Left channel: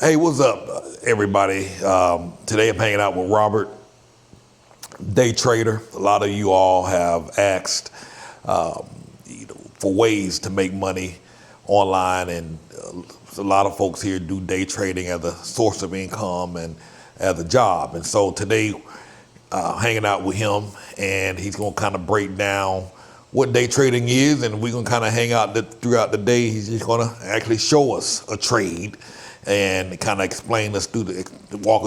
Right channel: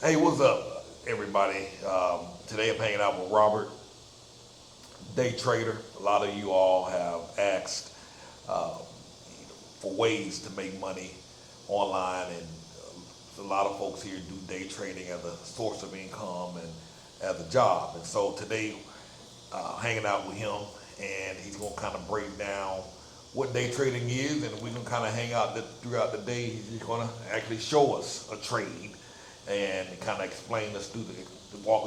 Hey, what's up, everybody? Today I'm hanging out with Robert, day trader. A lot of you all have asked for ways to make money online, and a lot of folks here do day trading as a source of income and as a job. And so today, hanging out with him, and he's going to kind of break down what day trading is, and we're going to kind of hang out throughout the day. He's just going to actually show us a trade and kind of walk us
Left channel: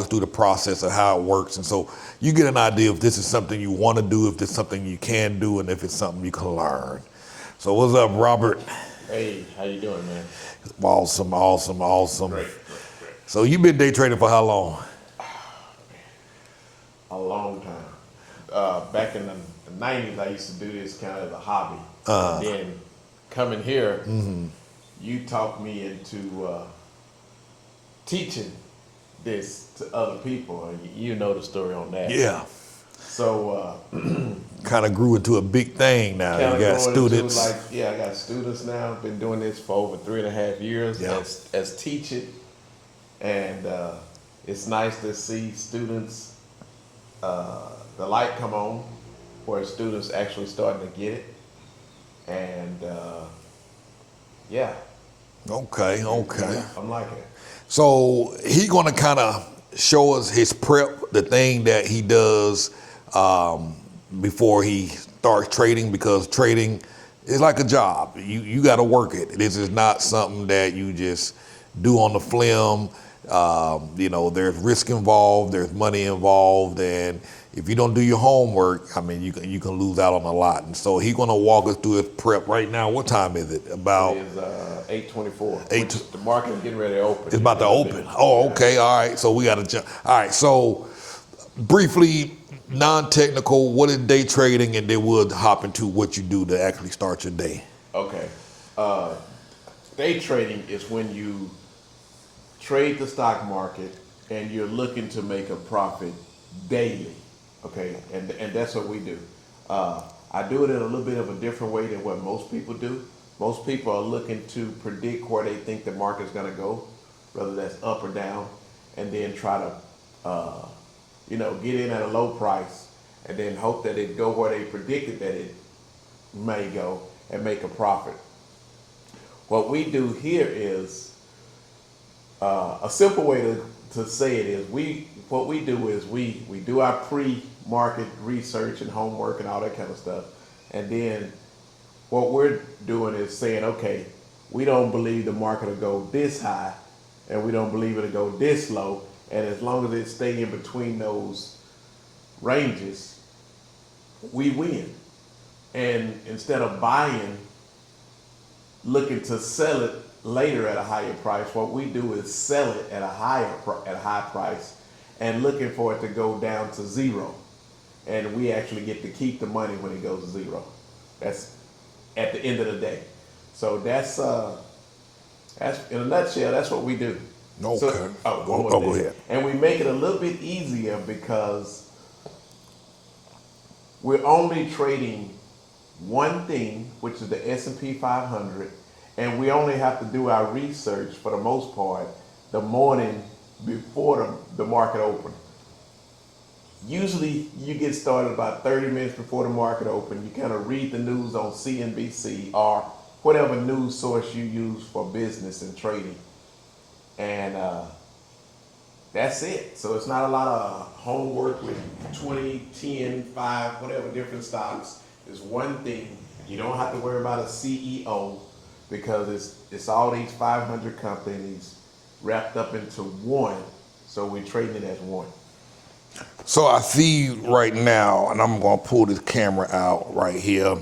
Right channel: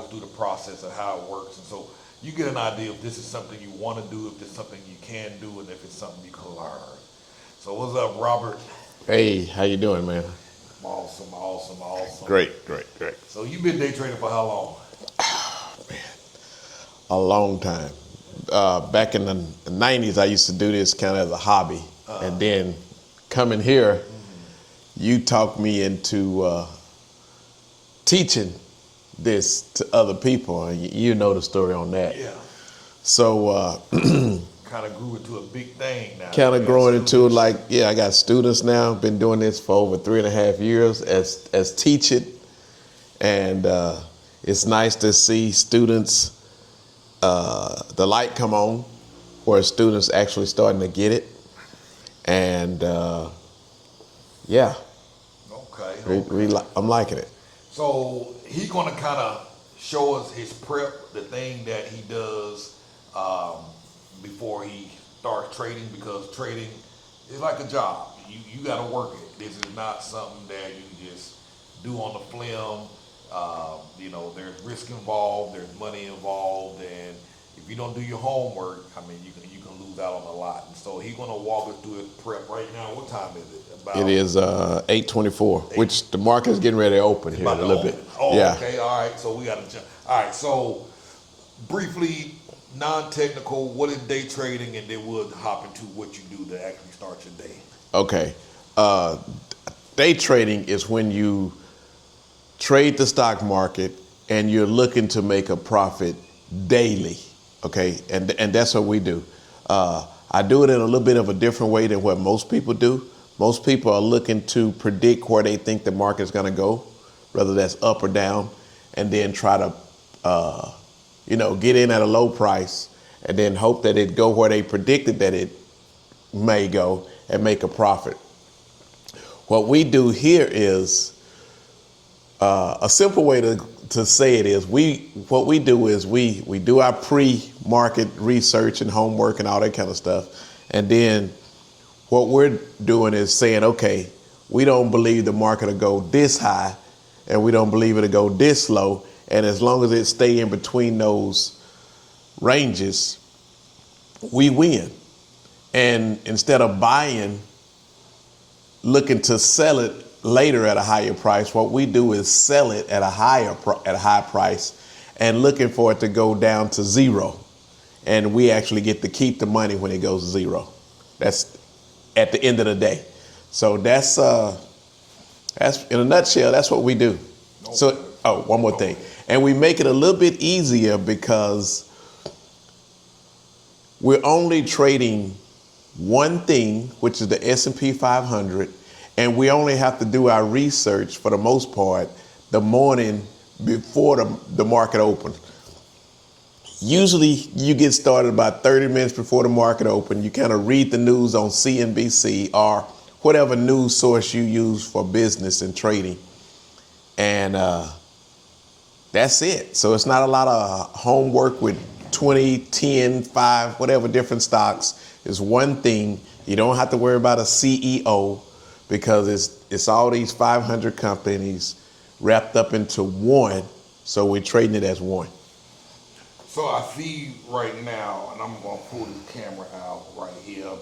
through the process of how it works. And so you get an idea if this is something you want to do, if it's something you can do, and if it's something you can learn. So what's up, Robert? Hey, how you doing, man? Awesome. Great. So you've been day trading for how long? A long time. Back in the 90s, I used to do this kind of as a hobby. And then coming here, you talked me into teaching this to other people. You know the story on that. Yeah. So Kind of grew into a big thing now. kind of You got growing into students. I got students now. Been doing this for over 3.5 years as teaching. And it's nice to see students, the light come on, where students actually starting to get it. And Okay. I'm liking it. So he's going to kind of show us his prep, the thing that he does before he starts trading, because trading is like a job. You got to work it. This is not something that you just do on the flim. There's risk involved, there's money involved, and if you don't do your homework, I mean, you can lose out on a lot. And so he's going to walk us through his prep right now. What time is it? It is 8:24, which the market is getting ready to open. It's about to open. Bit. Oh, yeah. Okay. All right. So we got to jump. All right. So briefly, non-technical, what is day trading? And then we'll hop into what you do to actually start your day. Okay. Day trading is when you trade the stock market and you're looking to make a profit daily. Okay, and that's what we do. I do it in a little bit of a different way than what most people do. Most people are looking to predict where they think the market's going to go, whether that's up or down, and then try to, get in at a low price and then hope that it go where they predicted that it may go and make a profit. What we do here is a simple way to say it is we do our pre-market research and homework and all that kind of stuff, and then what we're doing is saying, okay, we don't believe the market will go this high, and we don't believe it'll go this low, and as long as it stay in between those ranges, we win. And instead of buying, looking to sell it later at a higher price, what we do is sell it at a high price and looking for it to go down to zero, and we actually get to keep the money when it goes to zero. That's at the end of the day. So that's in a nutshell, that's what we do. Okay. So one more thing, ahead. and we make it a little bit easier because we're only trading one thing, which is the S&P 500. And we only have to do our research, for the most part, the morning before the market opens. Usually you get started about 30 minutes before the market opens. You kind of read the news on CNBC or whatever news source you use for business and trading. And that's it. So it's not a lot of homework with 20, 10, 5, whatever different stocks. It's one thing. You don't have to worry about a CEO, because it's all these 500 companies wrapped up into one, so we're trading it as one. So I see right now, and I'm going to pull this camera out right here.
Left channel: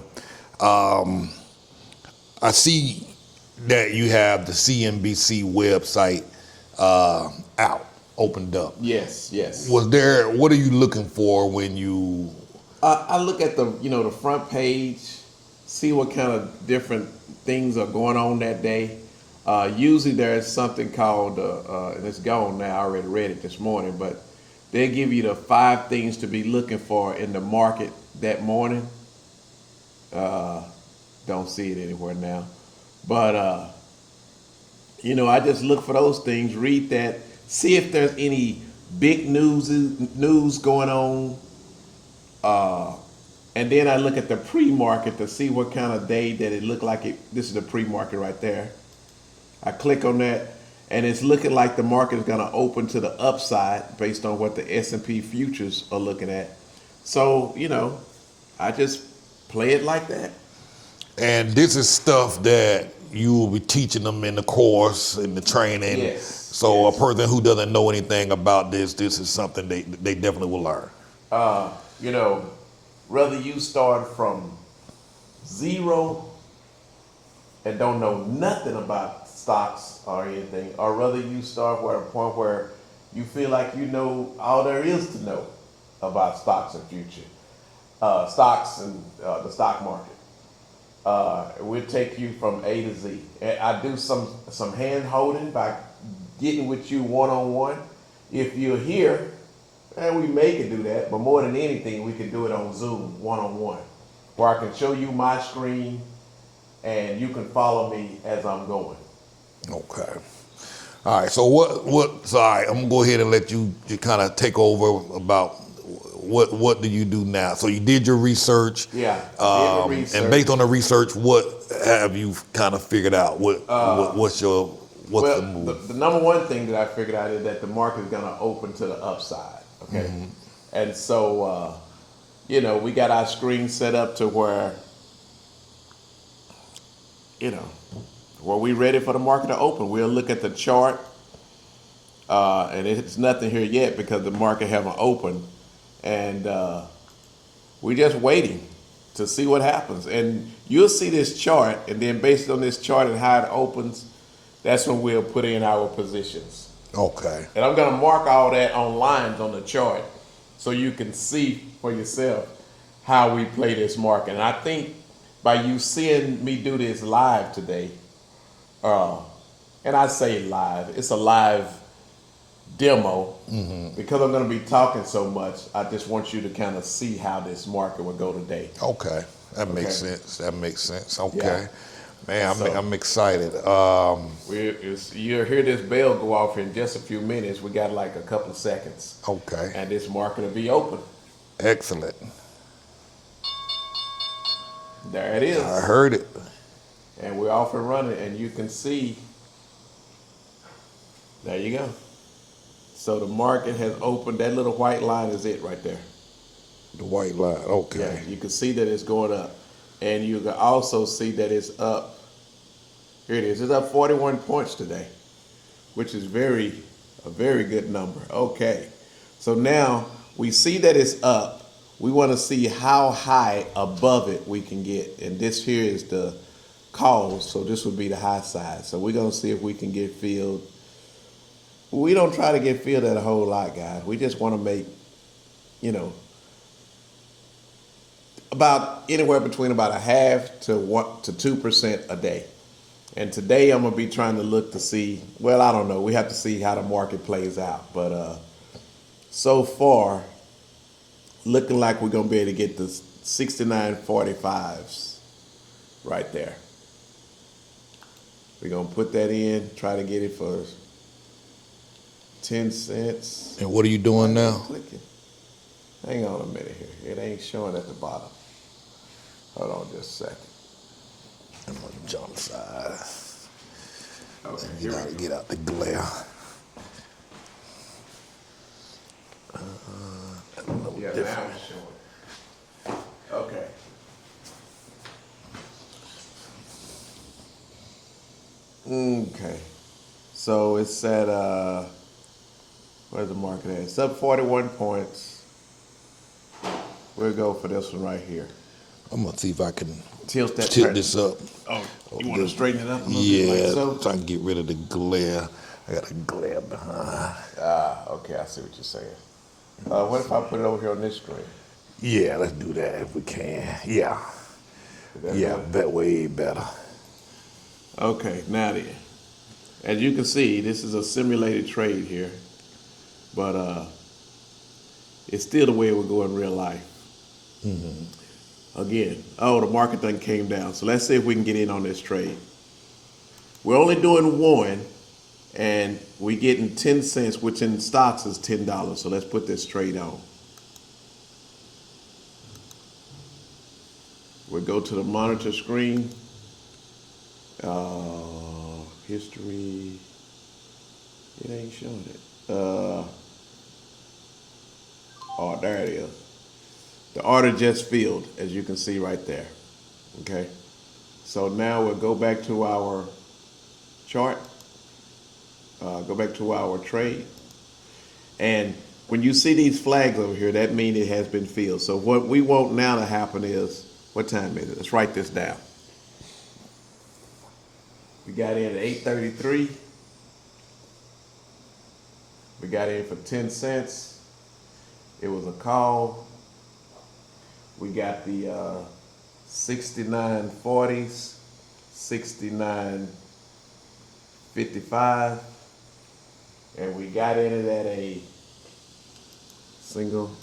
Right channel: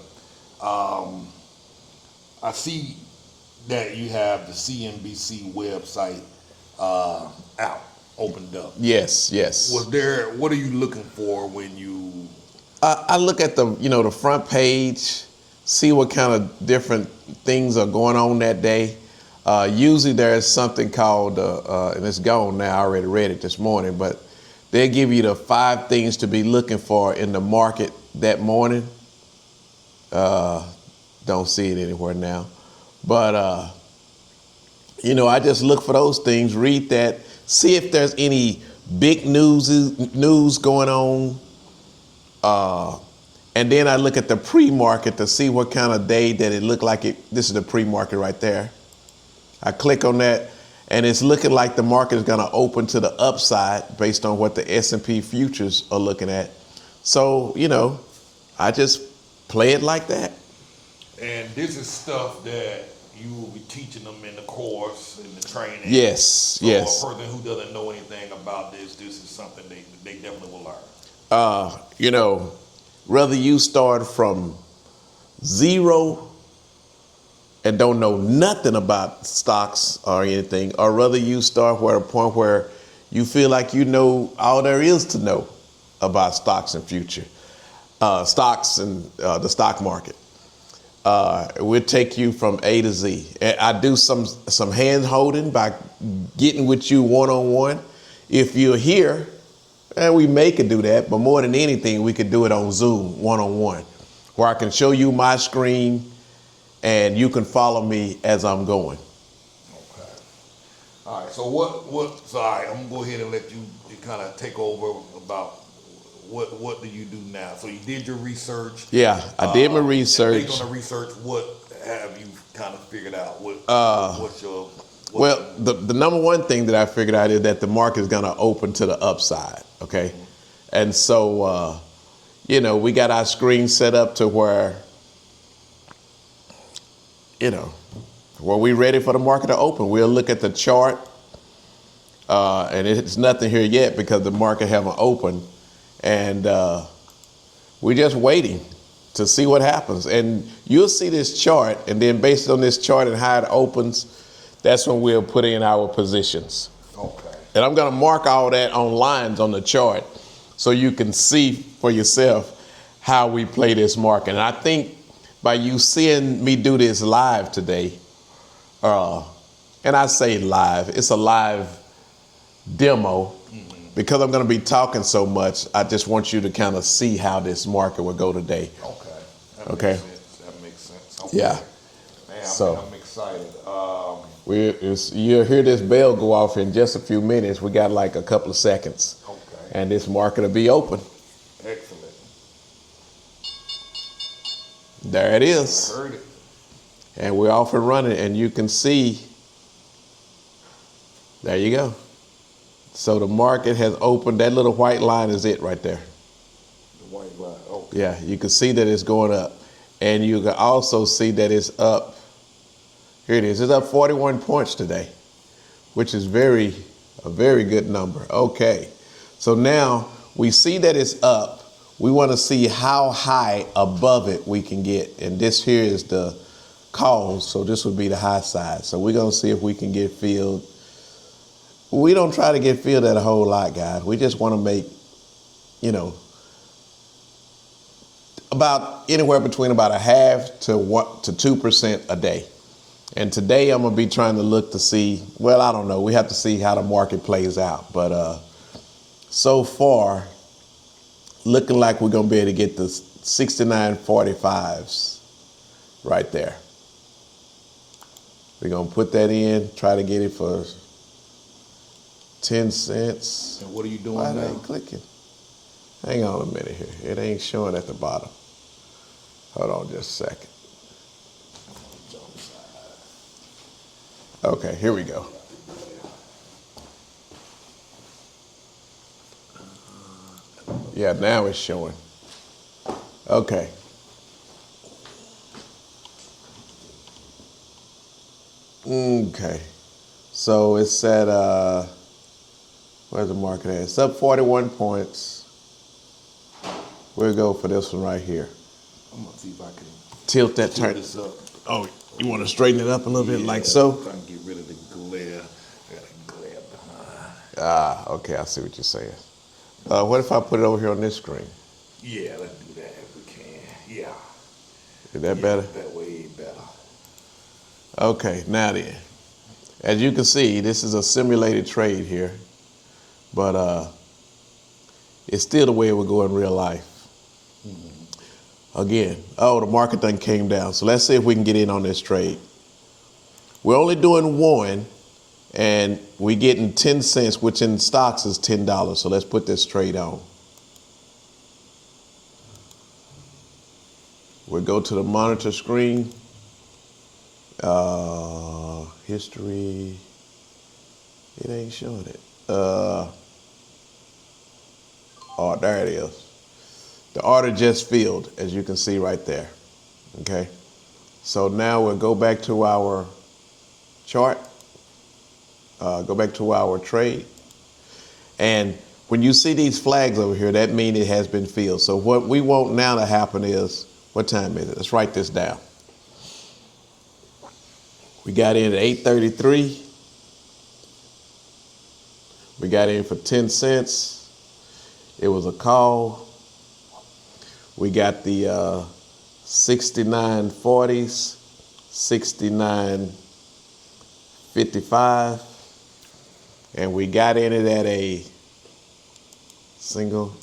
I see that you have the CNBC website opened up. Yes. What are you looking for when you... I look at the front page, see what kind of different things are going on that day. Usually there's something called, and it's gone now, I already read it this morning, but they give you the 5 things to be looking for in the market that morning. Don't see it anywhere now. But I just look for those things, read that, see if there's any big news going on. And then I look at the pre-market to see what kind of day that it looked like it. This is the pre-market right there. I click on that, and it's looking like the market is going to open to the upside based on what the S&P futures are looking at. So, I just play it like that. And this is stuff that you will be teaching them in the course, in the training. Yes. So yes. a person who doesn't know anything about this is something they definitely will learn. Whether you start from zero and don't know nothing about stocks or anything, or whether you start at a point where you feel like you know all there is to know about stocks and stocks and the stock market. We'll take you from A to Z. I do some hand holding by getting with you one-on-one. If you're here, and we could do that, but more than anything, we could do it on Zoom, one-on-one, where I can show you my screen and you can follow me as I'm going. Okay. All right. So so all right, I'm gonna go ahead and let you kind of take over about what do you do now? So you did your research. Yeah, I did my research. And based on the research, what have you kind of figured out? What's the number one thing that I figured out is that the market is going to open to the upside. Okay, mm-hmm. And so we got our screen set up to where we're ready for the market to open. We'll look at the chart, and it's nothing here yet because the market haven't opened, and we're just waiting to see what happens. And you'll see this chart, and then based on this chart and how it opens, that's when we'll put in our positions. Okay. And I'm gonna mark all that on lines on the chart so you can see for yourself how we play this market. And I think by you seeing me do this live today, and I say live, it's a live demo, mm-hmm. because I'm gonna be talking so much, I just want you to kind of see how this market will go today. Okay, that makes sense. Okay. Yeah. Man, I'm excited. You'll hear this bell go off in just a few minutes. We got like a couple of seconds. Okay. And this market will be open. Excellent. There it is. I heard it. And we're off and running, and you can see, there you go. So the market has opened. That little white line is it right there. The white line, okay. Yeah, you can see that it's going up. And you can also see that it's up. Here it is. It's up 41 points today, which is a very good number. Okay. So now we see that it's up. We want to see how high above it we can get. And this here is the calls. So this would be the high side. So we're going to see if we can get filled. We don't try to get filled at a whole lot, guys. We just want to make, about anywhere between about 0.5% to 2% a day. And today I'm gonna be trying to look to see, well, I don't know, we have to see how the market plays out. But so far, looking like we're gonna be able to get the 69.45s right there. We're gonna put that in, try to get it for 10 cents. And what are you doing now? Clicking. Hang on a minute here. It ain't showing at the bottom. Hold on just a second. I'm on the jump side. Okay, here we go. Get out the glare. Yeah, now it's showing. Okay. Okay. So it's at, where's the market at? It's up 41 points. We'll go for this one right here. I'm gonna see if I can tilt this up. Oh, you want to straighten it up a little bit like so? So I can get rid of the glare. I got a glare behind. Okay, I see what you're saying. What if I put it over here on this screen? Yeah, let's do that if we can. Yeah. Is that better? That way better. Okay, now then. As you can see, this is a simulated trade here, but it's still the way it would go in real life. Mm-hmm. Again, the market done came down. So let's see if we can get in on this trade. We're only doing one, And we getting 10 cents, which in stocks is $10. So let's put this trade on. We'll go to the monitor screen. History. It ain't showing it. Oh, there it is. The order just filled, as you can see right there. Okay. So now we'll go back to our chart. Go back to our trade. And when you see these flags over here, that means it has been filled. So what we want now to happen is, what time is it? Let's write this down. We got in at 8:33. We got in for 10 cents. It was a call. We got the 69.40s, 69.55, and we got in it at a single.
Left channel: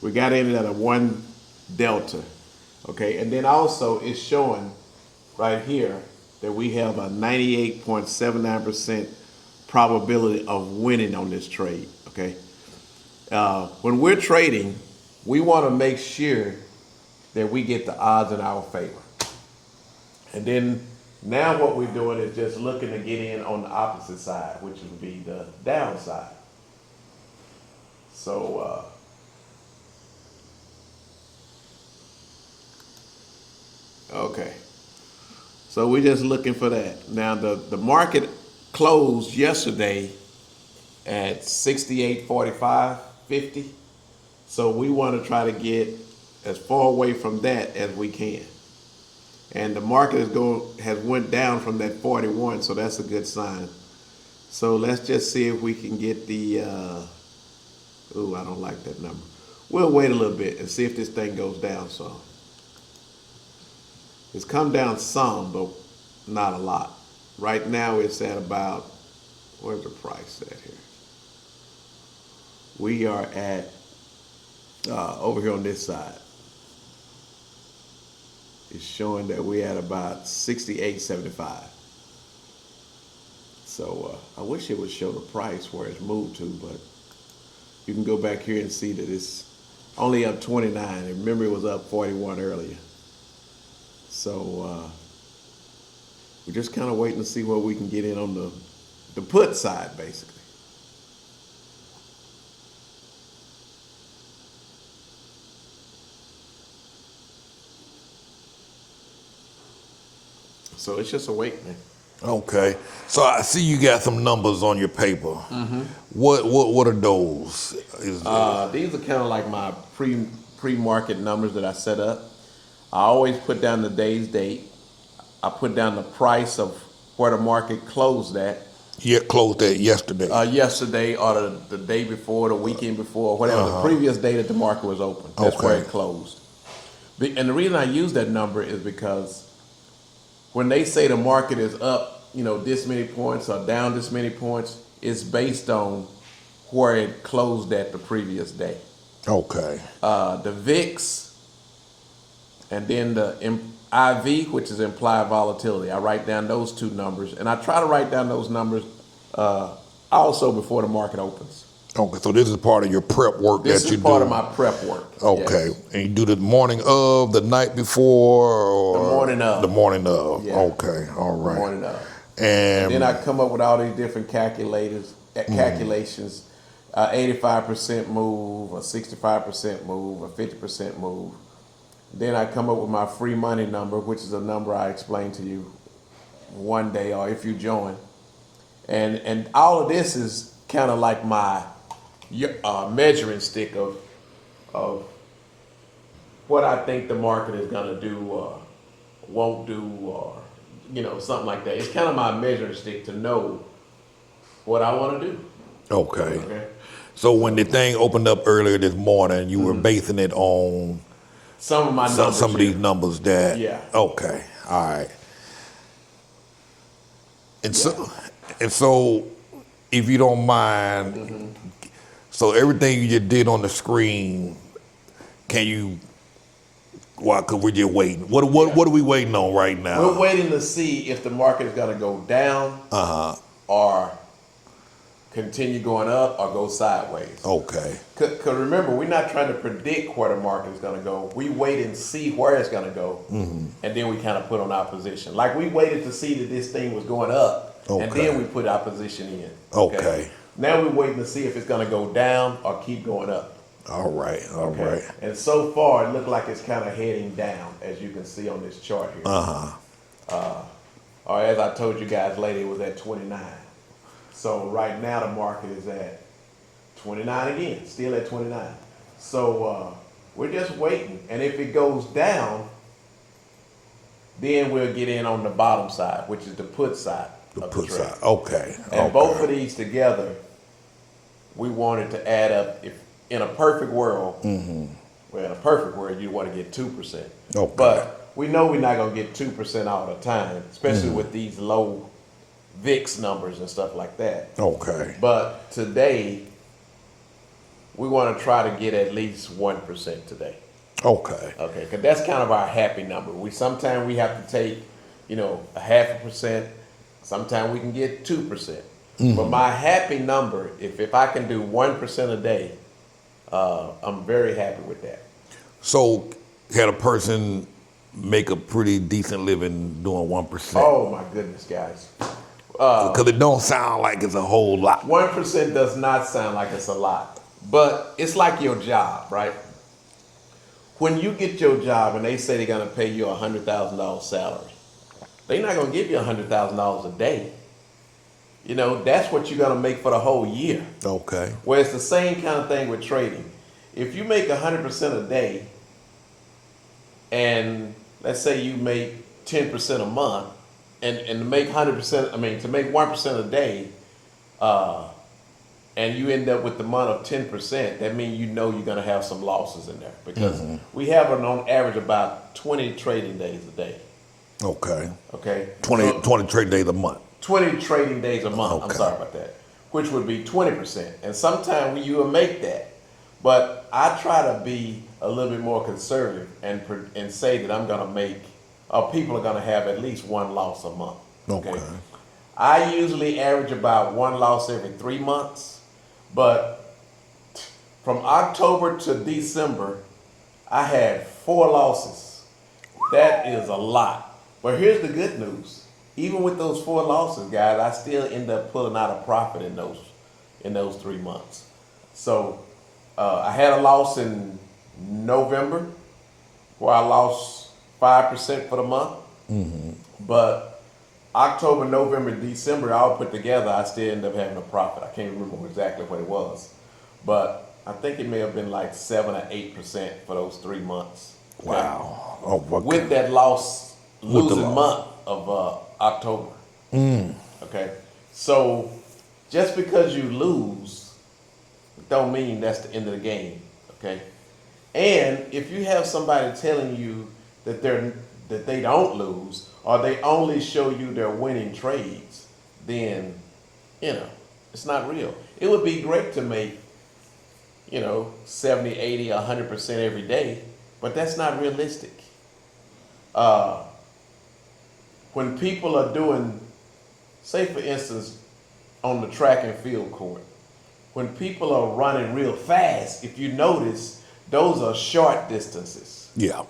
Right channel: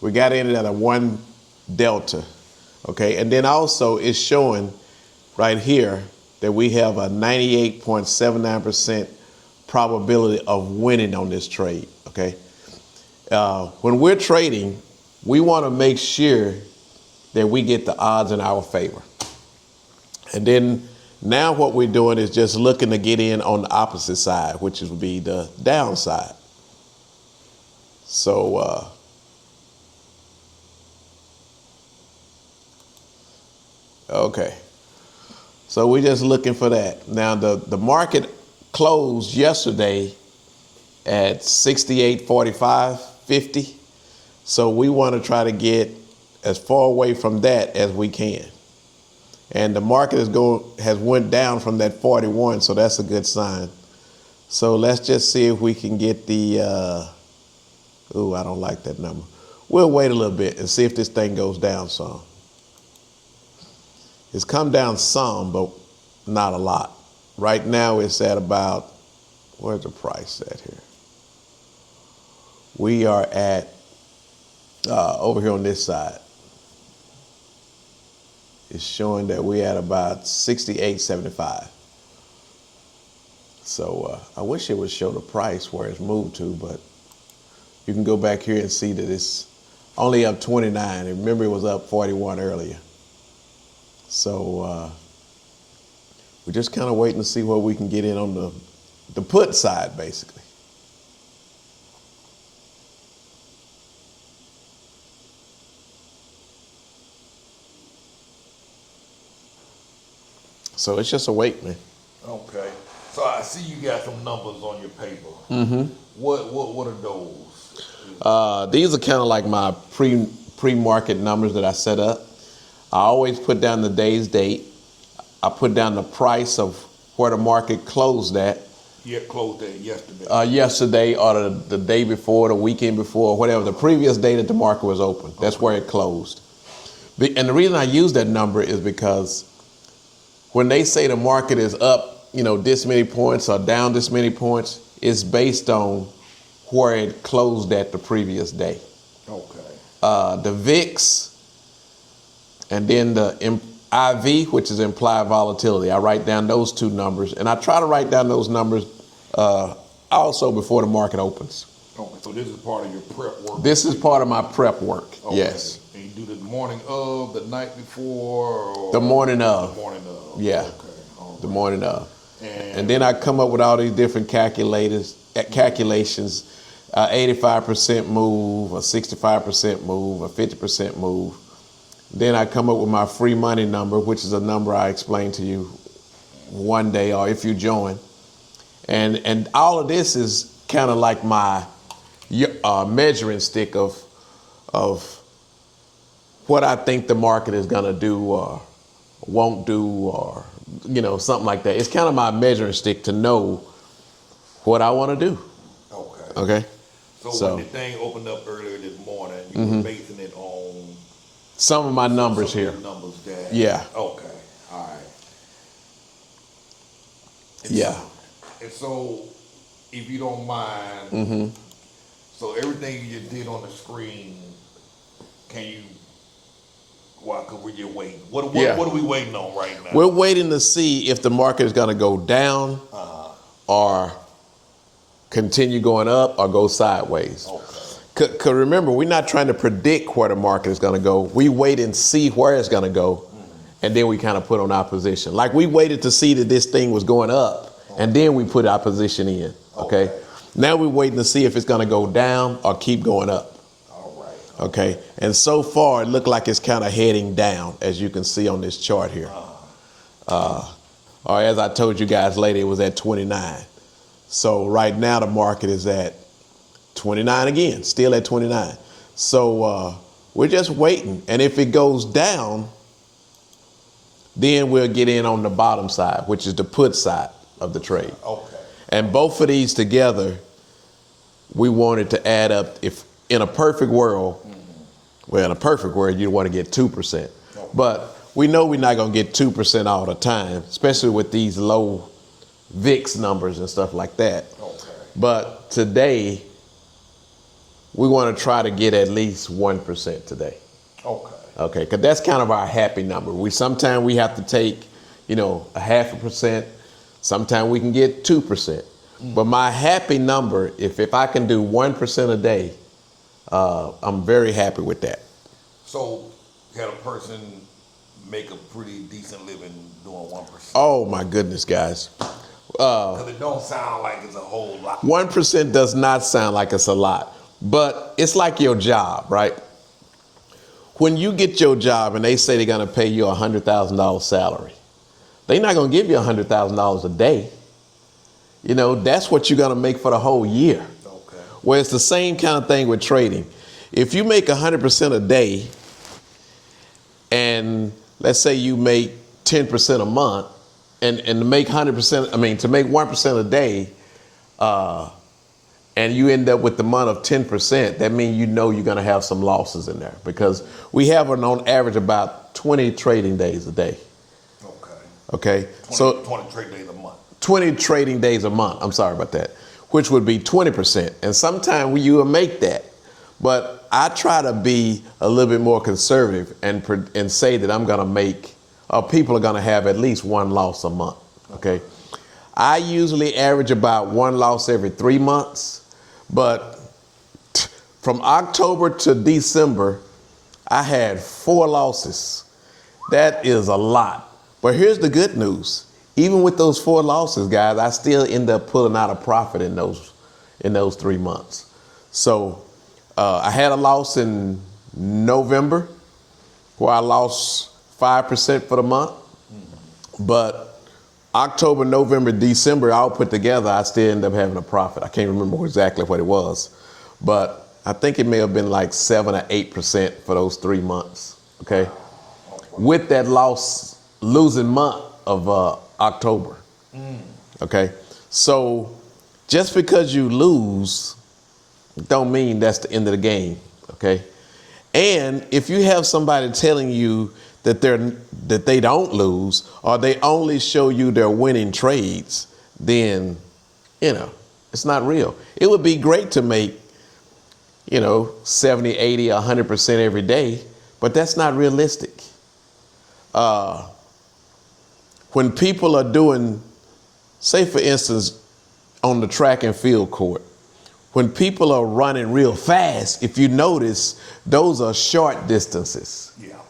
We got in it at a 1 delta, okay? And then also it's showing right here that we have a 98.79% probability of winning on this trade, okay? When we're trading, we want to make sure that we get the odds in our favor. And then now what we're doing is just looking to get in on the opposite side, which would be the downside. So, okay. So we're just looking for that. Now the market closed yesterday at 68.45.50. So we want to try to get as far away from that as we can. And the market has went down from that 41, so that's a good sign. So let's just see if we can get the, I don't like that number. We'll wait a little bit and see if this thing goes down some. It's come down some, but not a lot. Right now it's at about, where's the price at here? We are at, over here on this side. It's showing that we're at about 68.75. So I wish it would show the price where it's moved to, but you can go back here and see that it's only up 29. And remember it was up 41 earlier. So we're just kind of waiting to see where we can get in on the put side, basically. So it's just a wait, man. Okay. So I see you got some numbers on your paper. Mm-hmm. What are those? These are kind of like my pre-market numbers that I set up. I always put down the day's date. I put down the price of where the market closed at. Yeah, closed at yesterday. Yesterday or the day before, the weekend before, whatever, the previous day that the market was open. That's where it closed. And the reason I use that number is because when they say the market is up, this many points or down this many points, it's based on where it closed at the previous day. Okay. The VIX and then the IV, which is implied volatility. I write down those two numbers, and I try to write down those numbers also before the market opens. Okay, so this is part of your prep work. This is part of my prep work. Okay, yes. And you do the morning of, the night before, or the morning of. The morning of. Yeah. Okay, all right. The morning of. And then I come up with all these different calculations, 85% move, a 65% move, a 50% move. Then I come up with my free money number, which is a number I explained to you one day or if you join. And all of this is kind of like my measuring stick of what I think the market is going to do or won't do or, something like that. It's kind of my measuring stick to know what I want to do. Okay. Okay. So when the thing opened up earlier this morning, you were basing it on some of my numbers. Some of these numbers that. Yeah. Okay. All right. And so, if you don't mind, so everything you just did on the screen, can you Why? Because we're just waiting. What Yeah. are we waiting on right now? We're waiting to see if the market is going to go down or continue going up or go sideways. Okay. Because remember, we're not trying to predict where the market is going to go. We wait and see where it's going to go, and then we kind of put on our position. Like we waited to see that this thing was going up, and then we put our position in. Okay. Now we're waiting to see if it's going to go down or keep going up. All right. Okay. Right. And so far, it looked like it's kind of heading down, as you can see on this chart here. Or as I told you guys later, it was at 29. So right now, the market is at 29 again, still at 29. So we're just waiting. And if it goes down, then we'll get in on the bottom side, which is the put side of the trade. Okay. And both of these together, we wanted to add up. If in a perfect world, well, in a perfect world, you want to get 2%. Okay. But we know we're not going to get 2% all the time, especially with these low VIX numbers and stuff like that. Okay. But today, we want to try to get at least 1% today. Okay. Okay, because that's kind of our happy number. Sometimes we have to take, a 0.5%. Sometimes we can get 2%. But my happy number, if I can do 1% a day, I'm very happy with that. So, had a person make a pretty decent living doing 1%? Oh my goodness, guys. Because it don't sound like it's a whole lot. 1% does not sound like it's a lot, but it's like your job, right? When you get your job and they say they're going to pay you a $100,000 salary, they're not going to give you $100,000 a day. That's what you're going to make for the whole year. Okay. Well, it's the same kind of thing with trading. If you make 100% a day, and let's say you make 10% a month, and to make 1% a day, and you end up with the month of 10%, that means you're going to have some losses in there because we have on average about 20 trading days a day. Okay. Okay. 20 trading days a month. 20 trading days a month. Okay. I'm sorry about that, which would be 20%. And sometimes you will make that. But I try to be a little bit more conservative and say that I'm going to make, people are going to have at least one loss a month. Okay. I usually average about one loss every 3 months. But from October to December, I had 4 losses. That is a lot. But here's the good news. Even with those 4 losses, guys, I still end up pulling out a profit in those 3 months. So I had a loss in November where I lost 5% for the month. But October, November, December, all put together, I still end up having a profit. I can't remember exactly what it was. But I think it may have been like 7 or 8% for those 3 months. Okay. Wow. Oh, okay. With that losing month of October. Okay. So just because you lose don't mean that's the end of the game. Okay. And if you have somebody telling you that they don't lose or they only show you their winning trades, then it's not real. It would be great to make 70, 80, 100% every day, but that's not realistic. When people are doing, say for instance, on the track and field court, when people are running real fast, if you notice, those are short distances. Yeah.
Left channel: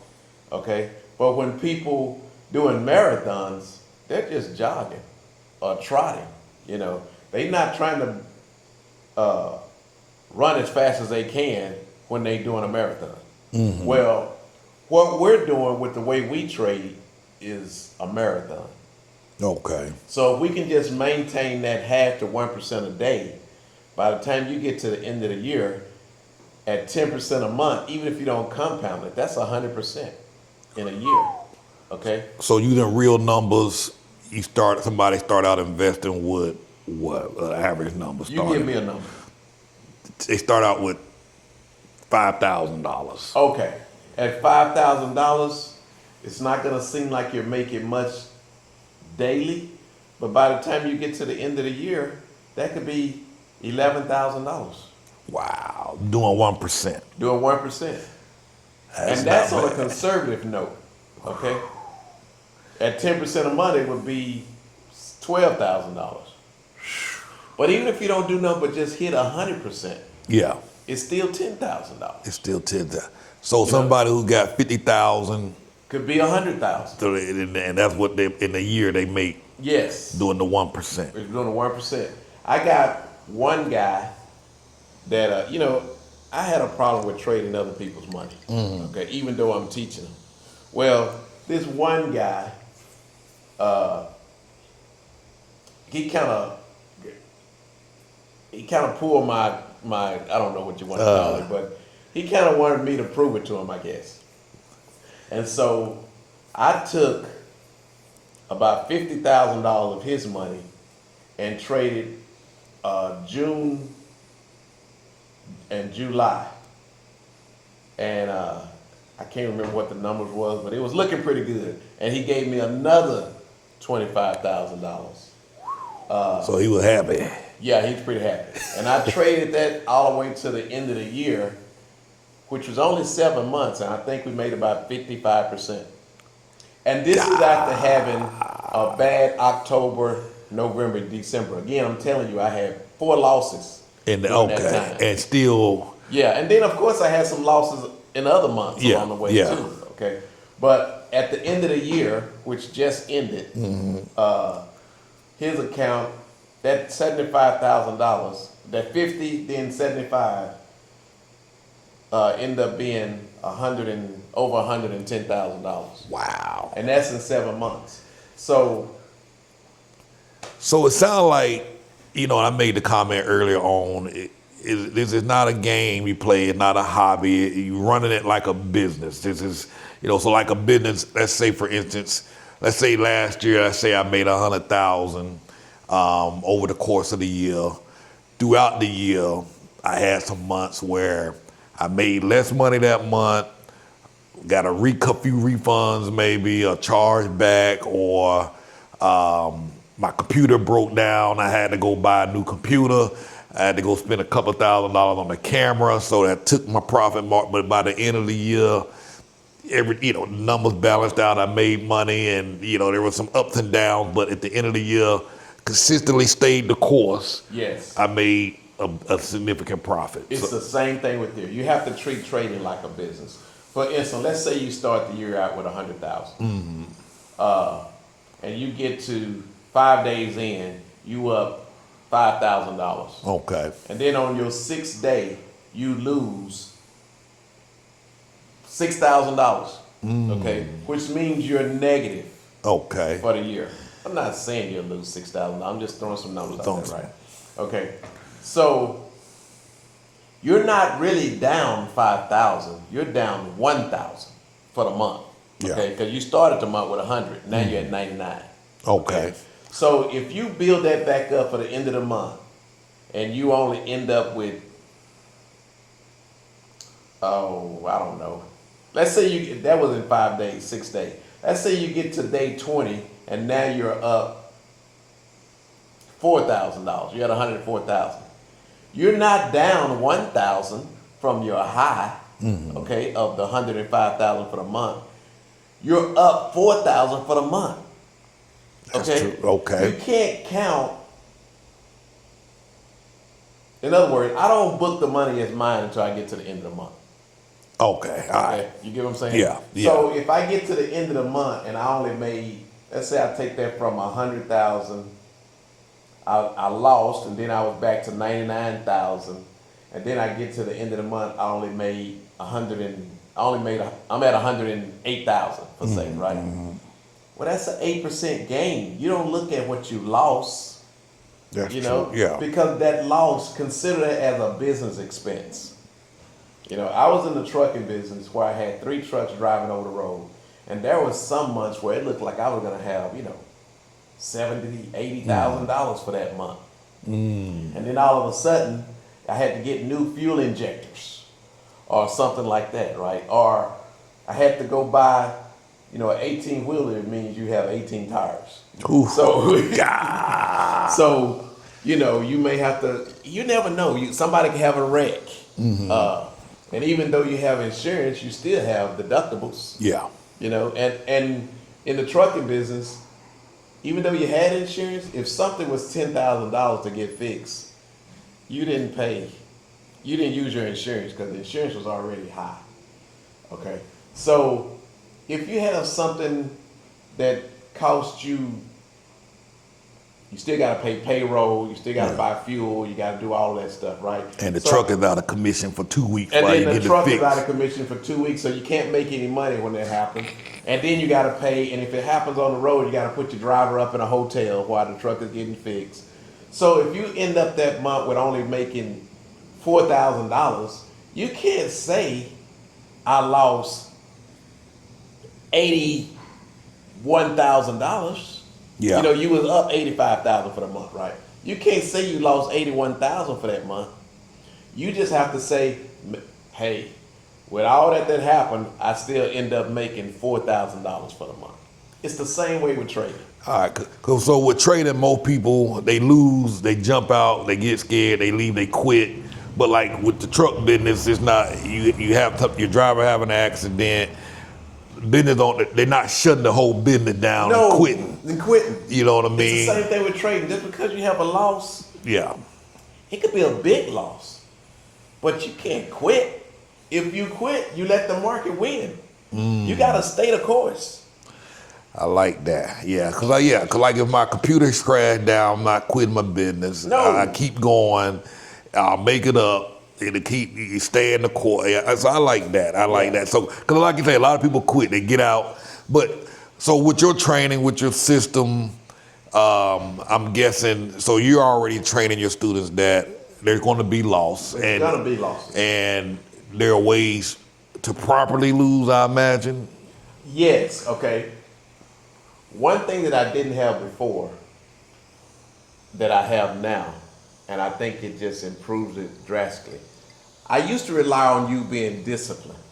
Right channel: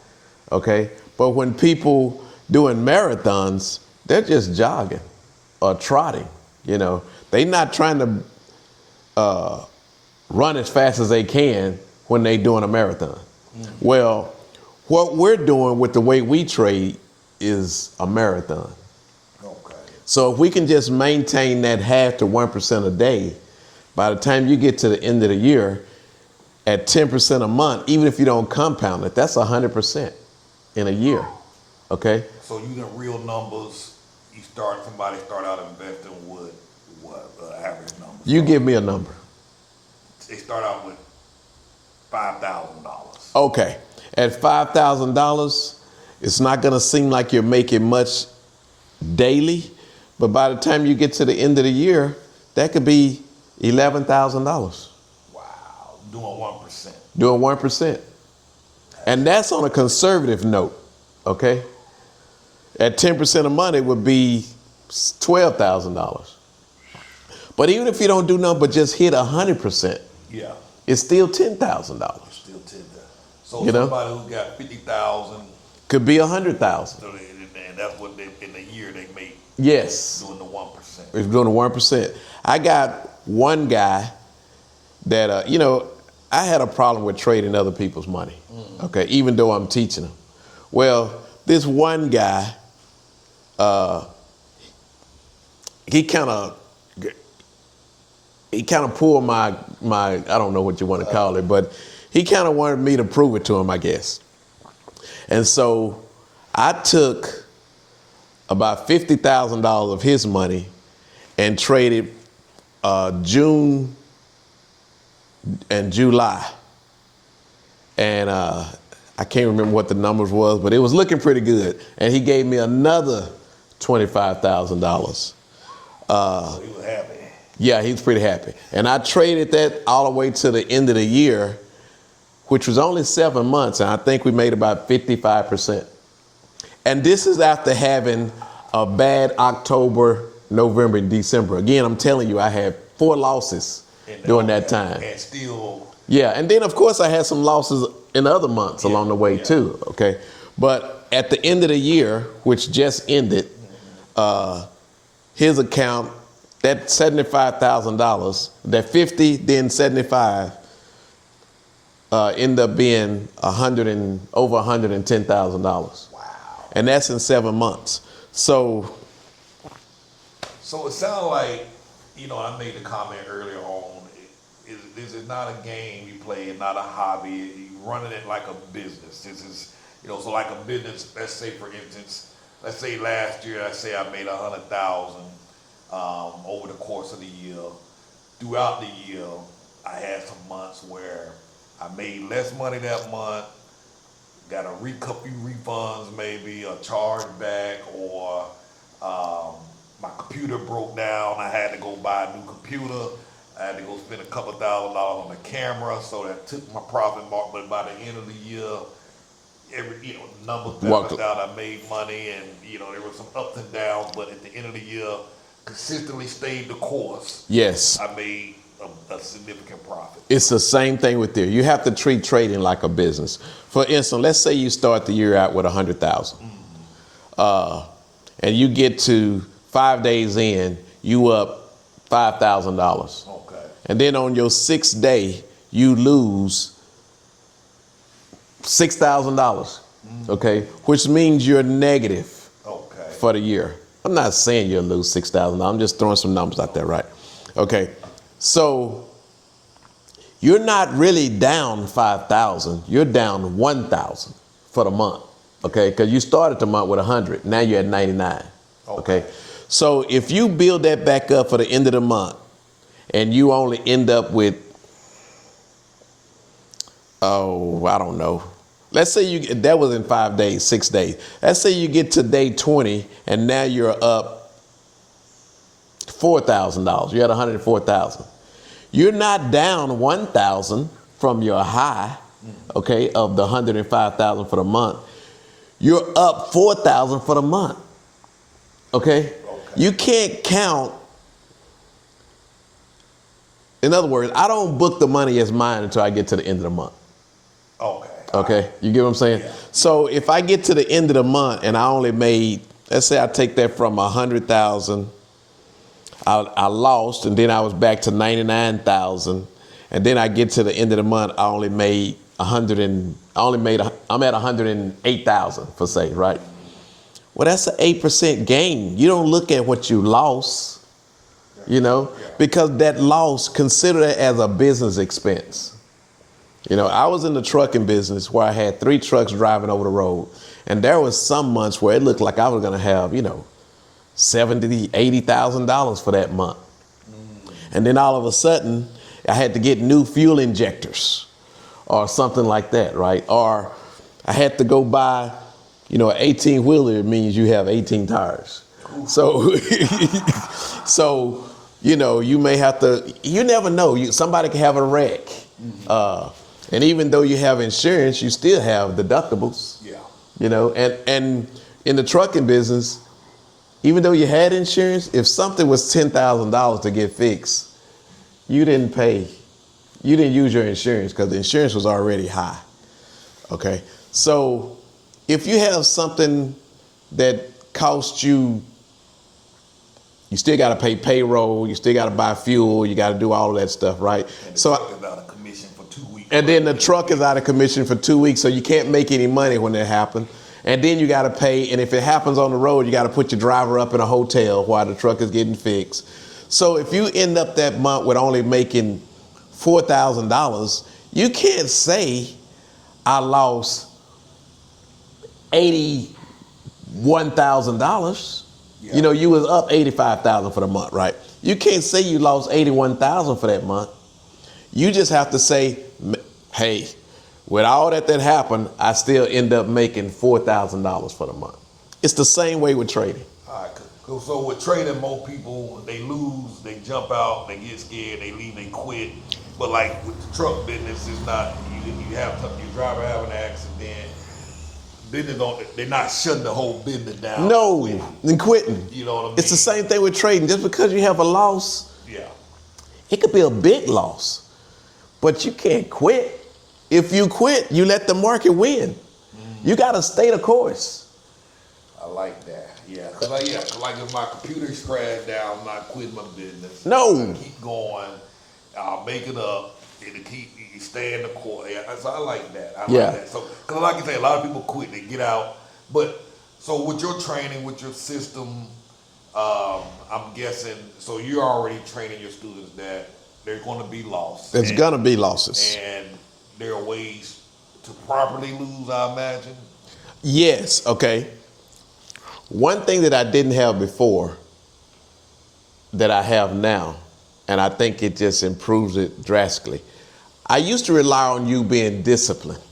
Okay? But when people doing marathons, they're just jogging or trotting, They're not trying to run as fast as they can when they're doing a marathon. Well, what we're doing with the way we trade is a marathon. Okay. So if we can just maintain that 0.5 to 1% a day, by the time you get to the end of the year, at 10% a month, even if you don't compound it, that's 100% in a year. Okay. So using real numbers, somebody start out investing with what average numbers? You give me a number. They start out with $5,000. Okay. At $5,000, it's not going to seem like you're making much daily, but by the time you get to the end of the year, that could be $11,000. Wow. Doing 1%. Doing 1%. And that's on a conservative note, okay? At 10% of money would be $12,000. But even if you don't do nothing but just hit 100%, Yeah. it's still $10,000. It's still 10,000. So You know? somebody who got 50,000, Could be 100,000. and that's what they in a year they make Yes. doing the 1%. If you're doing the 1%. I got one guy that, I had a problem with trading other people's money, okay, even though I'm teaching them. Well, this one guy, he kind of pulled my I don't know what you want to call it, but he kind of wanted me to prove it to him, I guess. And so I took about $50,000 of his money and traded June and July. And I can't remember what the numbers was, but it was looking pretty good. And he gave me another $25,000. So he was happy. Yeah, he was pretty happy. And I traded that all the way to the end of the year, which was only 7 months, and I think we made about 55%. And this is after having a bad October, November, and December. Again, I'm telling you, I had 4 losses during that time. And still, Yeah, and then of course I had some losses in other months along the way too, okay? But at the end of the year, which just ended, his account, that $75,000, that 50, then 75, ended up being over $110,000. wow. And that's in 7 months. So So it sounds like, I made the comment earlier on, this is not a game you play, it's not a hobby, you're running it like a business. This is, so like a business, let's say for instance, let's say last year, I made 100,000 over the course of the year. Throughout the year, I had some months where I made less money that month, got a few refunds maybe, a charge back, or my computer broke down. I had to go buy a new computer. I had to go spend a couple $1,000s on the camera, so that took my profit mark. But by the end of the year, the numbers balanced out. I made money, and there were some ups and downs. But at the end of the year, consistently stayed the course. yes, I made a significant profit. it's the same thing with there. You have to treat trading like a business. For instance, let's say you start the year out with 100,000, and you get to 5 days in, you up $5,000. Okay. And then on your 6th day, you lose $6,000. Okay, which means you're negative. Okay. For the year. I'm not saying you'll lose $6,000. I'm just throwing some numbers out there, right? Okay, so you're not really down 5,000. You're down 1,000 for the month. Okay, because you started the month with 100. Now you're at 99. Okay. So if you build that back up for the end of the month, and you only end up with, I don't know. Let's say that was in 5 days, 6 days. Let's say you get to day 20 and now you're up $4,000. You're at 104,000. You're not down 1,000 from your high, okay, of the 105,000 for the month. You're up 4,000 for the month. Okay? Okay. You can't count. In other words, I don't book the money as mine until I get to the end of the month. Okay. Okay, you get what I'm saying? Yeah. So if I get to the end of the month and I only made, let's say I take that from 100,000, I lost, and then I was back to 99,000, and then I get to the end of the month, I only made I'm at 108,000 per se, right? Well, that's an 8% gain. You don't look at what you lost, That's true. Yeah. Because that loss, consider it as a business expense. I was in the trucking business where I had 3 trucks driving over the road. And there was some months where it looked like I was going to have, $70,000, $80,000 for that month. And then all of a sudden, I had to get new fuel injectors or something like that, right? Or I had to go buy, an 18-wheeler means you have 18 tires. Ooh. So, you may have to, you never know. Somebody can have a wreck. And even though you have insurance, you still have deductibles. Yeah. You know, and in the trucking business, even though you had insurance, if something was $10,000 to get fixed, you didn't pay. You didn't use your insurance because the insurance was already high. Okay, so if you have something that costs you, you still got to pay payroll, you still got to buy fuel, you got to do all of that stuff, right? And the truck is out of commission for 2 weeks. And then the truck is out of commission for 2 weeks, so you can't make any money when that happens. And then you got to pay, and if it happens on the road, you got to put your driver up in a hotel while the truck is getting fixed. So if you end up that month with only making $4,000, you can't say I lost $81,000. Yeah. You know, you was up $85,000 for the month, right? You can't say you lost $81,000 for that month. You just have to say, hey, with all that happened, I still end up making $4,000 for the month. It's the same way with trading. All right, so with trading, most people, they lose, they jump out, they get scared, they leave, they quit. But like with the truck business, it's not, you have your driver have an accident, business they're not shutting the whole business down and quitting. You know what I mean? It's the same thing with trading. Just because you have a loss, yeah, it could be a big loss, but you can't quit. If you quit, you let the market win. You got to stay the course. I like that. Yeah, cause like if my computer crash down, I'm not quitting my business. No, I keep going. I'll make it up. It'll keep you stay in the court. Yeah, so I like that. I like that. So, cause like you say, a lot of people quit. They get out. But so with your training, with your system, I'm guessing. So you're already training your students that there's going to be loss. There's going to be losses, and there are ways to properly lose, I imagine. Yes. Okay. One thing that I didn't have before that I have now, and I think it just improves it drastically. I used to rely on you being disciplined,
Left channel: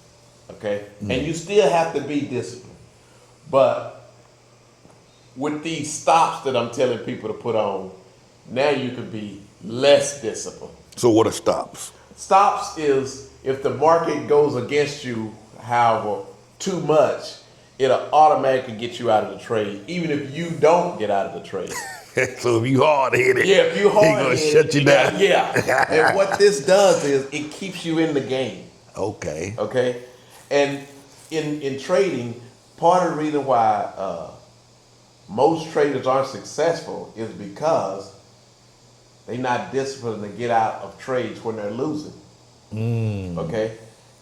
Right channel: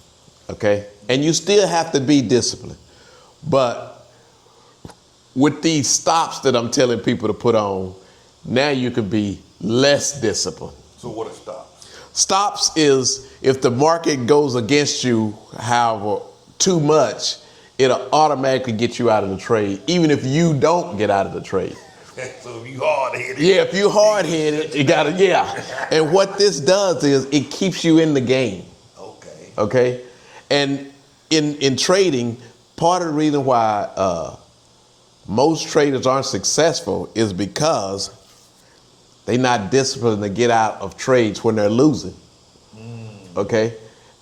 okay? And you still have to be disciplined. But with these stops that I'm telling people to put on, now you can be less disciplined. So what are stops? Stops is if the market goes against you, however, too much, it'll automatically get you out of the trade, even if you don't get out of the trade. So if you hard-headed. Yeah, if you hard-headed, you got And what this does is it keeps you in the game. Okay. Okay? And in trading, part of the reason why most traders aren't successful is because they're not disciplined to get out of trades when they're losing. Okay?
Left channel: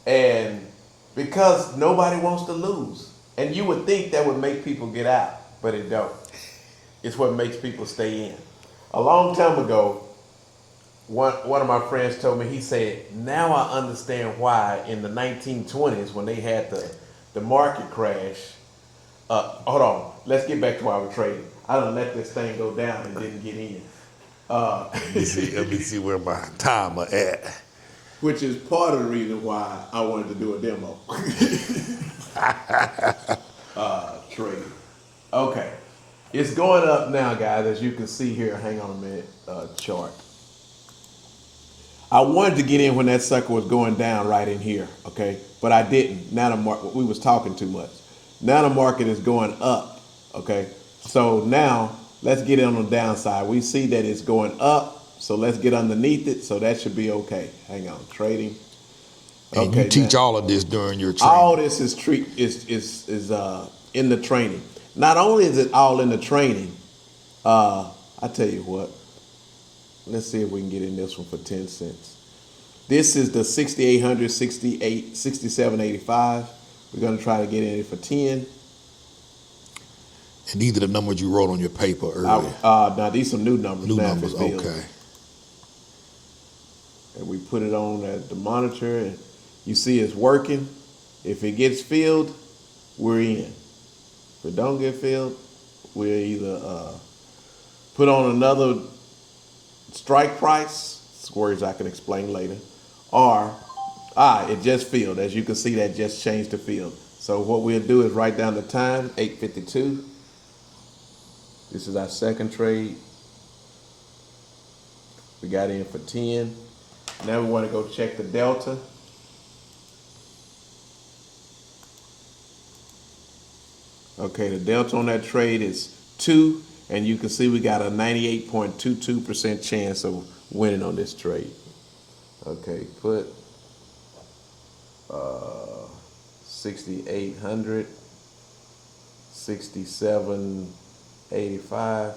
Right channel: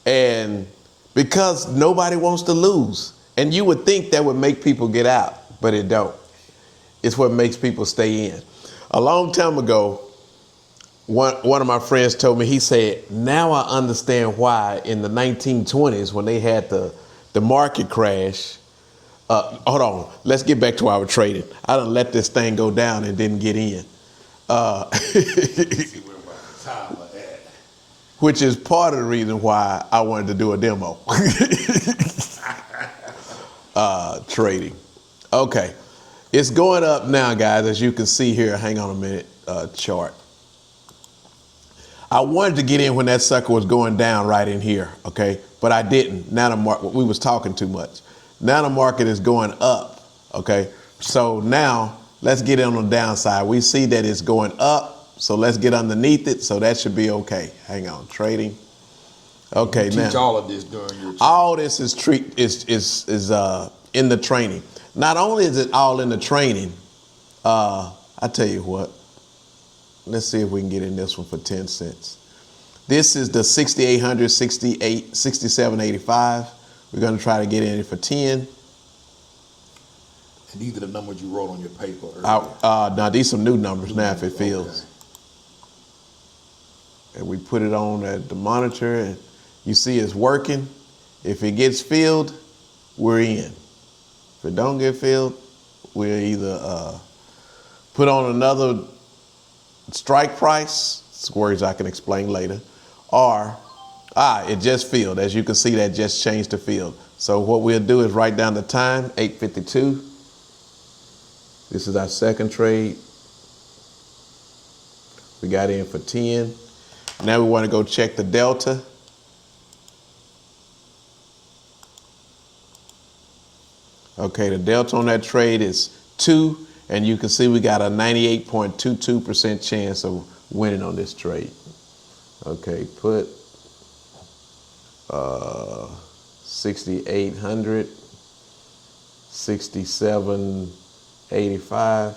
And because nobody wants to lose. And you would think that would make people get out, but it don't. It's what makes people stay in. A long time ago, one of my friends told me, he said, now I understand why in the 1920s when they had the market crash, hold on, let's get back to our trading. I done let this thing go down and didn't get in. Let me see where my timer at. Which is part of the reason why I wanted to do a demo. Trading. Okay. It's going up now, guys, as you can see here. Hang on a minute, chart. I wanted to get in when that sucker was going down right in here, okay? But I didn't. Now the market, we was talking too much. Now the market is going up, okay? So now let's get in on the downside. We see that it's going up, so let's get underneath it. So that should be okay. Hang on, trading. And okay, you teach now, all of this during your training. all this is in the training. Not only is it all in the training, I tell you what, let's see if we can get in this one for 10 cents. This is the 6,800, 67.85. We're gonna try to get in it for 10. And these are the numbers you wrote on your paper earlier. Now these some new numbers New now numbers, if it feels. okay. And we put it on at the monitor and you see it's working. If it gets filled, we're in. If it don't get filled, we'll either put on another strike price, it's words I can explain later, or it just filled. As you can see, that just changed the field. So what we'll do is write down the time, 8:52. This is our second trade. We got in for 10. Now we want to go check the delta. Okay, the delta on that trade is 2, and you can see we got a 98.22% chance of winning on this trade. Okay, put 6,800, 67.85,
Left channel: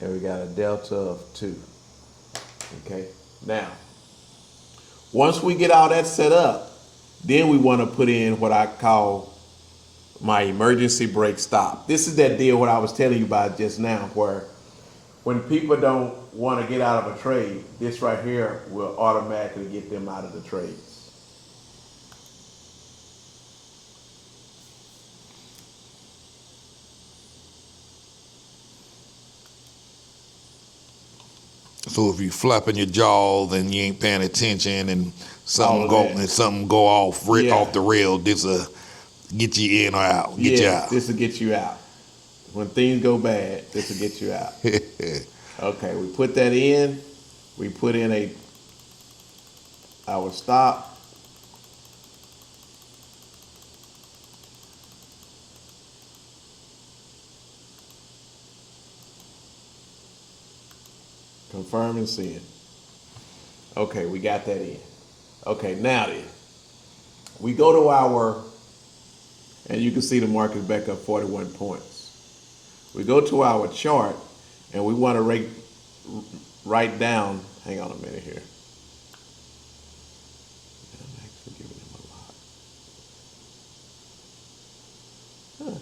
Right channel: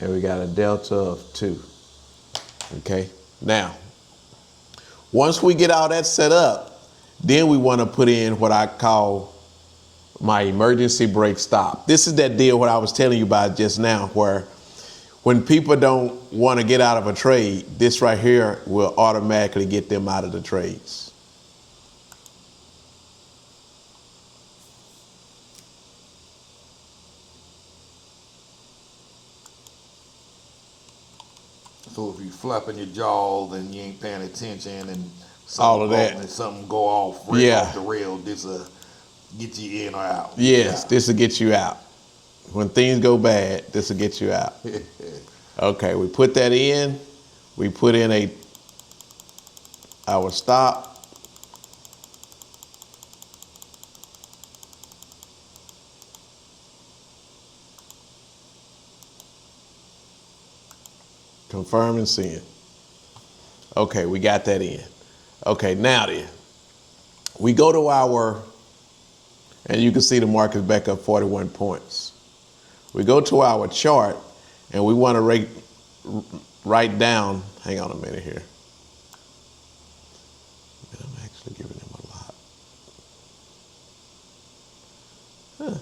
and we got a delta of 2. Okay, now, once we get all that set up, then we want to put in what I call my emergency brake stop. This is that deal what I was telling you about just now, where when people don't want to get out of a trade, this right here will automatically get them out of the trades. So if you flapping your jaws and you ain't paying attention and All of that. something go off Yeah. off the rail, this will get you in or out. Get you Yes, out. this will get you out. When things go bad, this will get you out. Okay, we put that in. We put in our stop. Confirm and send. Okay, we got that in. Okay, now then, we go to our, and you can see the market's back up 41 points. We go to our chart, and we want to write down, hang on a minute here. I'm actually giving them a lot. Huh.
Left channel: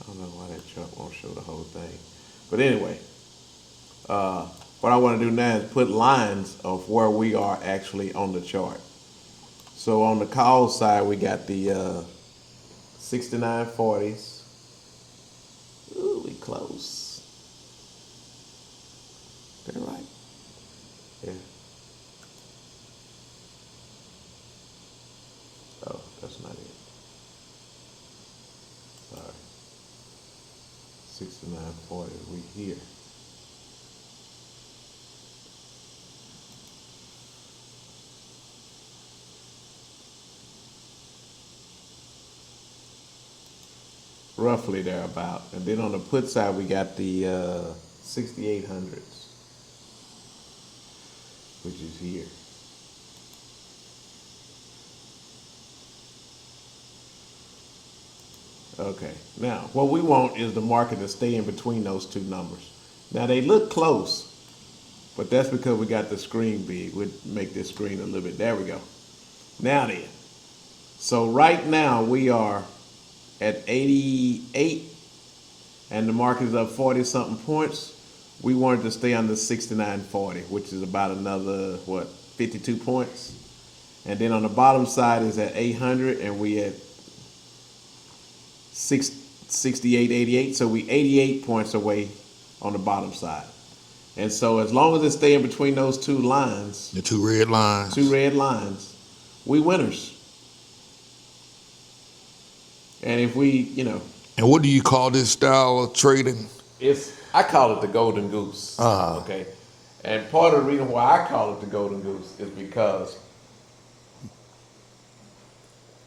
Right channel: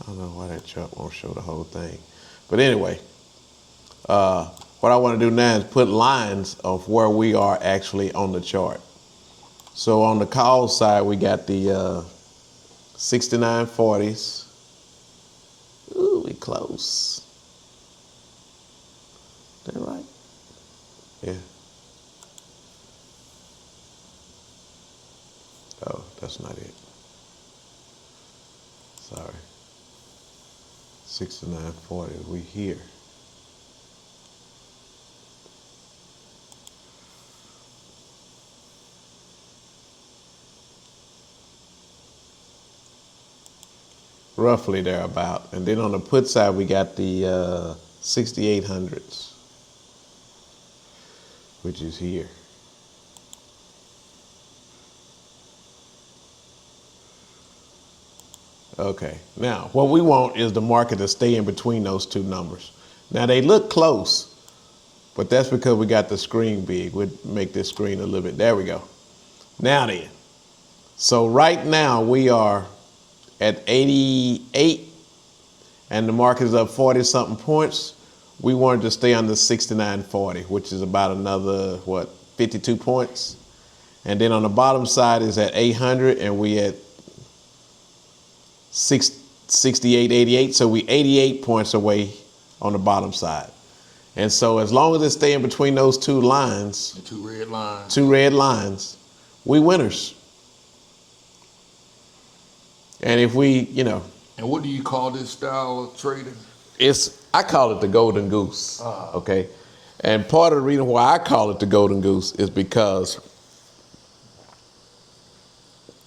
I don't know why that chart won't show the whole thing. But anyway, what I want to do now is put lines of where we are actually on the chart. So on the call side, we got the 69.40s. Ooh, we close. Is that right? Yeah. Oh, that's not it. Sorry. 69.40, we here. Roughly thereabout. And then on the put side, we got the 6,800s, which is here. Okay, now what we want is the market to stay in between those two numbers. Now they look close, but that's because we got the screen big. We'll make this screen a little bit, there we go. Now then, so right now we are at 88 and the market is up 40 something points. We wanted to stay under 69.40, which is about another, 52 points. And then on the bottom side is at 800 and we at 68.88, so we 88 points away on the bottom side. And so as long as it stay in between those two lines, The two red lines. we winners. And if we, And what do you call this style of trading? I call it the golden goose. Okay. And part of the reason why I call it the golden goose is because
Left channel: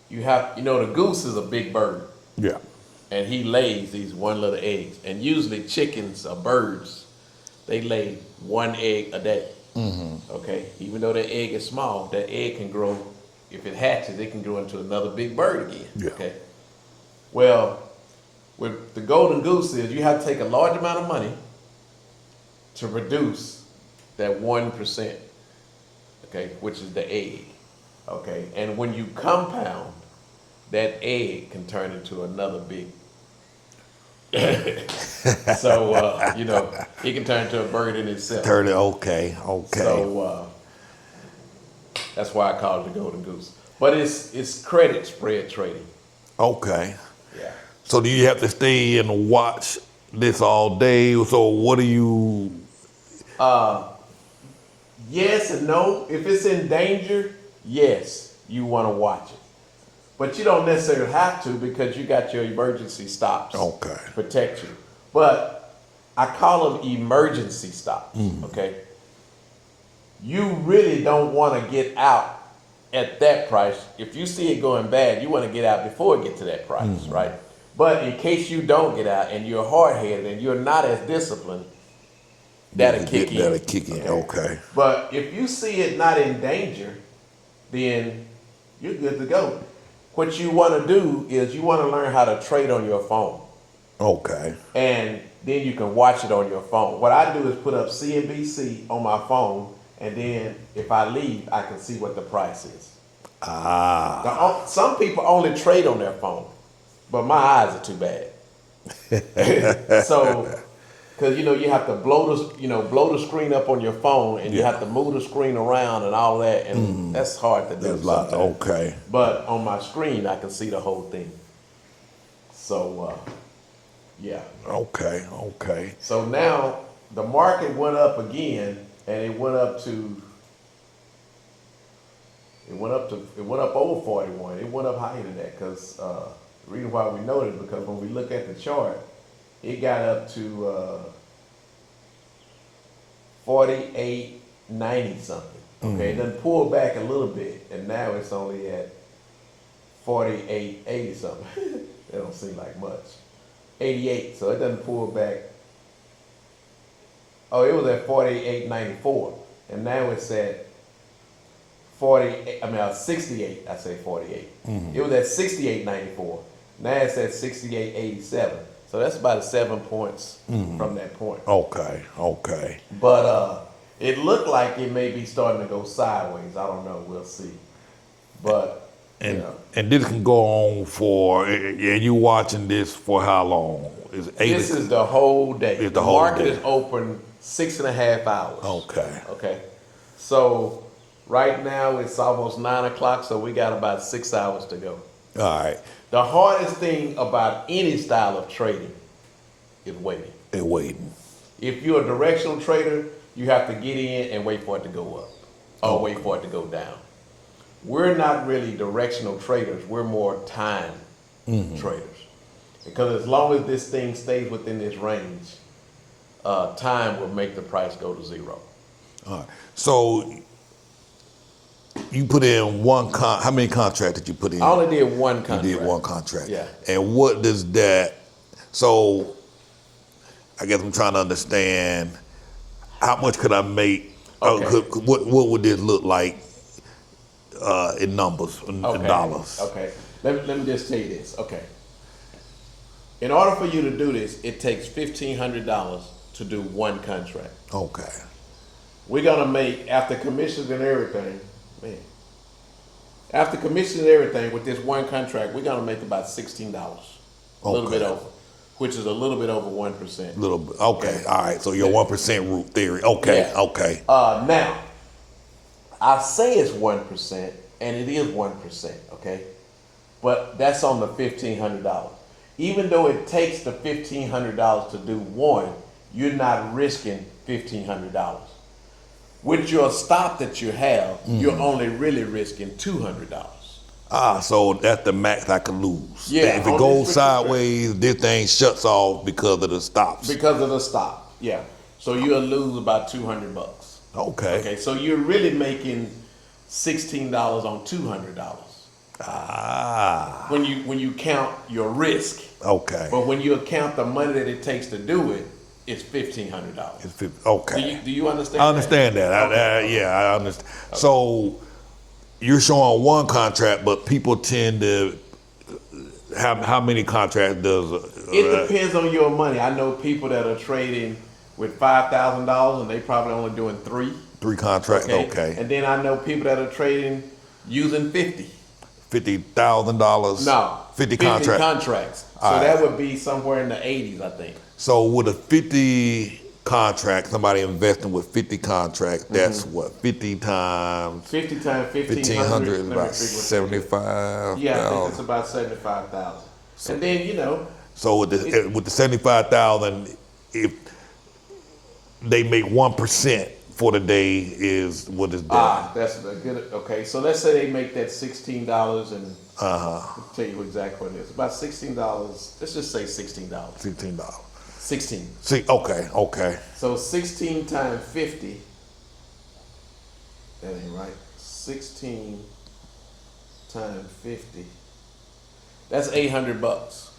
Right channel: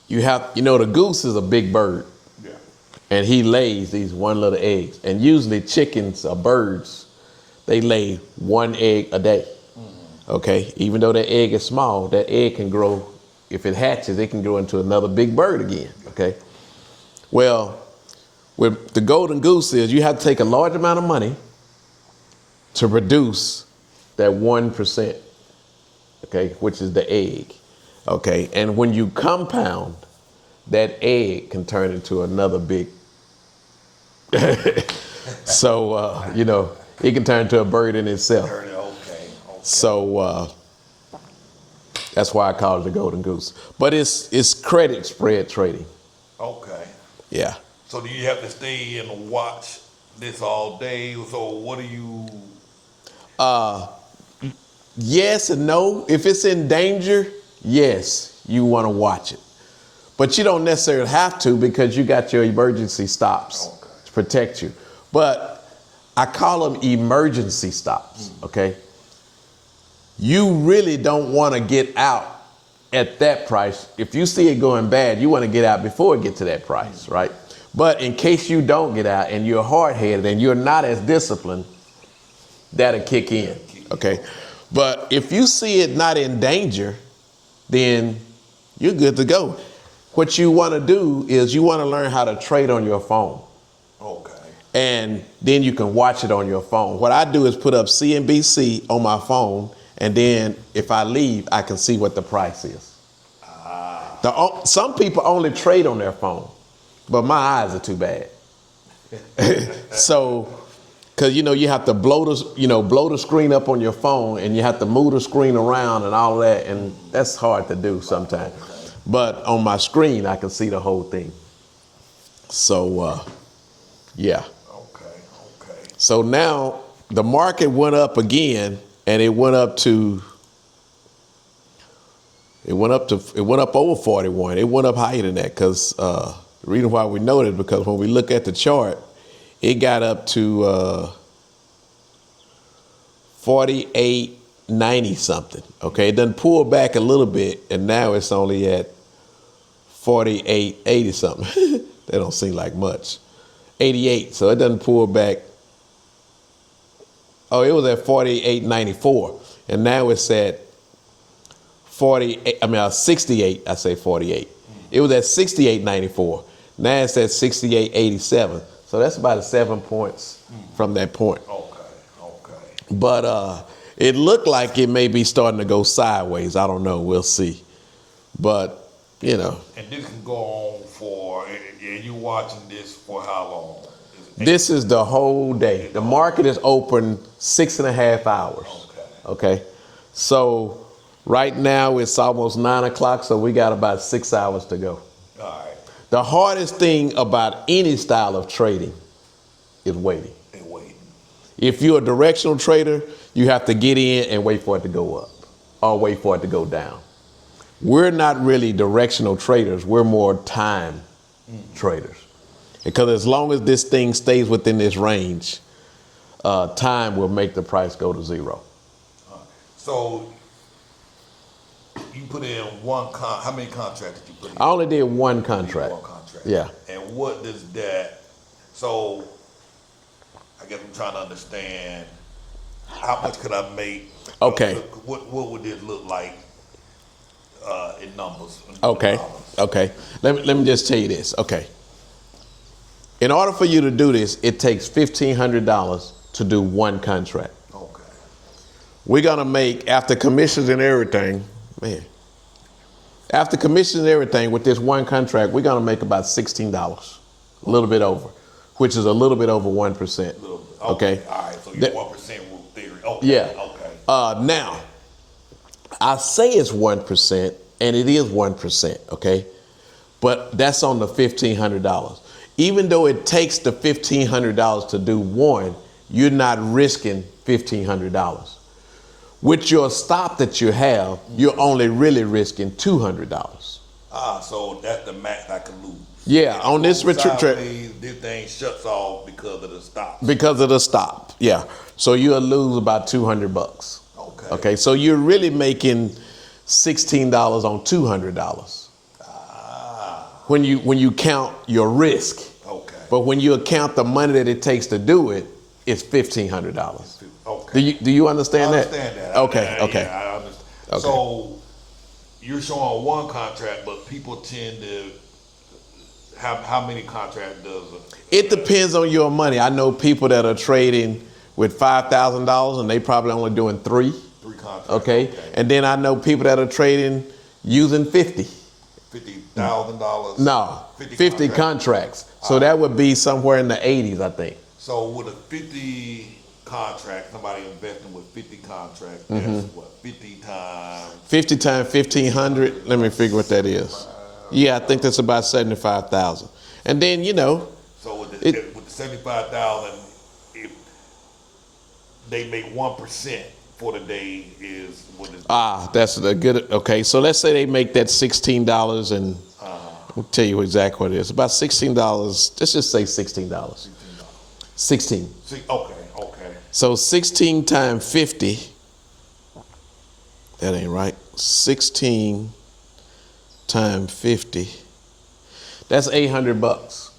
the goose is a big bird. Yeah. And he lays these one little eggs. And usually chickens or birds, they lay one egg a day. Mm-hmm. Okay? Even though that egg is small, that egg can grow, if it hatches, it can grow into another big bird again. Yeah. Okay? Well, with the golden goose is you have to take a large amount of money to produce that 1%, okay, which is the egg. Okay? And when you compound, that egg can turn into another big. So, it can turn into a bird in itself. Okay. So, that's why I call it the golden goose. But it's credit spread trading. Okay. Yeah. So do you have to stay and watch this all day? So what do you? Yes and no. If it's in danger, yes, you want to watch it. But you don't necessarily have to because you got your emergency stops to protect you. But I call them emergency stops, okay? You really don't want to get out at that price. If you see it going bad, you want to get out before it gets to that price, right? But in case you don't get out and you're hard-headed and you're not as disciplined, that'll kick in. That'll kick in. Okay. But if you see it not in danger, then you're good to go. What you want to do is you want to learn how to trade on your phone. Okay. And then you can watch it on your phone. What I do is put up CNBC on my phone, and then if I leave, I can see what the price is. Some people only trade on their phone, but my eyes are too bad. So, because you have to blow the screen up on your phone, and you have to move the screen around and all that, and that's hard to do sometimes. Okay. But on my screen, I can see the whole thing. So, yeah. Okay. So now the market went up again, and it went up over 41. It went up higher than that because the reason why we know that because when we look at the chart, it got up to 48.90 something. Okay, It done pulled back a little bit, and now it's only at 48.80 something. That don't seem like much. 88, so it doesn't pull back. Oh, it was at 48.94, and now it's at 68. I say 48. It was at 68.94. Now it's at 68.87. So that's about 7 points from that point. Okay. But it looked like it may be starting to go sideways. I don't know. We'll see. But And this can go on for, and you watching this for how long? This is the whole day. The market is open 6.5 hours. Okay. So right now it's almost 9 o'clock, so we got about 6 hours to go. All right. The hardest thing about any style of trading is waiting. If you're a directional trader, you have to get in and wait for it to go up or wait for it to go down. We're not really directional traders. We're more time traders. Because as long as this thing stays within this range, time will make the price go to zero. All right. So you put in how many contracts did you put in? I only did one contract. You did one contract. Yeah. And what does that, so I guess I'm trying to understand how much could I make? Okay. What would this look like in numbers, in Okay. dollars? Okay. Let me just tell you this. Okay. In order for you to do this, it takes $1,500 to do one contract. Okay. We're gonna make, after commissions and everything, with this one contract, we're gonna make about $16, a little bit over, which is a little bit over 1%. Little bit. Okay. All right. So your 1% root theory. Okay. Yeah. Okay. Now, I say it's 1%, and it is 1%. Okay, but that's on the $1,500. Even though it takes the $1,500 to do one, you're not risking $1,500. With your stop that you have, you're only really risking $200. So that's the max I can lose. Yeah, if it on this goes retreat trip, sideways, this thing shuts off because of the stops. because of the stop. Yeah, so you'll lose about $200. Okay. Okay, so you're really making $16 on $200. When you count your risk. Okay. But when you account the money that it takes to do it, it's $1,500. Okay. Do you understand that? I understand that. Okay. Yeah, I understand. Okay. So you're showing one contract, but people tend to how many contracts does It depends on your money. I know people that are trading with $5,000 and they probably only doing three contracts. Okay. And then I know people that are trading using $50,000. No, 50 contracts. So All that right. would be somewhere in the 80s, I think. So with a 50 contract, somebody investing with 50 contracts, that's what, 50 times 50 times 1,500. Let me figure what that is. Yeah, I think that's about 75,000. And then So with the 75,000, if they make 1% for the day, is what is done. That's a good. Okay, so let's say they make that $16, and I'll tell you exactly what it is. About $16. Let's just say $16. $16. 16. See, okay. So 16 times 50. That ain't right. 16 times 50. That's $800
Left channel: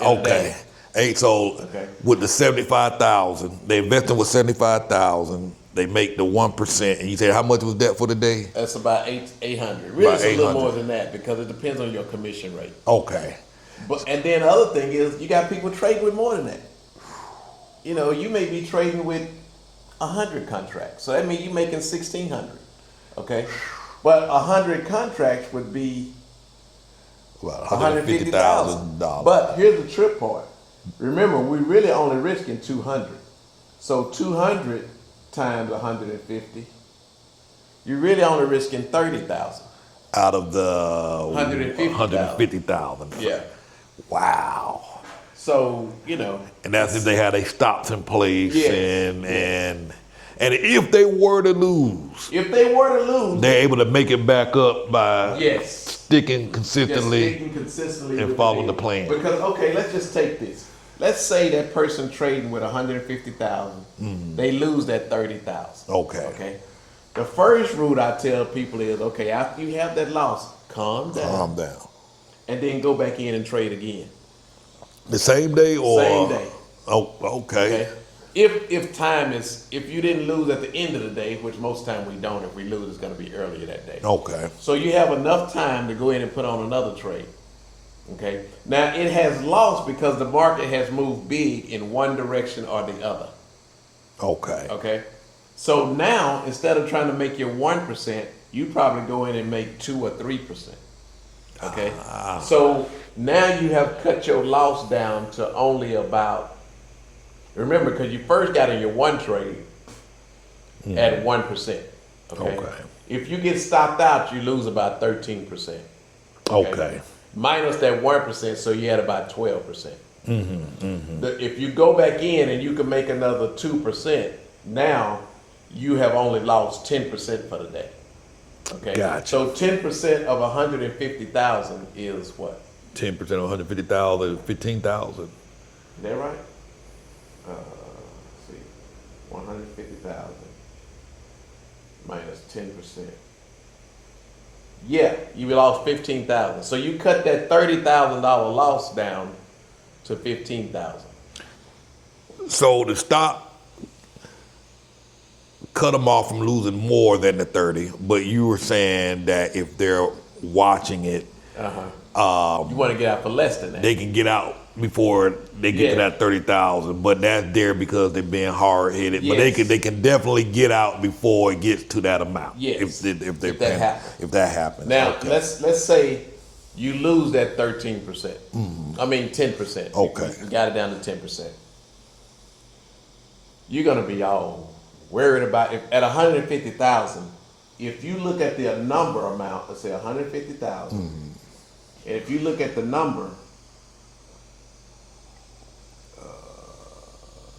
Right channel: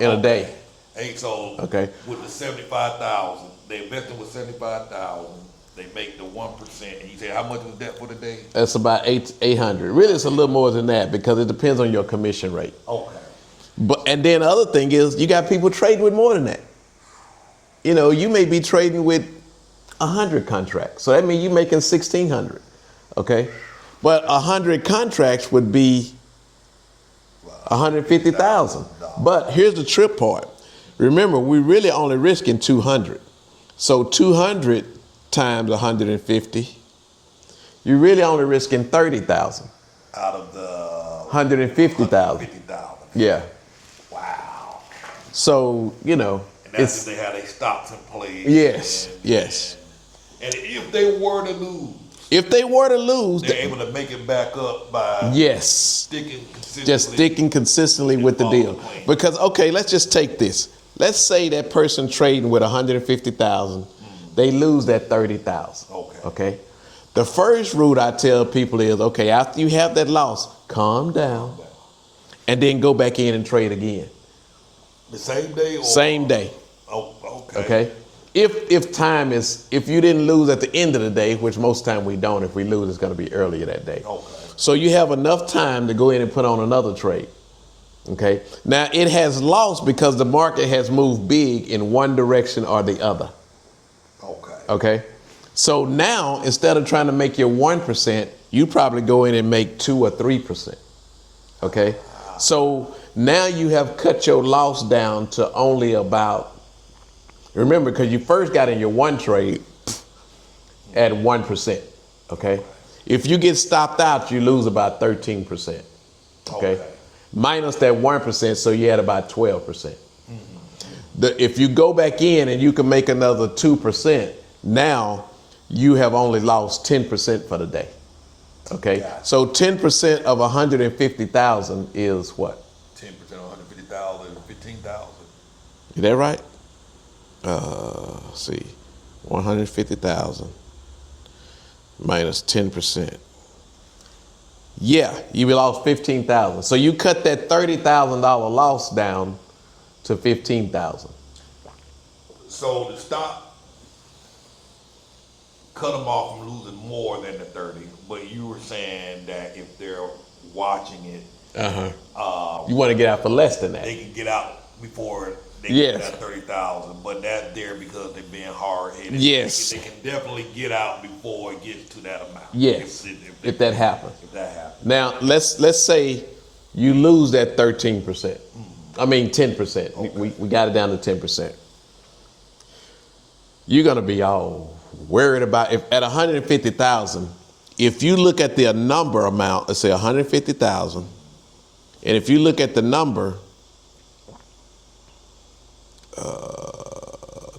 in a day. Hey, so Okay. with the 75,000, they invested with 75,000. They make the 1%, and you said how much was that for the day? That's about 800. Really, About it's a little 800. more than that because it depends on your commission rate. Okay. And then the other thing is you got people trading with more than that. You know, you may be trading with 100 contracts, so that means you're making 1,600. Okay, but 100 contracts would be $150,000. But here's the trip part. Remember, we're really only risking 200. So 200 times 150, you're really only risking 30,000 out of the 150,000. 150,000. Yeah. Wow. So, you know. And that's if they had their stops in place. Yes. And if they were to lose, they're able to make it back up by sticking consistently with the deal. The plan. Because, okay, let's just take this. Let's say that person trading with 150,000, they lose that 30,000. Okay. The first route I tell people is, okay, after you have that loss, calm down. And then go back in and trade again. The same day or? Same day. Oh, okay. Okay. If you didn't lose at the end of the day, which most time we don't, if we lose, it's going to be earlier that day. Okay. So you have enough time to go in and put on another trade. Okay. Now it has lost because the market has moved big in one direction or the other. Okay. Okay. So now instead of trying to make your 1%, you probably go in and make 2 or 3%. Okay. So now you have cut your loss down to only about. Remember, because you first got in your one trade at 1%. Okay. If you get stopped out, you lose about 13%. Okay. Minus that 1%, so you had about 12%. If you go back in and you can make another 2%, now you have only lost 10% for the day. Okay. Gotcha. So 10% of 150,000 is what? 10% of 150,000 is 15,000. Is that right? Let's see, 150,000 minus 10%. Yeah, you lost 15,000. So you cut that $30,000 loss down to 15,000. So to stop, cut them off from losing more than the 30. But you were saying that if they're watching it, you want to get out for less than that. they can get out before they get to that 30,000. But that's there because they're being hard headed. Yes. But they can definitely get out before it gets to that amount. Yes. If that happens. If that happens. Now let's say you lose that 13%. I mean 10%. Okay. We got it down to 10%. You're gonna be all worried about if at 150,000. If you look at the number amount, let's say 150,000, and if you look at the number,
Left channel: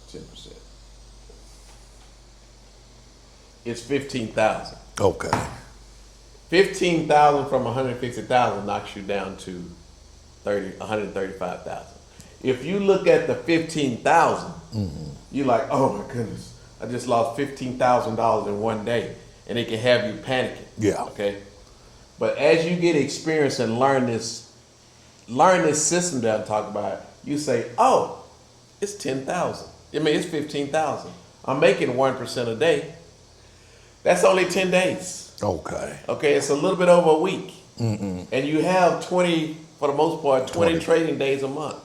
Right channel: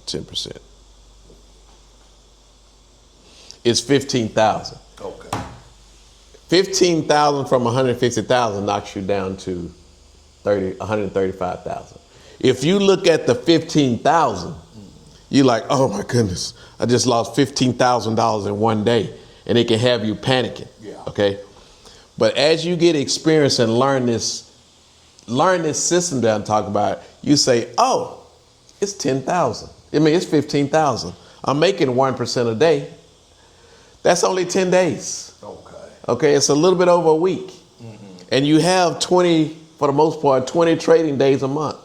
10%, it's 15,000. Okay. 15,000 from 150,000 knocks you down to 135,000. If you look at the 15,000, you're like, oh my goodness, I just lost $15,000 in one day, and it can have you panicking. Yeah. Okay. But as you get experience and learn this system that I'm talking about, you say, oh, it's 10,000. I mean, it's 15,000. I'm making 1% a day. That's only 10 days. Okay. Okay, it's a little bit over a week. And you have 20, for the most part, 20 trading days a month.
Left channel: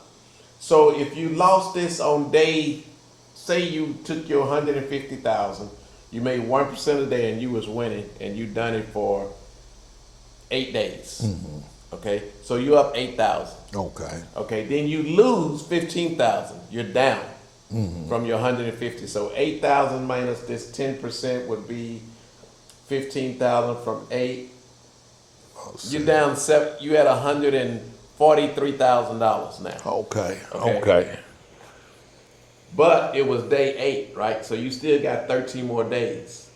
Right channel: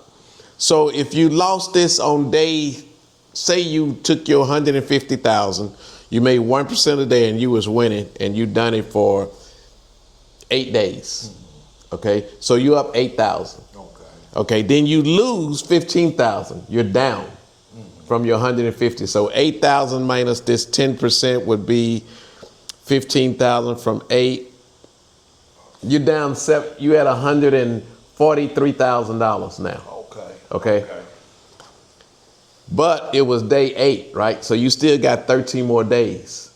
So if you lost this on day, say you took your 150,000, you made 1% a day and you was winning, and you done it for 8 days. Okay, so you up 8,000. Okay, then you lose 15,000. You're down from your 150. So 8,000 minus this 10% would be 15,000 from 8. You're down you at $143,000 now. Okay. But it was day 8, right? So you still got 13 more days.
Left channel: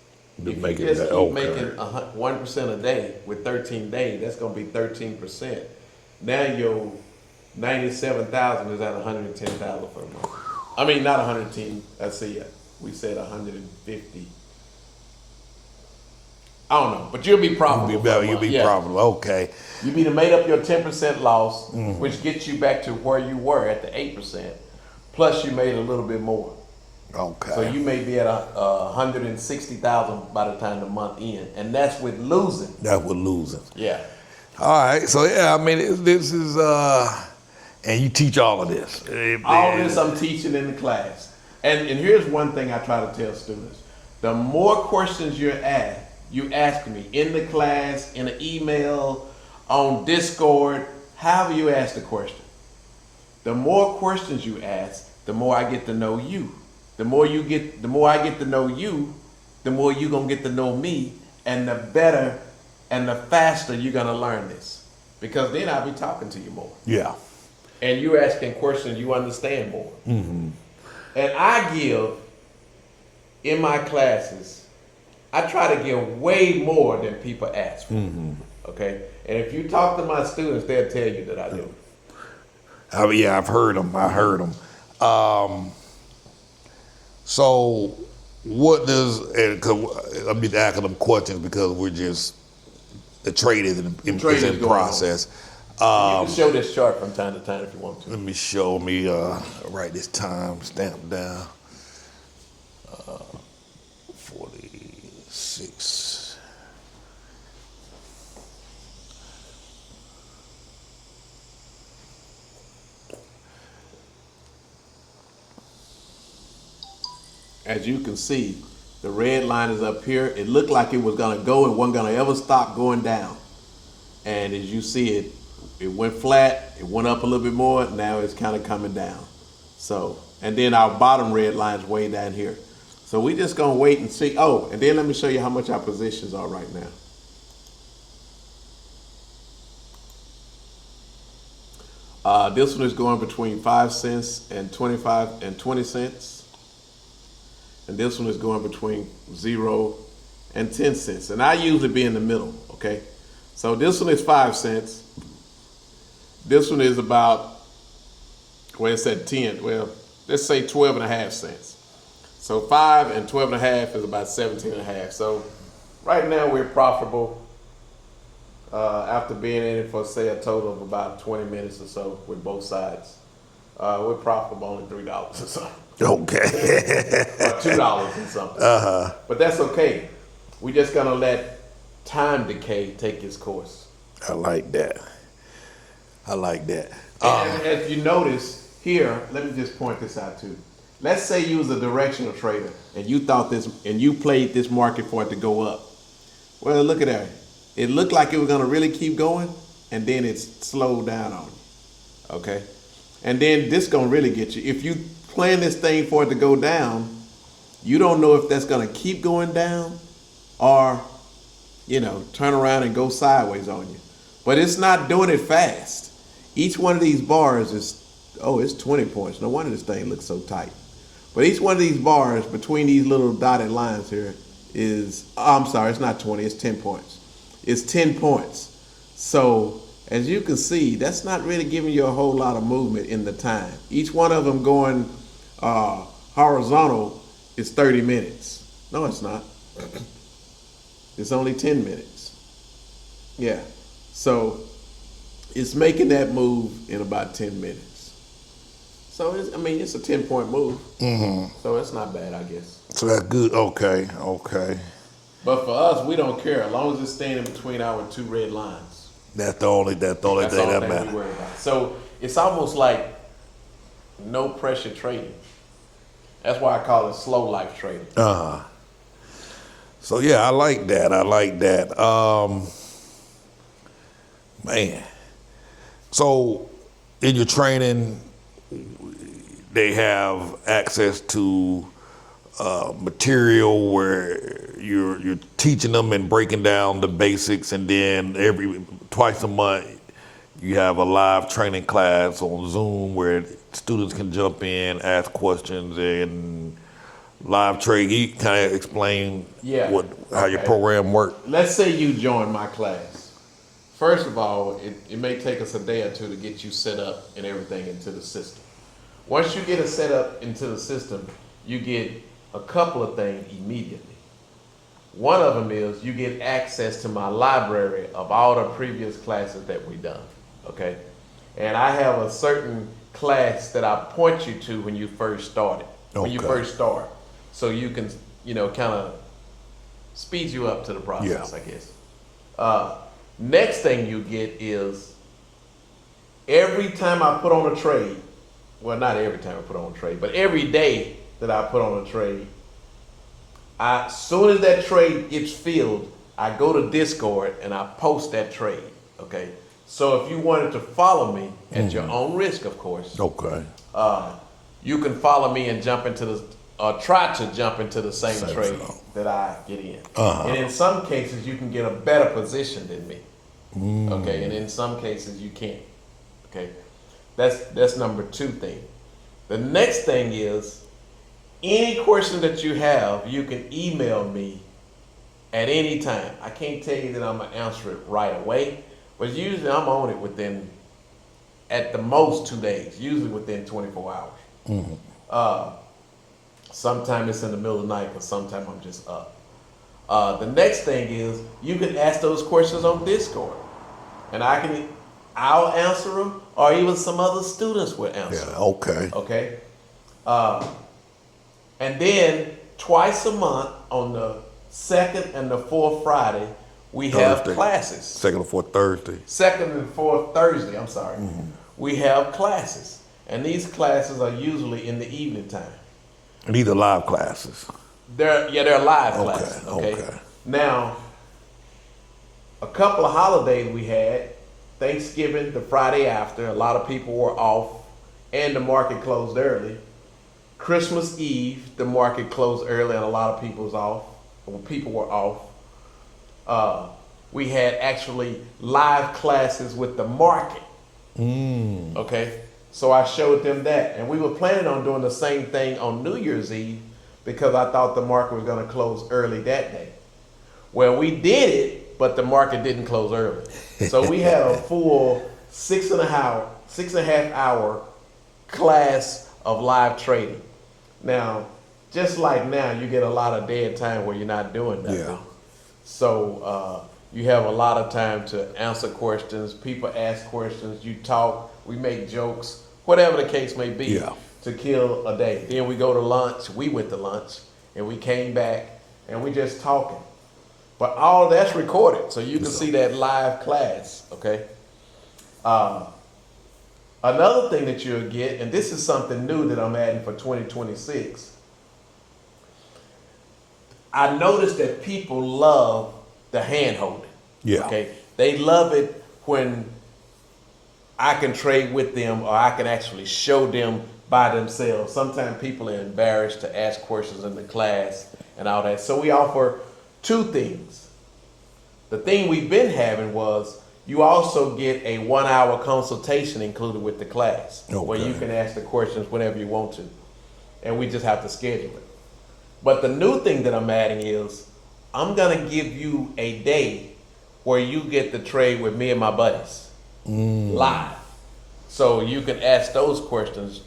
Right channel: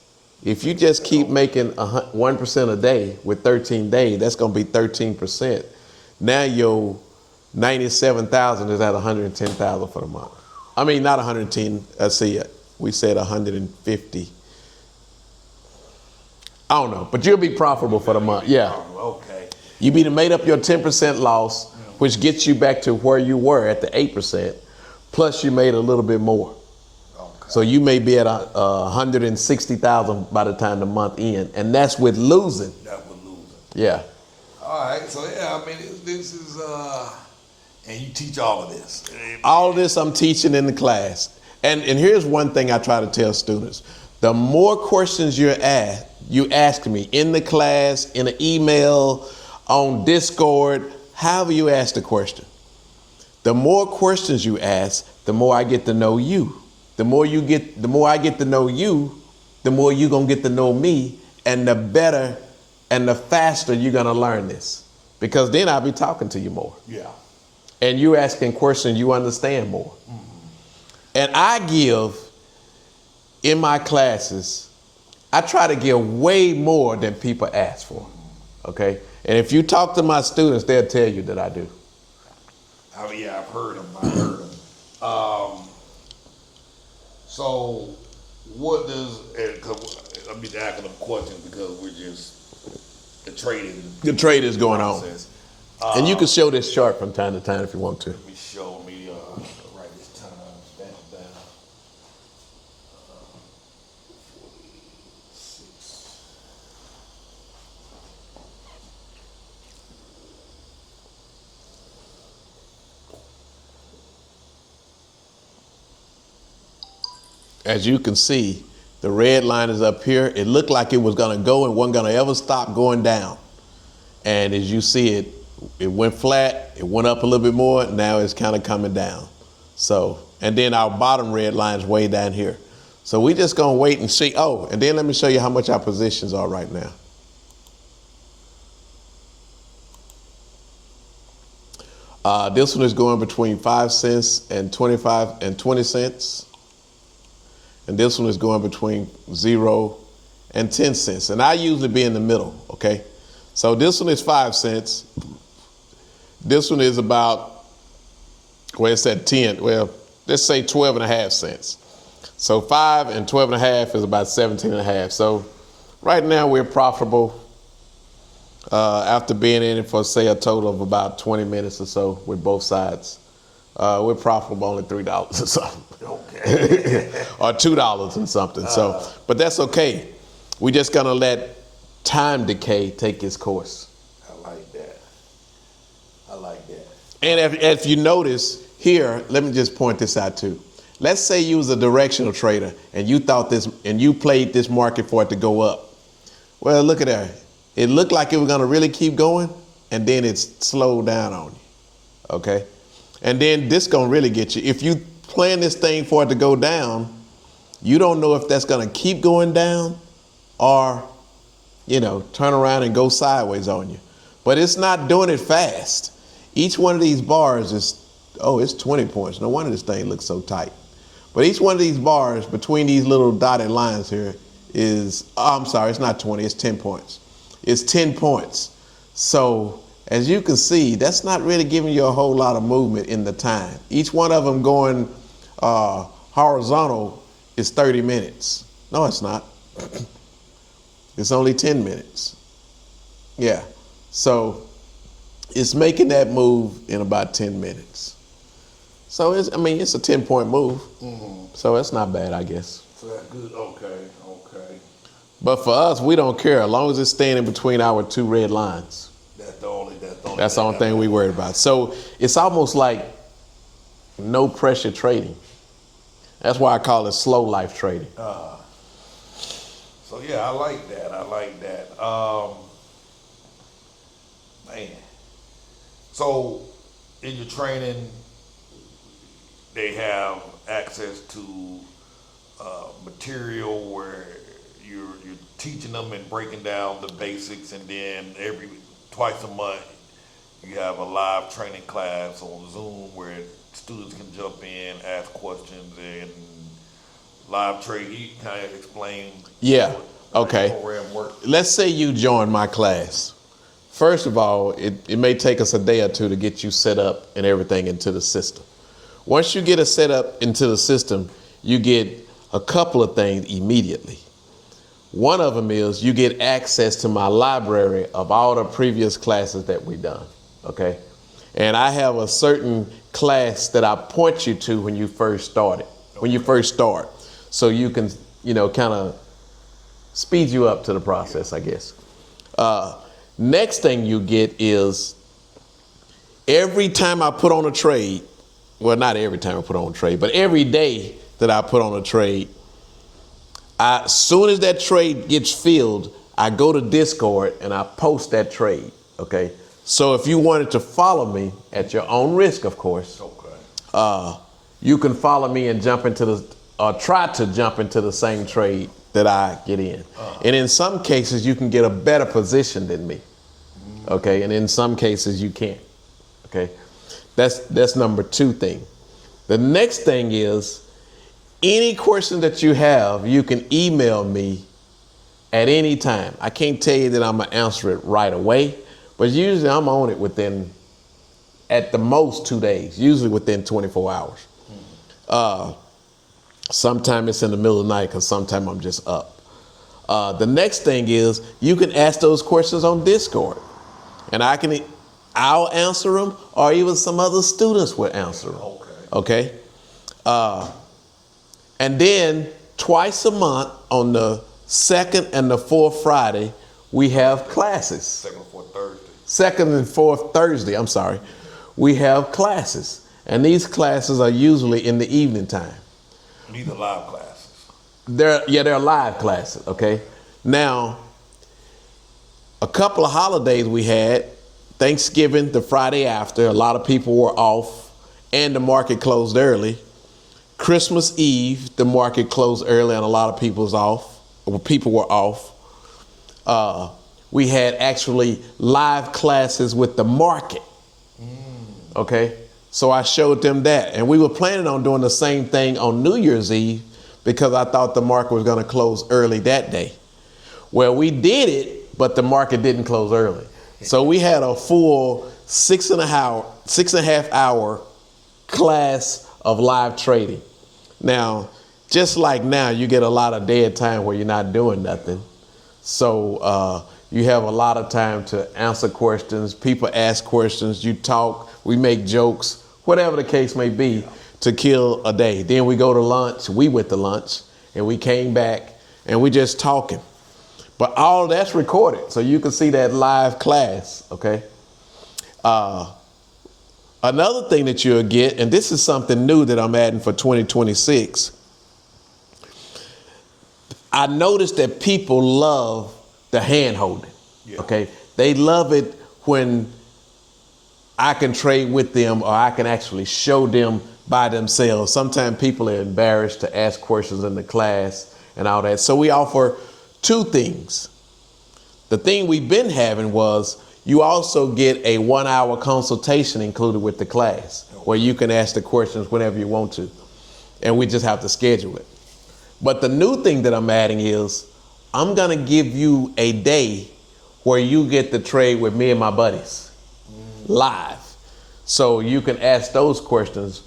If you just keep making 1% a day with 13 days, that's going to be 13%. Now your 97,000 is at 110,000 for the month. I mean, not 110. Let's see, we said 150. I don't know, but you'll be profitable for the month. You'll be profitable. Okay. You be to made up your 10% loss, which gets you back to where you were at the 8%, plus you made a little bit more. Okay. So you may be at 160,000 by the time the month ends, and that's with losing. That's with losing. Yeah. All right. So yeah, I mean, this is and you teach all of this. All this I'm teaching in the class. And here's one thing I try to tell students. The more questions you ask me in the class, in an email, on Discord, however you ask the question. The more questions you ask, the more I get to know you. The more I get to know you, the more you're gonna get to know me, and the better and the faster you're gonna learn this. Because then I'll be talking to you more. Yeah. And you asking questions, you understand more. Mm-hmm. And I give, in my classes, I try to give way more than people ask for, okay? And if you talk to my students, they'll tell you that I do. Yeah, I've heard them. I heard them. So what does, and I'm just asking them questions because we're just, the trade is in the going process. And you can show this chart from time to time if you want to. Let me write this time stamp down. 46. As you can see, the red line is up here. It looked like it was gonna go and wasn't gonna ever stop going down. And as you see it went flat, it went up a little bit more, now it's kind of coming down. So, and then our bottom red line is way down here. So we just gonna wait and see. Oh, and then let me show you how much our positions are right now. This one is going between 5 cents and 25 and 20 cents. And this one is going between 0 and 10 cents. And I usually be in the middle, okay? So this one is 5 cents. This one is about, well, it's at 10, well, let's say 12 and a half cents. So 5 and 12 and a half is about 17 and a half. So right now we're profitable after being in it for, say, a total of about 20 minutes or so with both sides. We're profitable only $3 or something. Okay. Or $2 and something. So, but that's okay. We're just gonna let time decay take its course. I like that. And if you notice here, let me just point this out too. Let's say you was a directional trader and you thought this, and you played this market for it to go up. Well, look at that. It looked like it was gonna really keep going, and then it slowed down on you. Okay? And then this gonna really get you. If you plan this thing for it to go down, you don't know if that's gonna keep going down or, turn around and go sideways on you. But it's not doing it fast. Each one of these bars is, it's 20 points. No wonder this thing looks so tight. But each one of these bars between these little dotted lines here is, I'm sorry, it's not 20, it's 10 points. It's 10 points. So as you can see, that's not really giving you a whole lot of movement in the time. Each one of them going horizontal is 30 minutes. No, it's not. It's only 10 minutes. Yeah. So it's making that move in about 10 minutes. So it's a 10-point move. Mm-hmm. So it's not bad, I guess. So that's good. Okay. But for us, we don't care as long as it's staying in between our two red lines. That's the only thing we worried about. So it's almost like no pressure trading. That's why I call it slow life trading. So yeah, I like that. Man. So in your training, they have access to material where you're teaching them and breaking down the basics, and then twice a month you have a live training class on Zoom where students can jump in, ask questions, and live trade. You kind of explain how your program works. Let's say you join my class. First of all, it may take us a day or two to get you set up and everything into the system. Once you get it set up into the system, you get a couple of things immediately. One of them is you get access to my library of all the previous classes that we've done, okay? And I have a certain class that I point you to when you first started, when you first start. So you can, kind of speed you up to the process, I guess. Next thing you get is every time I put on a trade, well, not every time I put on a trade, but every day that I put on a trade, as soon as that trade gets filled, I go to Discord and I post that trade, okay? So if you wanted to follow me at your own risk, of course, you can follow me and try to jump into the same trade that I get in. And in some cases, you can get a better position than me, okay? And in some cases, you can't, okay? That's number 2 thing. The next thing is, any question that you have, you can email me at any time. I can't tell you that I'm gonna answer it right away, but usually I'm on it within, at the most, 2 days, usually within 24 hours. Sometimes it's in the middle of the night because sometimes I'm just up. The next thing is you can ask those questions on Discord, and I'll answer them, or even some other students will answer them. Okay. And then twice a month on the 2nd and the 4th Friday, we have classes. 2nd and 4th Thursday. 2nd and 4th Thursday, I'm sorry. We have classes. And these classes are usually in the evening time. And these are live classes. They're live classes, okay? Now, a couple of holidays we had, Thanksgiving, the Friday after, a lot of people were off, and the market closed early. Christmas Eve, the market closed early and a lot of people were off. We had actually live classes with the market. Okay, so I showed them that, and we were planning on doing the same thing on New Year's Eve because I thought the market was going to close early that day. Well, we did it, but the market didn't close early. So we had a full 6.5 hour class of live trading. Now, just like now, you get a lot of dead time where you're not doing nothing. So you have a lot of time to answer questions. People ask questions, you talk, we make jokes, whatever the case may be, to kill a day. Then we go to lunch, we went to lunch, and we came back, and we just talking. But all that's recorded, so you can see that live class, okay? Another thing that you'll get, and this is something new that I'm adding for 2026, I noticed that people love the hand holding. Okay? They love it when I can trade with them or I can actually show them by themselves. Sometimes people are embarrassed to ask questions in the class and all that. So we offer 2 things. The thing we've been having was you also get a 1-hour consultation included with the class where you can ask the questions whenever you want to. And we just have to schedule it. But the new thing that I'm adding is I'm going to give you a day where you get to trade with me and my buddies live. So you can ask those questions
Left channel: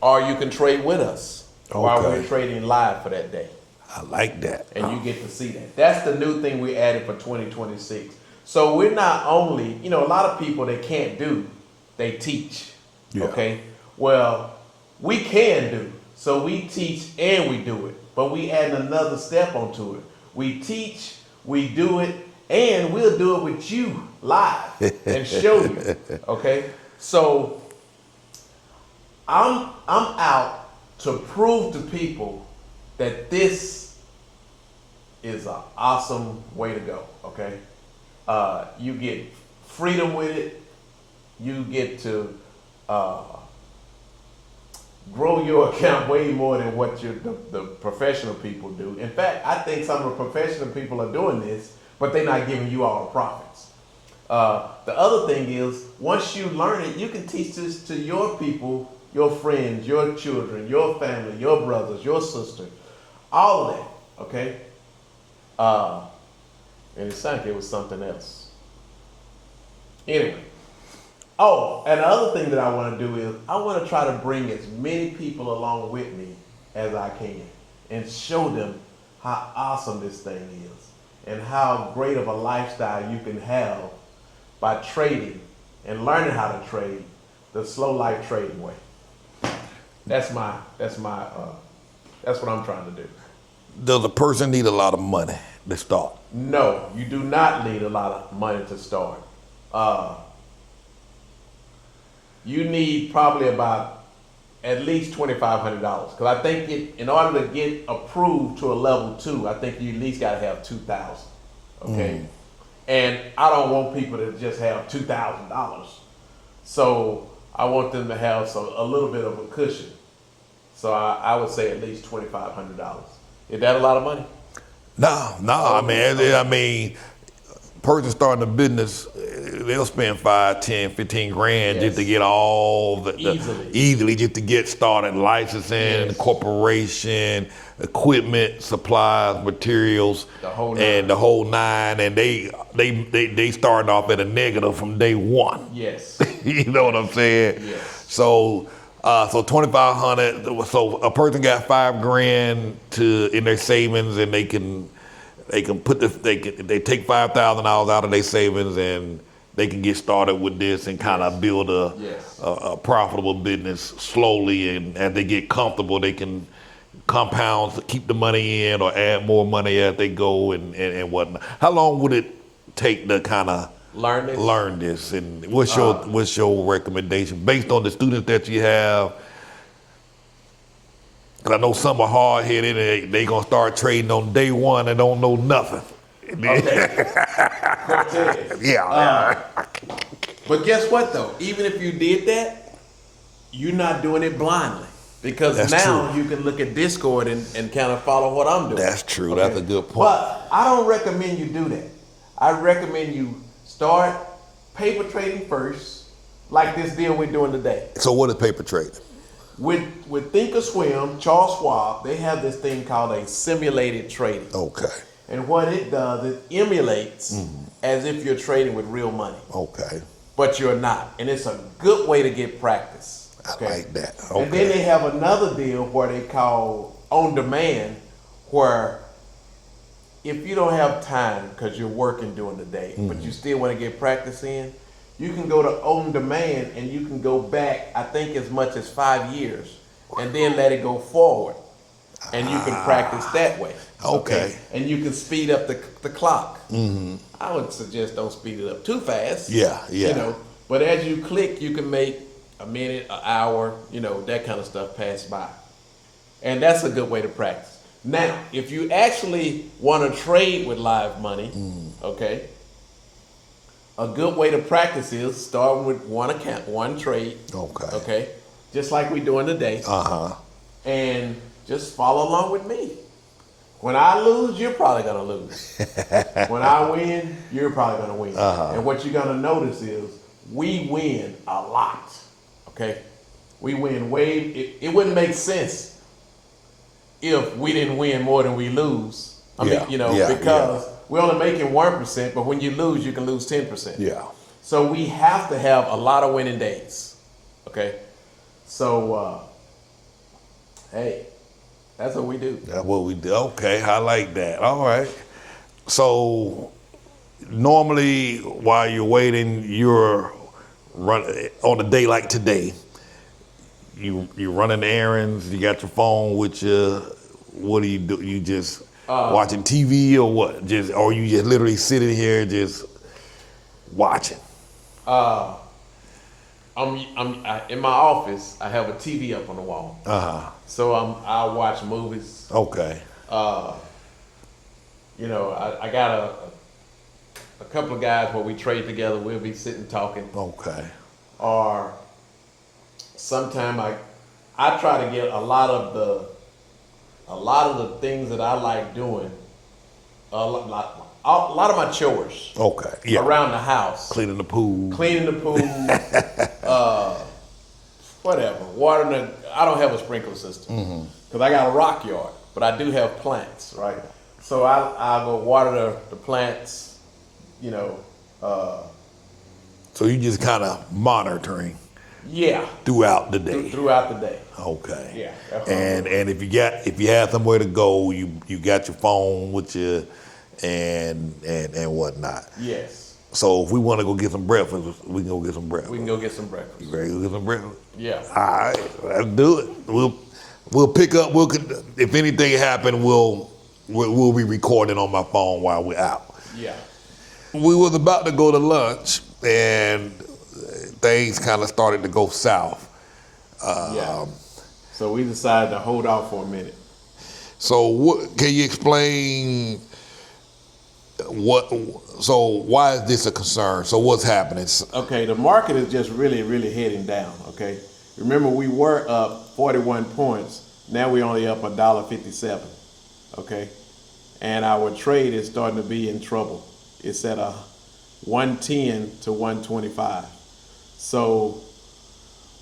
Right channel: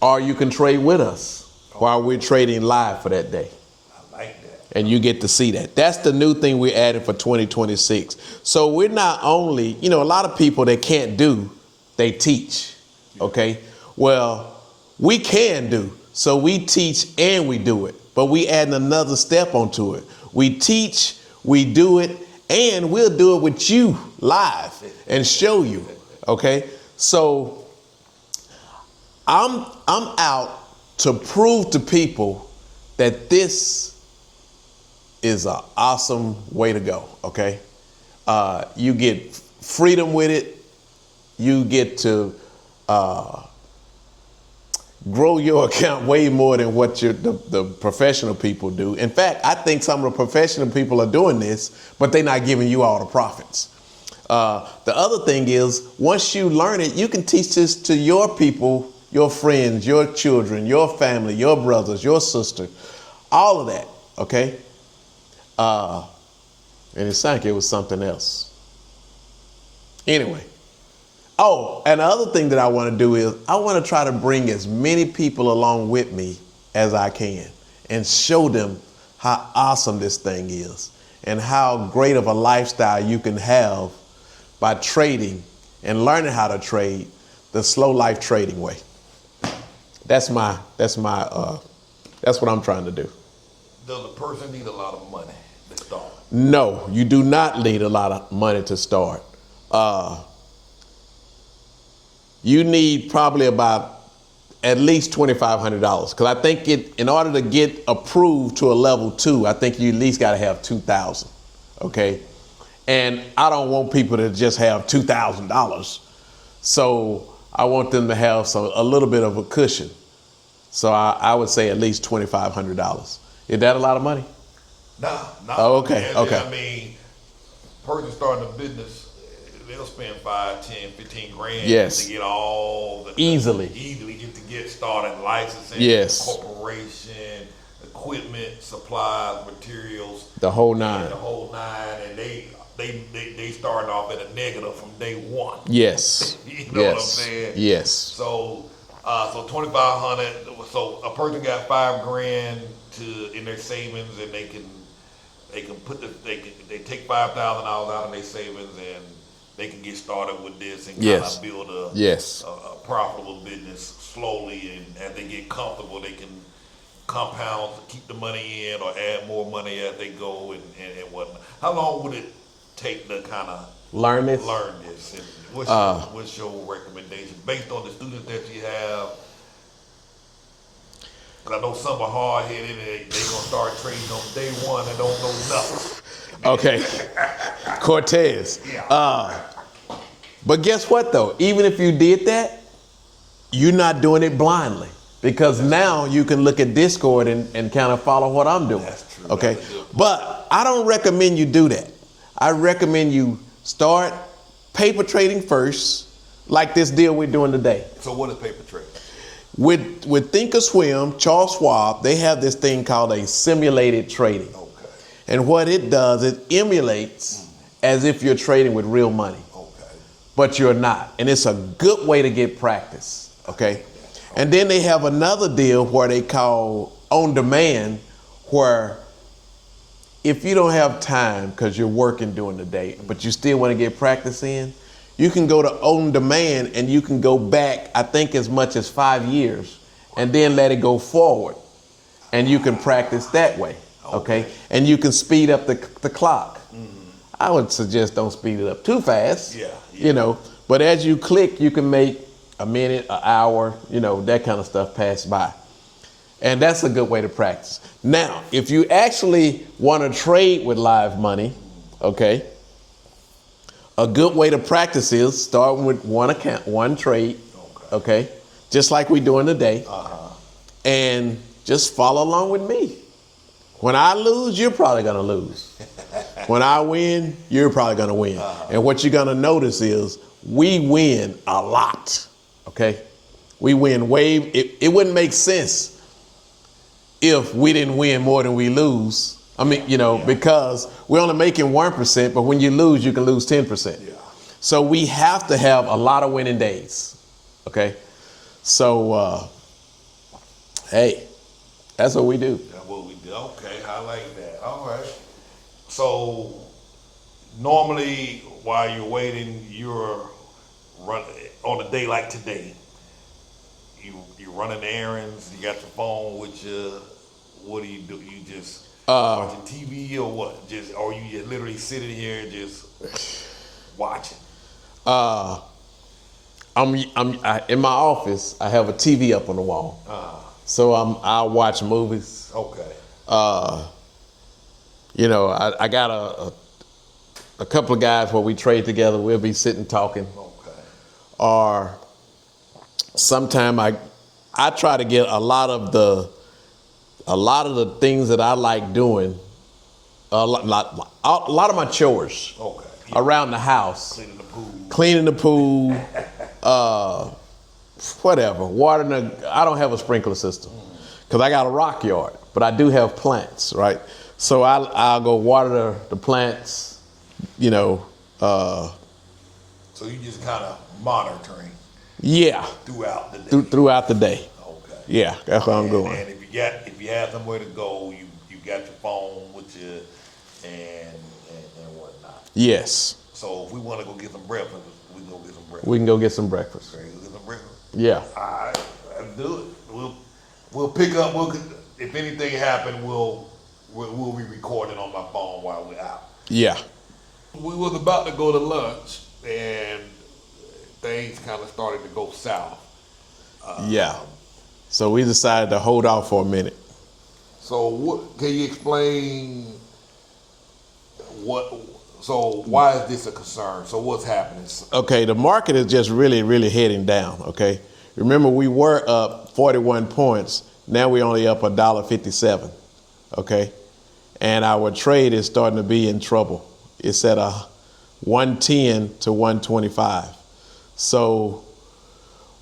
or you can trade with us while we're trading live for that day. I like that. And you get to see that. That's the new thing we're adding for 2026. So we're not only, a lot of people that can't do, they teach. Okay? Well, we can do. So we teach and we do it. But we add another step onto it. We teach, we do it, and we'll do it with you live and show you. Okay? So I'm out to prove to people that this is an awesome way to go, okay? You get freedom with it. You get to grow your account way more than what the professional people do. In fact, I think some of the professional people are doing this, but they're not giving you all the profits. The other thing is, once you learn it, you can teach this to your people, your friends, your children, your family, your brothers, your sister, all of that, okay? And it sounded like it was something else. Anyway. Oh, and the other thing that I want to do is I want to try to bring as many people along with me as I can and show them how awesome this thing is and how great of a lifestyle you can have by trading and learning how to trade the slow life trading way. That's what I'm trying to do. Does a person need a lot of money to start? No, you do not need a lot of money to start. You need probably about at least $2,500 because I think in order to get approved to a level 2, I think you at least got to have $2,000. Okay, and I don't want people to just have $2,000, so I want them to have a little bit of a cushion. So I would say at least $2,500. Is that a lot of money? No, Oh, okay, man. okay. I mean, person starting a business, they'll spend 5, 10, 15 grand Yes. just to get all easily just to get started, licensing, Yes. corporation, equipment, supplies, materials, The whole nine. and the whole nine, and they started off at a negative from day one. Yes. You know what I'm saying? Yes. So 2,500. So a person got $5,000 in their savings, and they can put they take $5,000 out of their savings, and they can get started with this and kind of build a profitable business slowly. And as they get comfortable, they can compound, keep the money in, or add more money as they go and whatnot. How long would it take to kind of Learn this? And what's your recommendation based on the students that you have? Cause I know some are hard headed and they gonna start trading on day one and don't know nothing. Okay. Cortez. Yeah. But guess what though? Even if you did that, you're not doing it blindly. Because That's now true. you can look at Discord and kind of follow what I'm doing. That's true. Okay? That's a good point. But I don't recommend you do that. I recommend you start paper trading first, like this deal we're doing today. So what is paper trade? With Thinkorswim, Charles Schwab, they have this thing called a simulated trading. Okay. And what it does, it emulates as if you're trading with real money. Okay. But you're not. And it's a good way to get practice. Okay. I like that. Okay. And then they have another deal where they call on demand, where if you don't have time because you're working during the day, but you still want to get practice in, you can go to on demand and you can go back, I think as much as 5 years, and then let it go forward. And you can practice that way. Okay. And you can speed up the clock. I would suggest don't speed it up too fast. Yeah. You know, but as you click, you can make a minute, an hour, that kind of stuff pass by. And that's a good way to practice. Now, if you actually want to trade with live money, okay, a good way to practice is start with one account, one trade. Okay. Just like we're doing today. And just follow along with me. When I lose, you're probably gonna lose. When I win, you're probably gonna win. And what you're gonna notice is we win a lot. Okay? We win it wouldn't make sense if we didn't win more than we lose. Because we're only making 1%, but when you lose, you can lose 10%. Yeah. So we have to have a lot of winning days. Okay? So, hey, that's what we do. That's what we do. Okay, I like that. All right. So normally while you're waiting, you're running on a day like today. You're running errands. You got your phone with you. What do? You just watching TV or what? Or you just literally sitting here just watching? I'm in my office. I have a TV up on the wall. So I watch movies. Okay. I got a couple of guys where we trade together. We'll be sitting talking. Okay. Or sometime I try to get a lot of the things that I like doing. A lot of my chores. Okay. Yeah. Around the house. Cleaning the pool. Whatever. Watering I don't have a sprinkler system because I got a rock yard, but I do have plants, right? So I'll go water the plants, So you just kind of monitoring. Yeah. throughout the day. Throughout the day. Okay. Yeah, that's what I'm doing. And if you have somewhere to go, you got your phone with you and whatnot. Yes. So if we want to go get some breakfast, we can go get some breakfast. We can go get some breakfast. Ready to go get some breakfast? Yeah. All right, let's do it. We'll pick up. If anything happens, we'll be recording on my phone while we're out. Yeah. We was about to go to lunch, and things kind of started to go south. Yeah. So we decided to hold off for a minute. So can you explain so why is this a concern? So what's happening? Okay, the market is just really, really heading down, okay? Remember, we were up 41 points. Now we're only up $1.57, okay? And our trade is starting to be in trouble. It's at a 110 to 125. So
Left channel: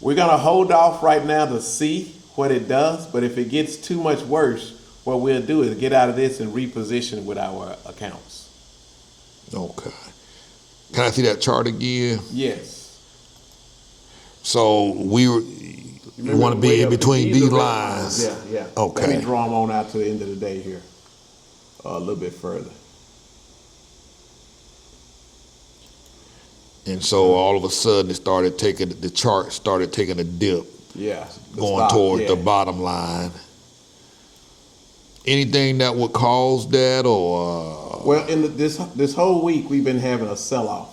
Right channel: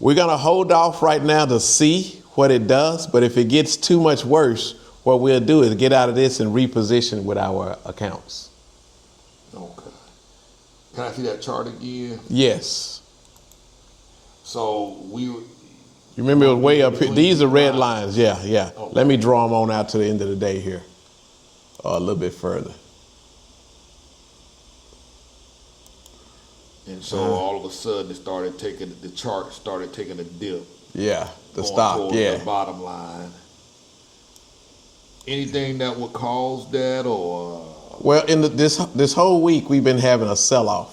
we're gonna hold off right now to see what it does, but if it gets too much worse, what we'll do is get out of this and reposition with our accounts. Okay. Can I see that chart again? Yes. So we were. You remember wanna be way in up here. between These are red lines. lines. Yeah, yeah. Okay. Let me draw them on out to the end of the day here, a little bit further. And so all of a sudden the chart started taking a dip, Yeah. going towards the bottom line. Anything that would cause that, or Well, in this whole week we've been having a sell-off.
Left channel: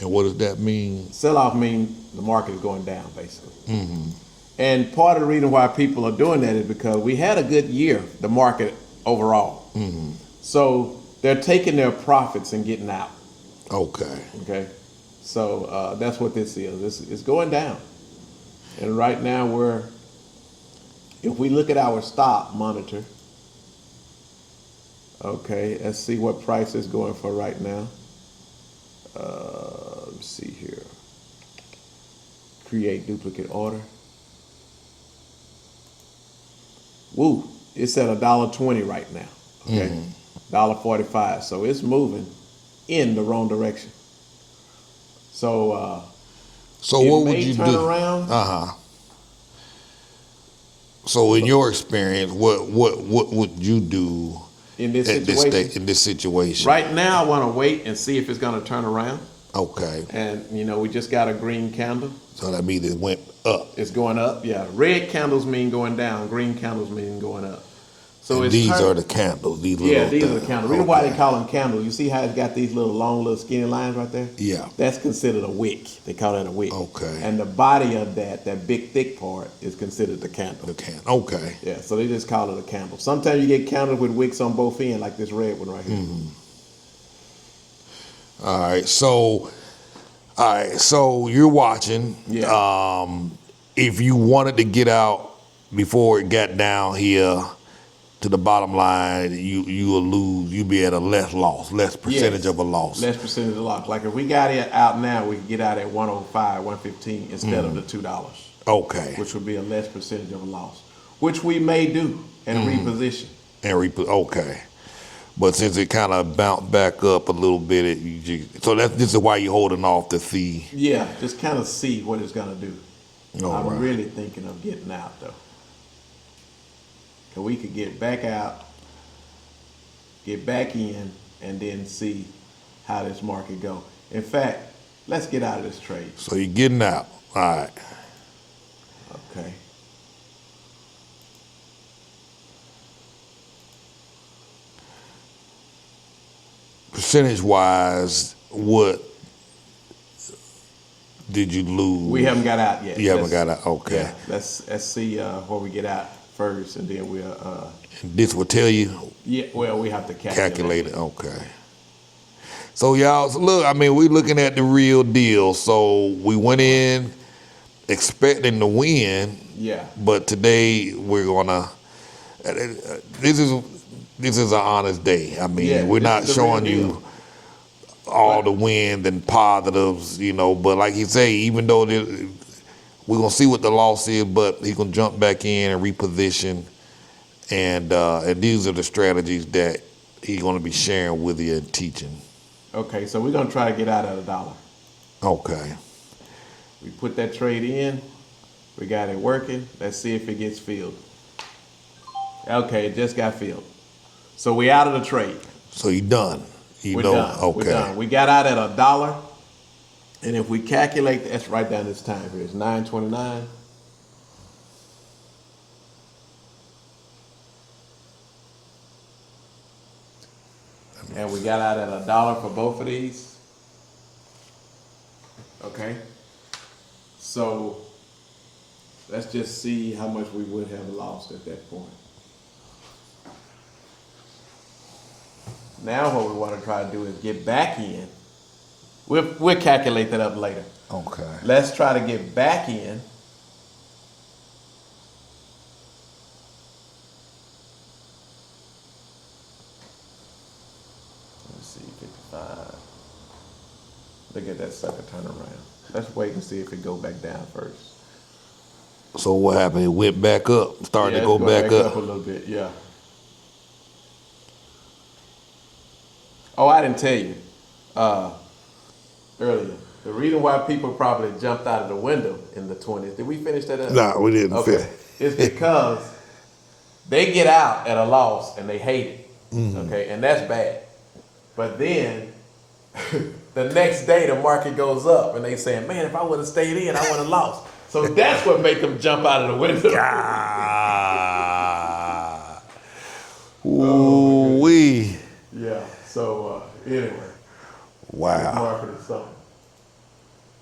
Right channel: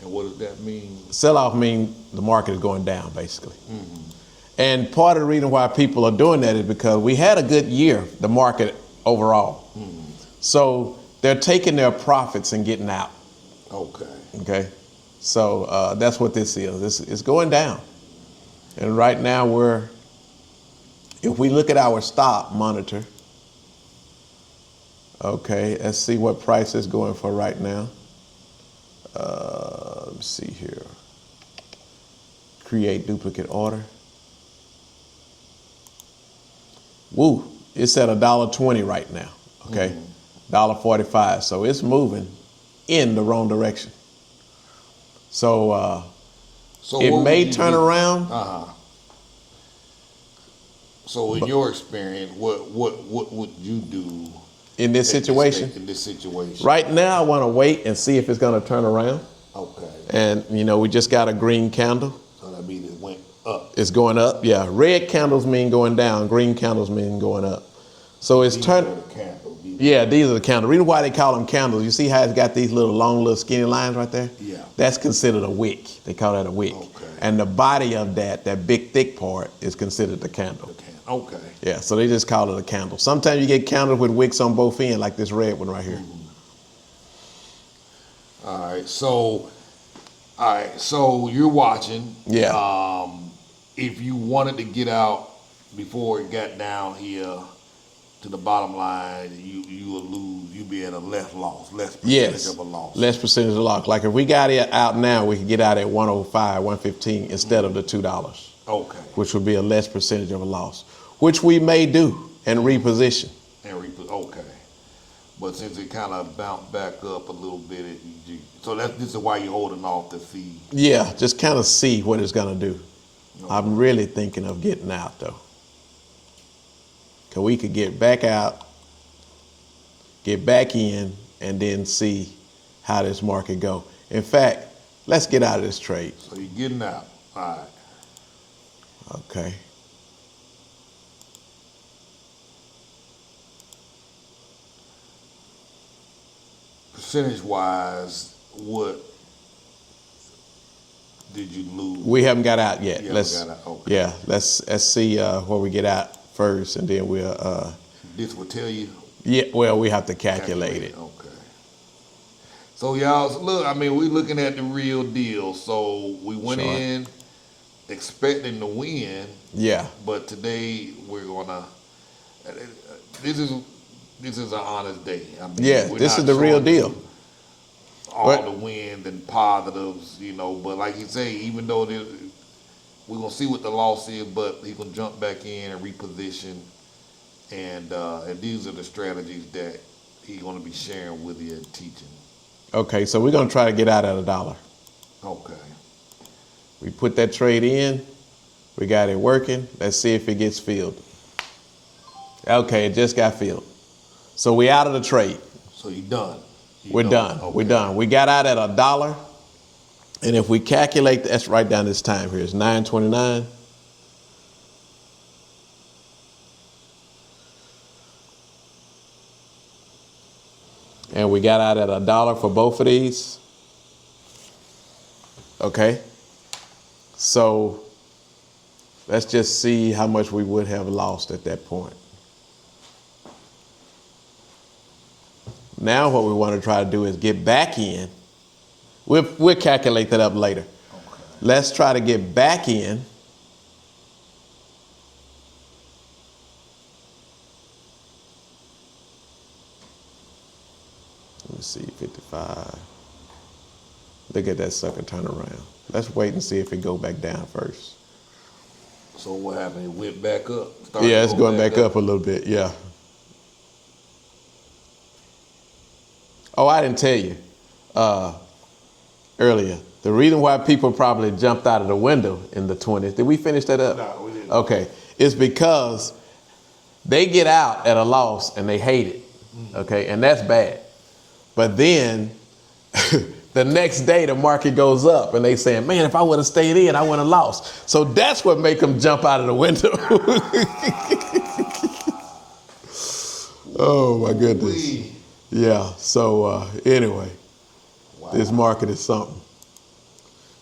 and what does that mean? Sell-off means the market is going down, basically. Mm-hmm. And part of the reason why people are doing that is because we had a good year, the market overall. Mm-hmm. So they're taking their profits and getting out. Okay. Okay, so that's what this is. It's going down, and right now if we look at our stop monitor, okay, let's see what price is going for right now. Let's see here. Create duplicate order. Woo! It's at $1.20 right now. Okay, $1.45. So it's moving in the wrong direction. So it may turn around. So in your experience, what would you do In this situation? In this situation. Right now, I want to wait and see if it's going to turn around. Okay. And we just got a green candle. So that means it went up. It's going up. Yeah. Red candles mean going down. Green candles mean going up. So and these are the candles. These are the candles. Reason why they call them candles, you see how it's got these little skinny lines right there? Yeah. That's considered a wick. They call that a wick. Okay. And the body of that big thick part is considered the candle. The candle. Okay. Yeah, so they just call it a candle. Sometimes you get candles with wicks on both ends, like this red one right here. Mm-hmm. All right, so you're watching. Yeah. If you wanted to get out before it got down here to the bottom line, you will lose. You'll be at a less percentage of a loss. Less percentage of loss. Like if we got it out now, we could get out at 105, 115 instead of the $2. Okay. Which would be a less percentage of a loss, which we may do and reposition. Okay. But since it kind of bounced back up a little bit, this is why you're holding off to see. Yeah, just kind of see what it's gonna do. I'm really thinking of getting out though. So we could get back out, get back in, and then see how this market go. In fact, let's get out of this trade. So you're getting out. All right. Okay. Percentage-wise, what did you lose? We haven't got out yet. You haven't got out. Okay. Yeah. Let's see where we get out first, and then we'll. This will tell you. Yeah. Well, we have to calculate it. Okay. So y'all, look. I mean, we're looking at the real deal. So we went in expecting to win. Yeah. But today we're gonna. This is an honest day. I mean, we're not showing you all the wins and positives, But like he say, even though we're gonna see what the loss is, but he's gonna jump back in and reposition, and these are the strategies that he's gonna be sharing with you and teaching. Okay, so we're gonna try to get out at $1. Okay. We put that trade in. We got it working. Let's see if it gets filled. Okay, it just got filled. So we out of the trade. So you done. We're done. Okay. We're done. We got out at $1. And if we calculate, let's write down this time here. It's 9:29. And we got out at $1 for both of these. Okay. So let's just see how much we would have lost at that point. Now what we want to try to do is get back in. We'll calculate that up later. Okay. Let's try to get back in. Let's see, 55. Look at that sucker turn around. Let's wait and see if it go back down first. So what happened? It went back up. Started Yeah, to it's go going back back up a little bit, yeah. Oh, I didn't tell you earlier. The reason why people probably jumped out of the window in the 20s, did we finish that up? No, we didn't. Okay. It's because they get out at a loss and they hate it. Okay, and that's bad. But then the next day the market goes up and they saying, man, if I would have stayed in, I would have lost. So that's what make them jump out of the window. Oh my goodness. Yeah, so anyway, Wow. this market is something.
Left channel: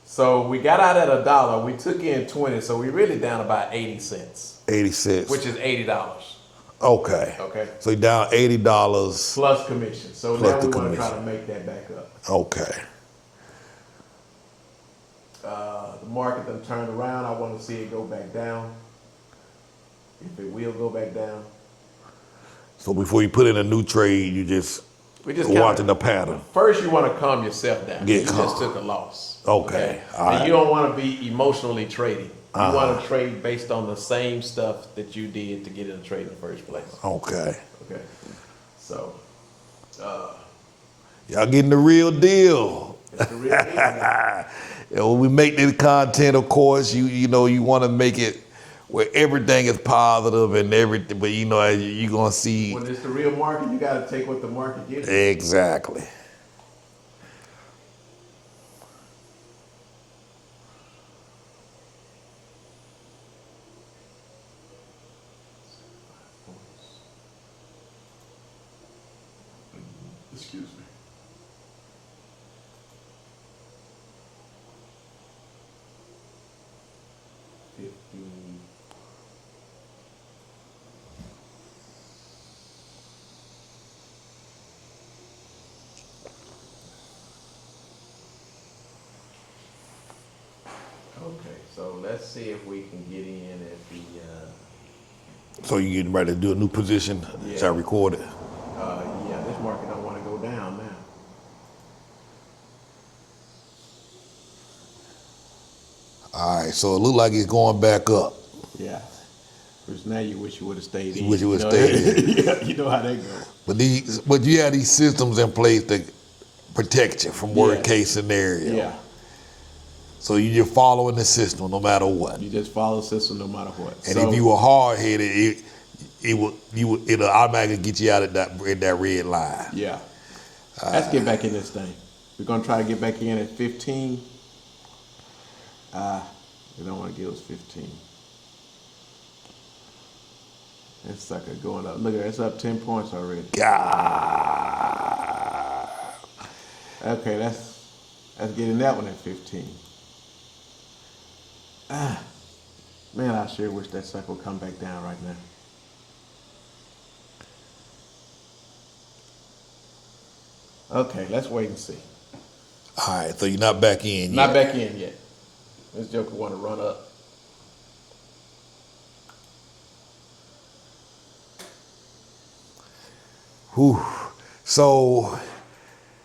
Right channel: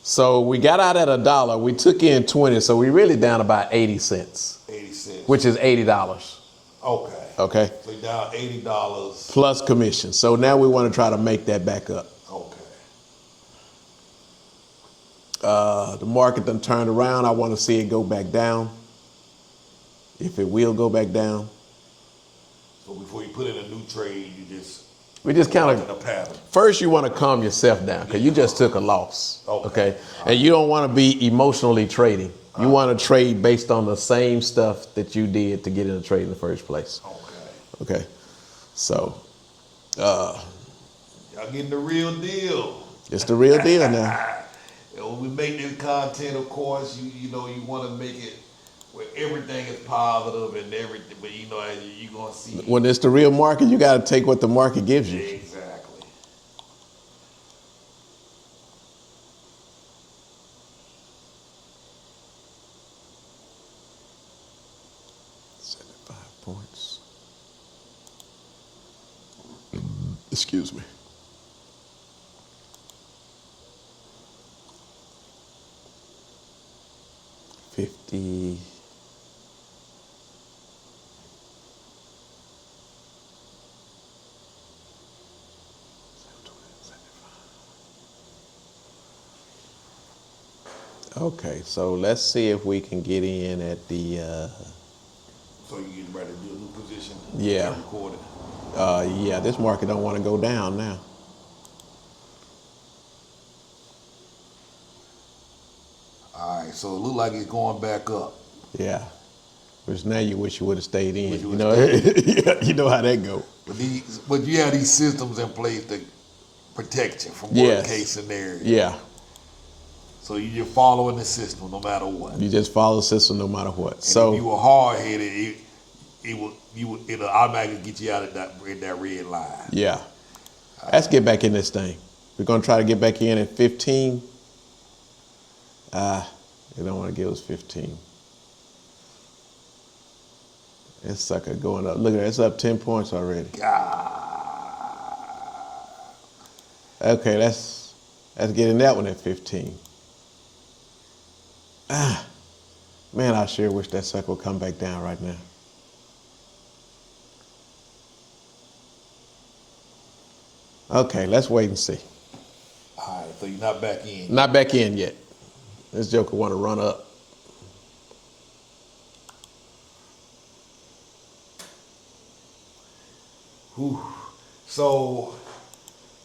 So we got out at $1, we took in 20, so we really down about 80 cents. 80 cents. Which is $80. Okay. Okay. So you down $80. Plus commission. So now we want to try to make that back up. Okay. The market done turned around. I want to see it go back down. If it will go back down. So before you put in a new trade, we just kind watching of the pattern. First, you want to calm yourself down. Get You calm. just took a loss. Okay. All And right. you don't want to be emotionally trading. You want to trade based on the same stuff that you did to get in the trade in the first place. Okay. Okay. So, Y'all getting the real deal. it's the real deal now. And when we make this content, of course, you know you want to make it where everything is positive and everything, but you know you're gonna see When it's the real market, you got to take what the market gives you. exactly. Points. Excuse me. $50. Okay, so let's see if we can get in at the. So you getting ready to do a new position? Yeah. Start recording. Yeah, this market don't want to go down now. All right. So it look like it's going back up. Yeah. Because now you wish you would have stayed in. Wish you would've know? stayed You know how that go. But you have these systems in place to protect you from worst Yes. case scenario. Yeah. So you just following the system no matter what. You just follow the system no matter what. And if you were hard headed, it'll automatically get you out of that red line. Yeah. Let's get back in this thing. We're gonna try to get back in at 15. They don't want to give us 15. This sucker going up. Look at it, it's up 10 points already. God. Okay, let's get in that one at 15. Man, I sure wish that sucker would come back down right now. Okay, let's wait and see. All right, so you're not back in Not yet. back in yet. This joker want to run up. Whew. So,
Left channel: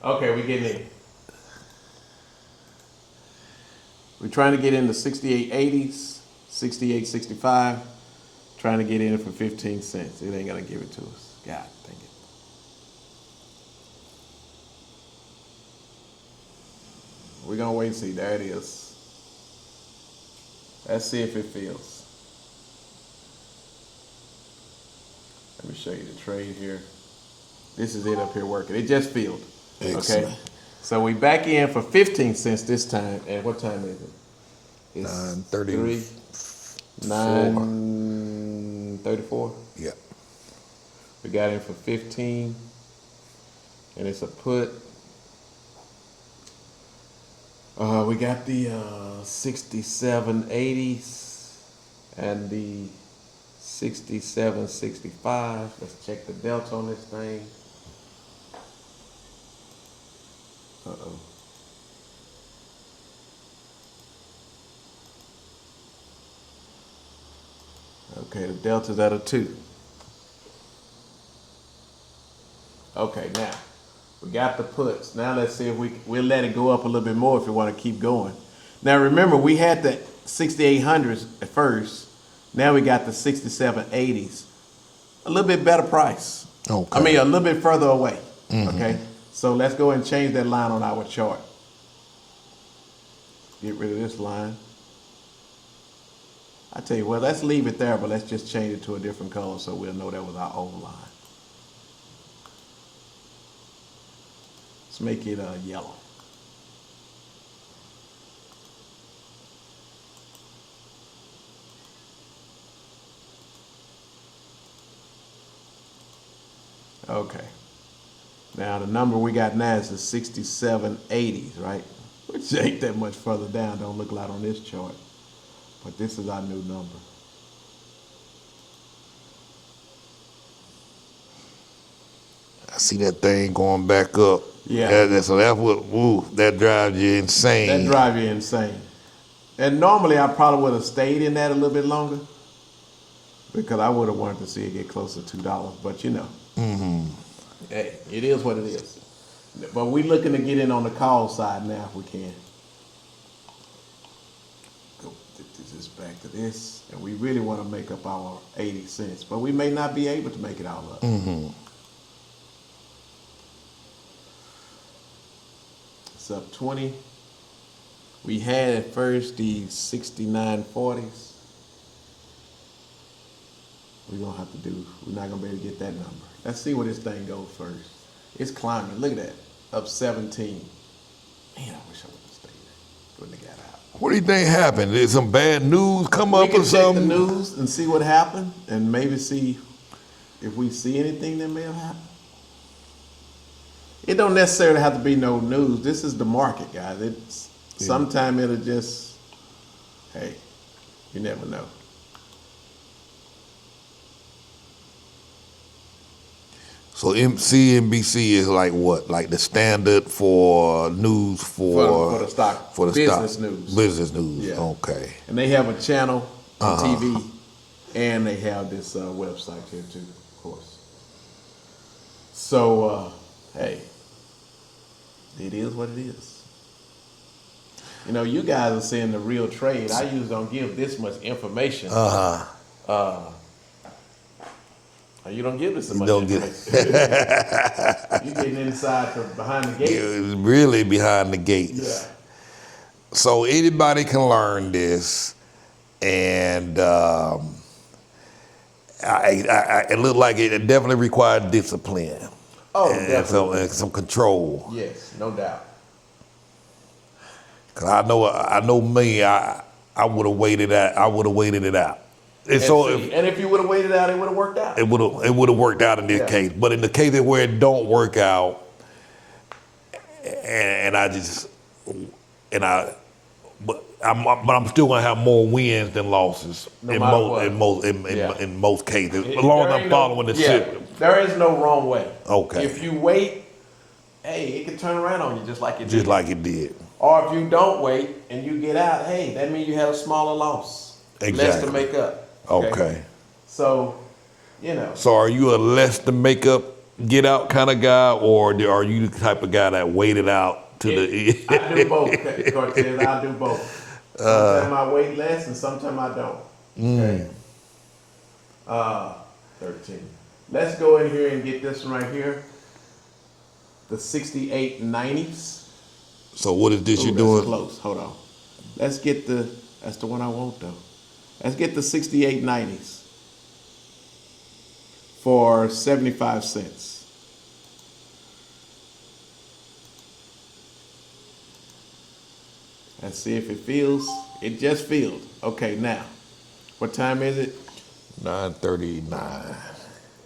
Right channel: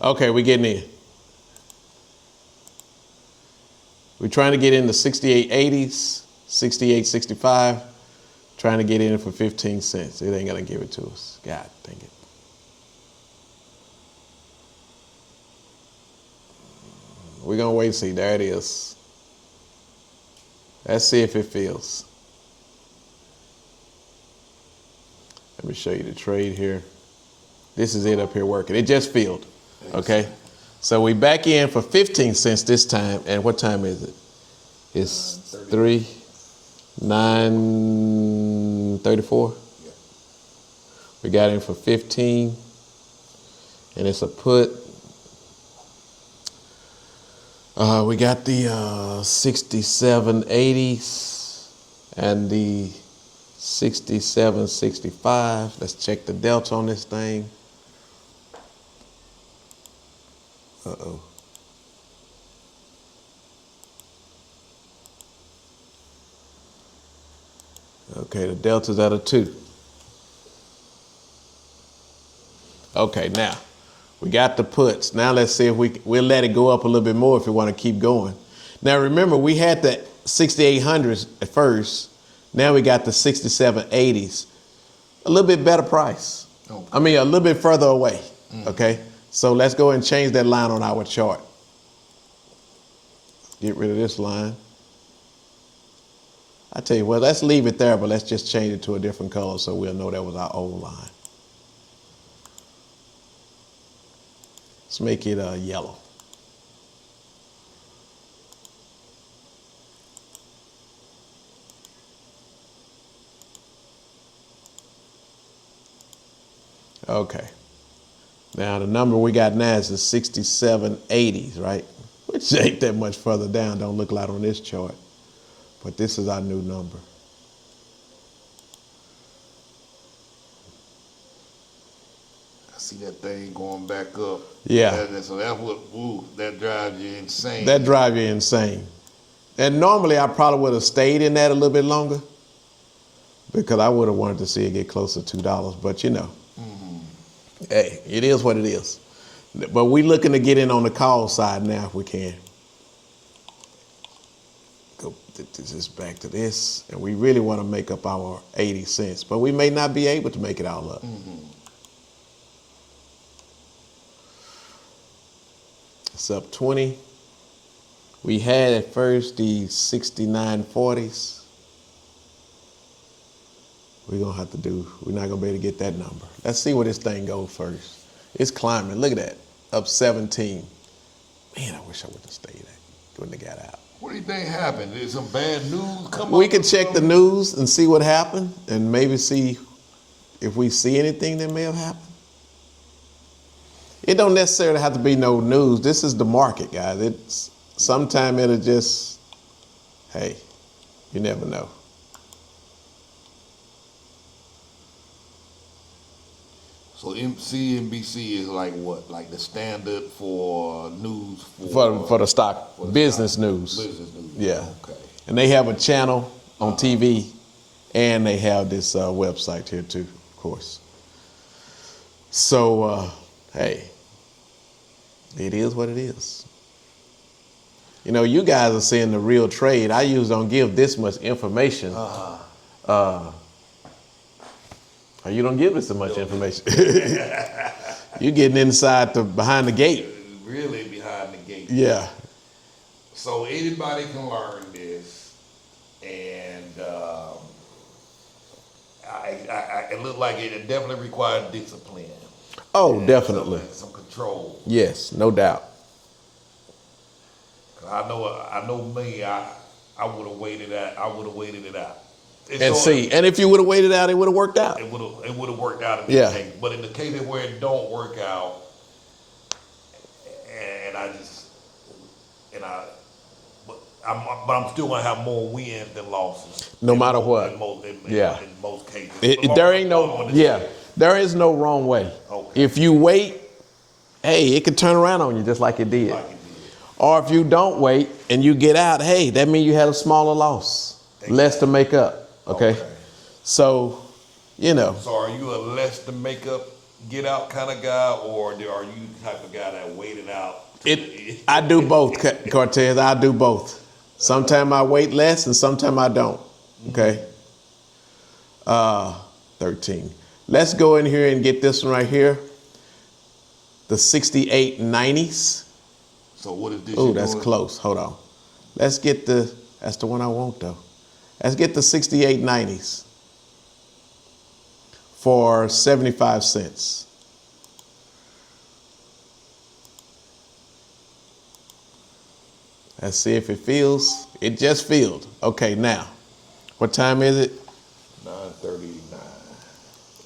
Okay, we're getting in. We're trying to get in the 68.80s, 68.65. Trying to get in for 15 cents. It ain't gonna give it to us. God dang it. We're gonna wait and see. There it is. Let's see if it fills. Let me show you the trade here. This is it up here working. It just filled. Excellent. Okay. So we back in for 15 cents this time. And what time is it? It's 9:30. 9:34. Yeah. We got in for 15. And it's a put. We got the 67.80s and the 67.65. Let's check the delta on this thing. Uh-oh. Okay, the delta's at a 2. Okay, now we got the puts. Now let's see if we'll let it go up a little bit more if we want to keep going. Now remember, we had the 6800s at first. Now we got the 6780s. A little bit better price. Okay. I mean, a little bit further away. Okay. So let's go and change that line on our chart. Get rid of this line. I tell you what, let's leave it there, but let's just change it to a different color so we'll know that was our old line. Let's make it yellow. Okay. Now the number we got now is the 6780s, right? Which ain't that much further down, don't look like on this chart. But this is our new number. I see that thing going back up. Yeah. So that's what, that drives you insane. That drive you insane. And normally I probably would have stayed in that a little bit longer because I would have wanted to see it get closer to $2, but you know. Hey, it is what it is. But we looking to get in on the call side now if we can. Go just back to this, and we really want to make up our 80 cents, but we may not be able to make it all up. It's up 20. We had at first the 6940s. We're not going to be able to get that number. Let's see where this thing goes first. It's climbing. Look at that. Up 17. Man, I wish I would have stayed there. Wouldn't have got out. What do you think happened? Did some bad news come up? We can or check the something? news and see what happened and maybe see if we see anything that may have happened. It don't necessarily have to be no news. This is the market, guys. Sometime it'll just, hey, you never know. So CNBC is like what? Like the standard for news For the stock, for the business stock. news. Business news. Yeah. Okay. And they have a channel on TV, and they have this website here too, of course. So, hey, it is what it is. You know, you guys are seeing the real trade. I usually don't give this much information. You don't give us so much information. You're getting inside behind the gate. You're really behind the gate. Yeah. So anybody can learn this, and it looked like it definitely required discipline. Oh, and definitely. some control. Yes, no doubt. Cause I know me. I would have waited out. I would have waited it out. And if you would have waited out, it would have worked out. It would have worked out in this case. But in the case where it don't work out, but I'm still gonna have more wins than losses. No matter what. In most cases. There is no wrong way. Okay. If you wait, hey, it can turn around on you just like it did. Just like it did. Or if you don't wait and you get out, hey, that means you had a smaller loss. Exactly. Less to make up. Okay. So, you know. So are you a less to make up, get out kind of guy, or are you the type of guy that waited out to the I do both, Cortez. I do both. Sometimes I wait less and sometimes I don't. Okay. 13. Let's go in here and get this one right here. The 6890s. So what is this Ooh, you that's doing? close. Hold on. Let's get the That's the one I want though. Let's get the 6890s for 75 cents. Let's see if it feels. It just feels. Okay, now, what time is it? 9:39.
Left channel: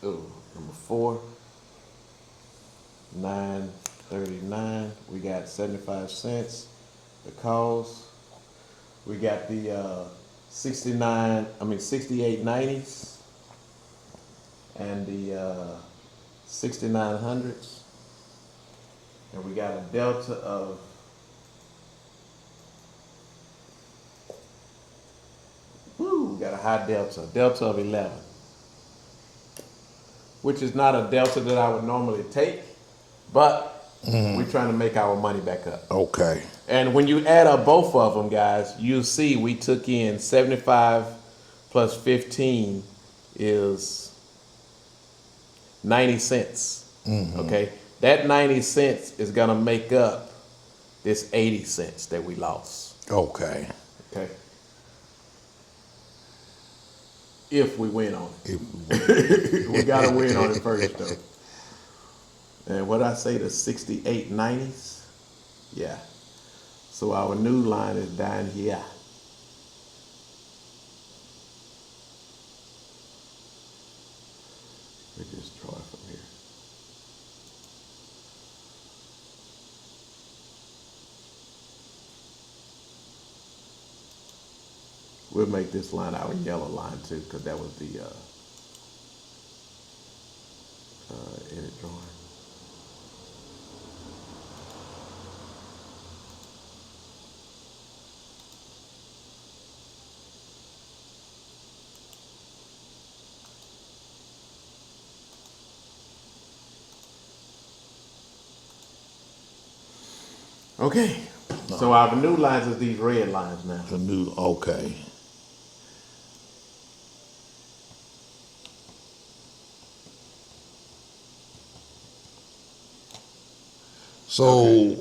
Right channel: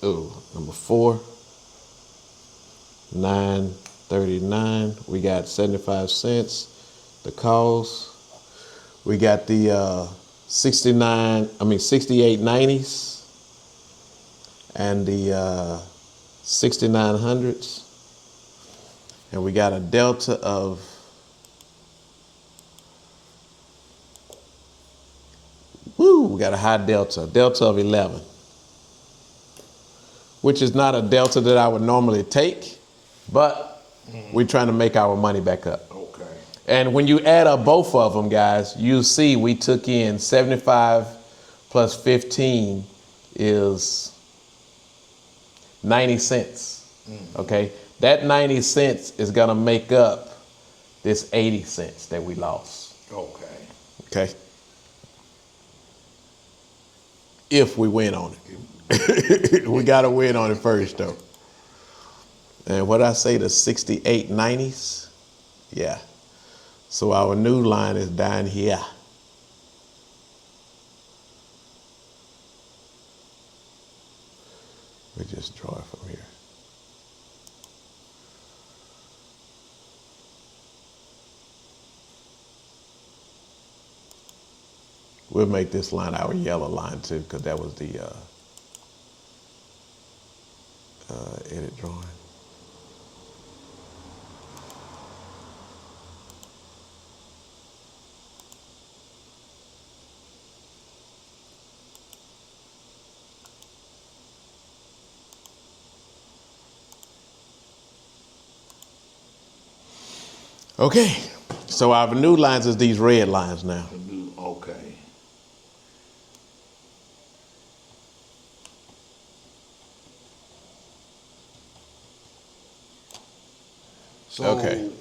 Ooh, number 4. 9:39. We got 75 cents. The calls. We got the 6890s and the 6900s. And we got a delta of we got a high delta of 11, which is not a delta that I would normally take, but we're trying to make our money back up. Okay. And when you add up both of them, guys, you'll see we took in 75 plus 15 is 90 cents. Okay? That 90 cents is going to make up this 80 cents that we lost. Okay. Okay? If we win on it. We got to win on it first, though. And what I say, the 6890s? Yeah. So our new line is down here. We just draw it from here. We'll make this line our yellow line too, because that was the edit drawing. Okay, so our new lines is these red lines now. The new, okay. So, Okay.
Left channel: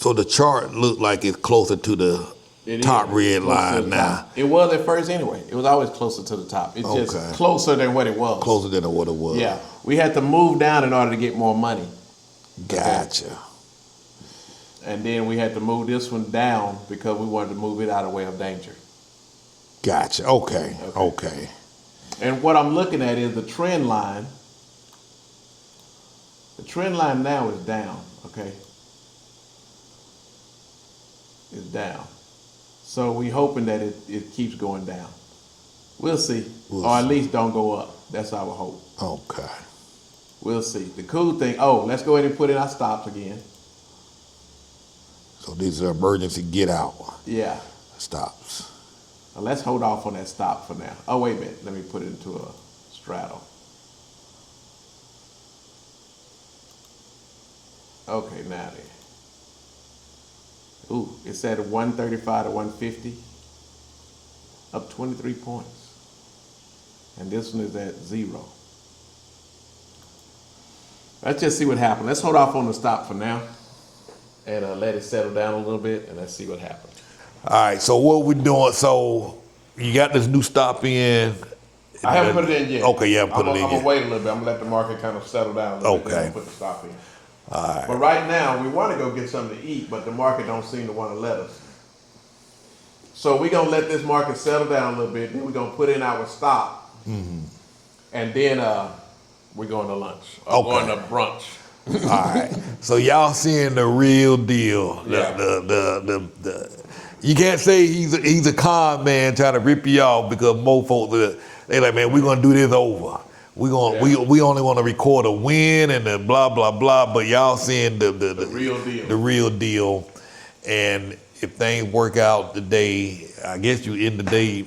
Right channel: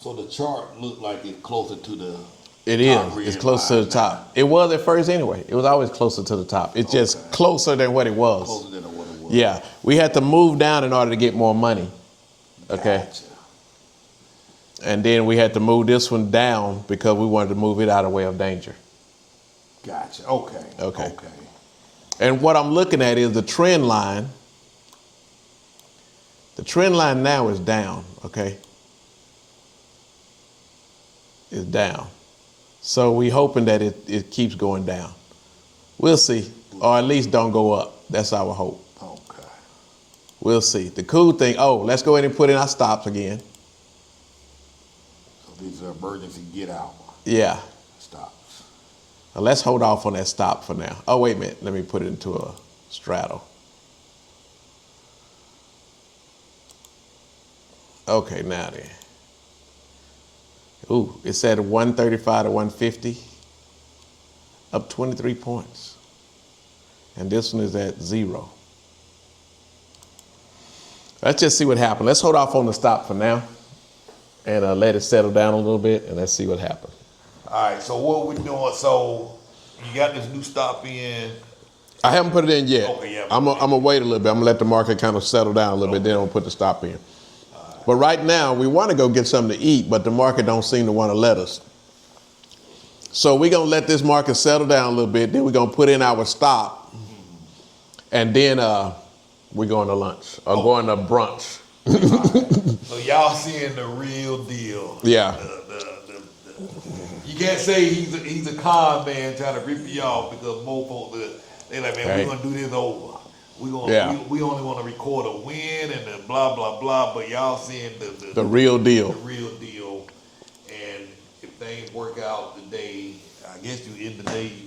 so the chart looked like it's closer to the It top is. red It's closer line to the now. top. It was at first anyway. It was always closer to the top. It's just Okay. closer than what it was. Closer than what it was. Yeah, we had to move down in order to get more money. Gotcha. And then we had to move this one down because we wanted to move it out of the way of danger. Gotcha. Okay. Okay. Okay. And what I'm looking at is the trend line. The trend line now is down, okay? It's down. So we hoping that it keeps going down. We'll see. Or at least don't go up. That's our hope. Okay. We'll see. The cool thing, let's go ahead and put in our stops again. So these are emergency get out Yeah. stops. Now let's hold off on that stop for now. Oh, wait a minute. Let me put it into a straddle. Okay, now then. Ooh, it's at 135 to 150. Up 23 points. And this one is at 0. Let's just see what happens. Let's hold off on the stop for now. And let it settle down a little bit, and let's see what happens. All right. So what we doing? So you got this new stop in. I haven't put it in yet. Okay, yeah. I'm gonna wait a little bit. I'm gonna let the market kind of settle down a little bit. Then Okay. I'll put the stop in. All right. But right now, we want to go get something to eat, but the market don't seem to want to let us. So we're gonna let this market settle down a little bit. Then we're gonna put in our stop, and then we're going to lunch or going to brunch. All right. So y'all seeing the real deal. Yeah. The you can't say he's a con man trying to rip you off because most folks they like, man, we're gonna do this over. We only want to record a win and the blah blah blah. But y'all seeing the real deal. The real deal. And if things work out today, I guess you end the day.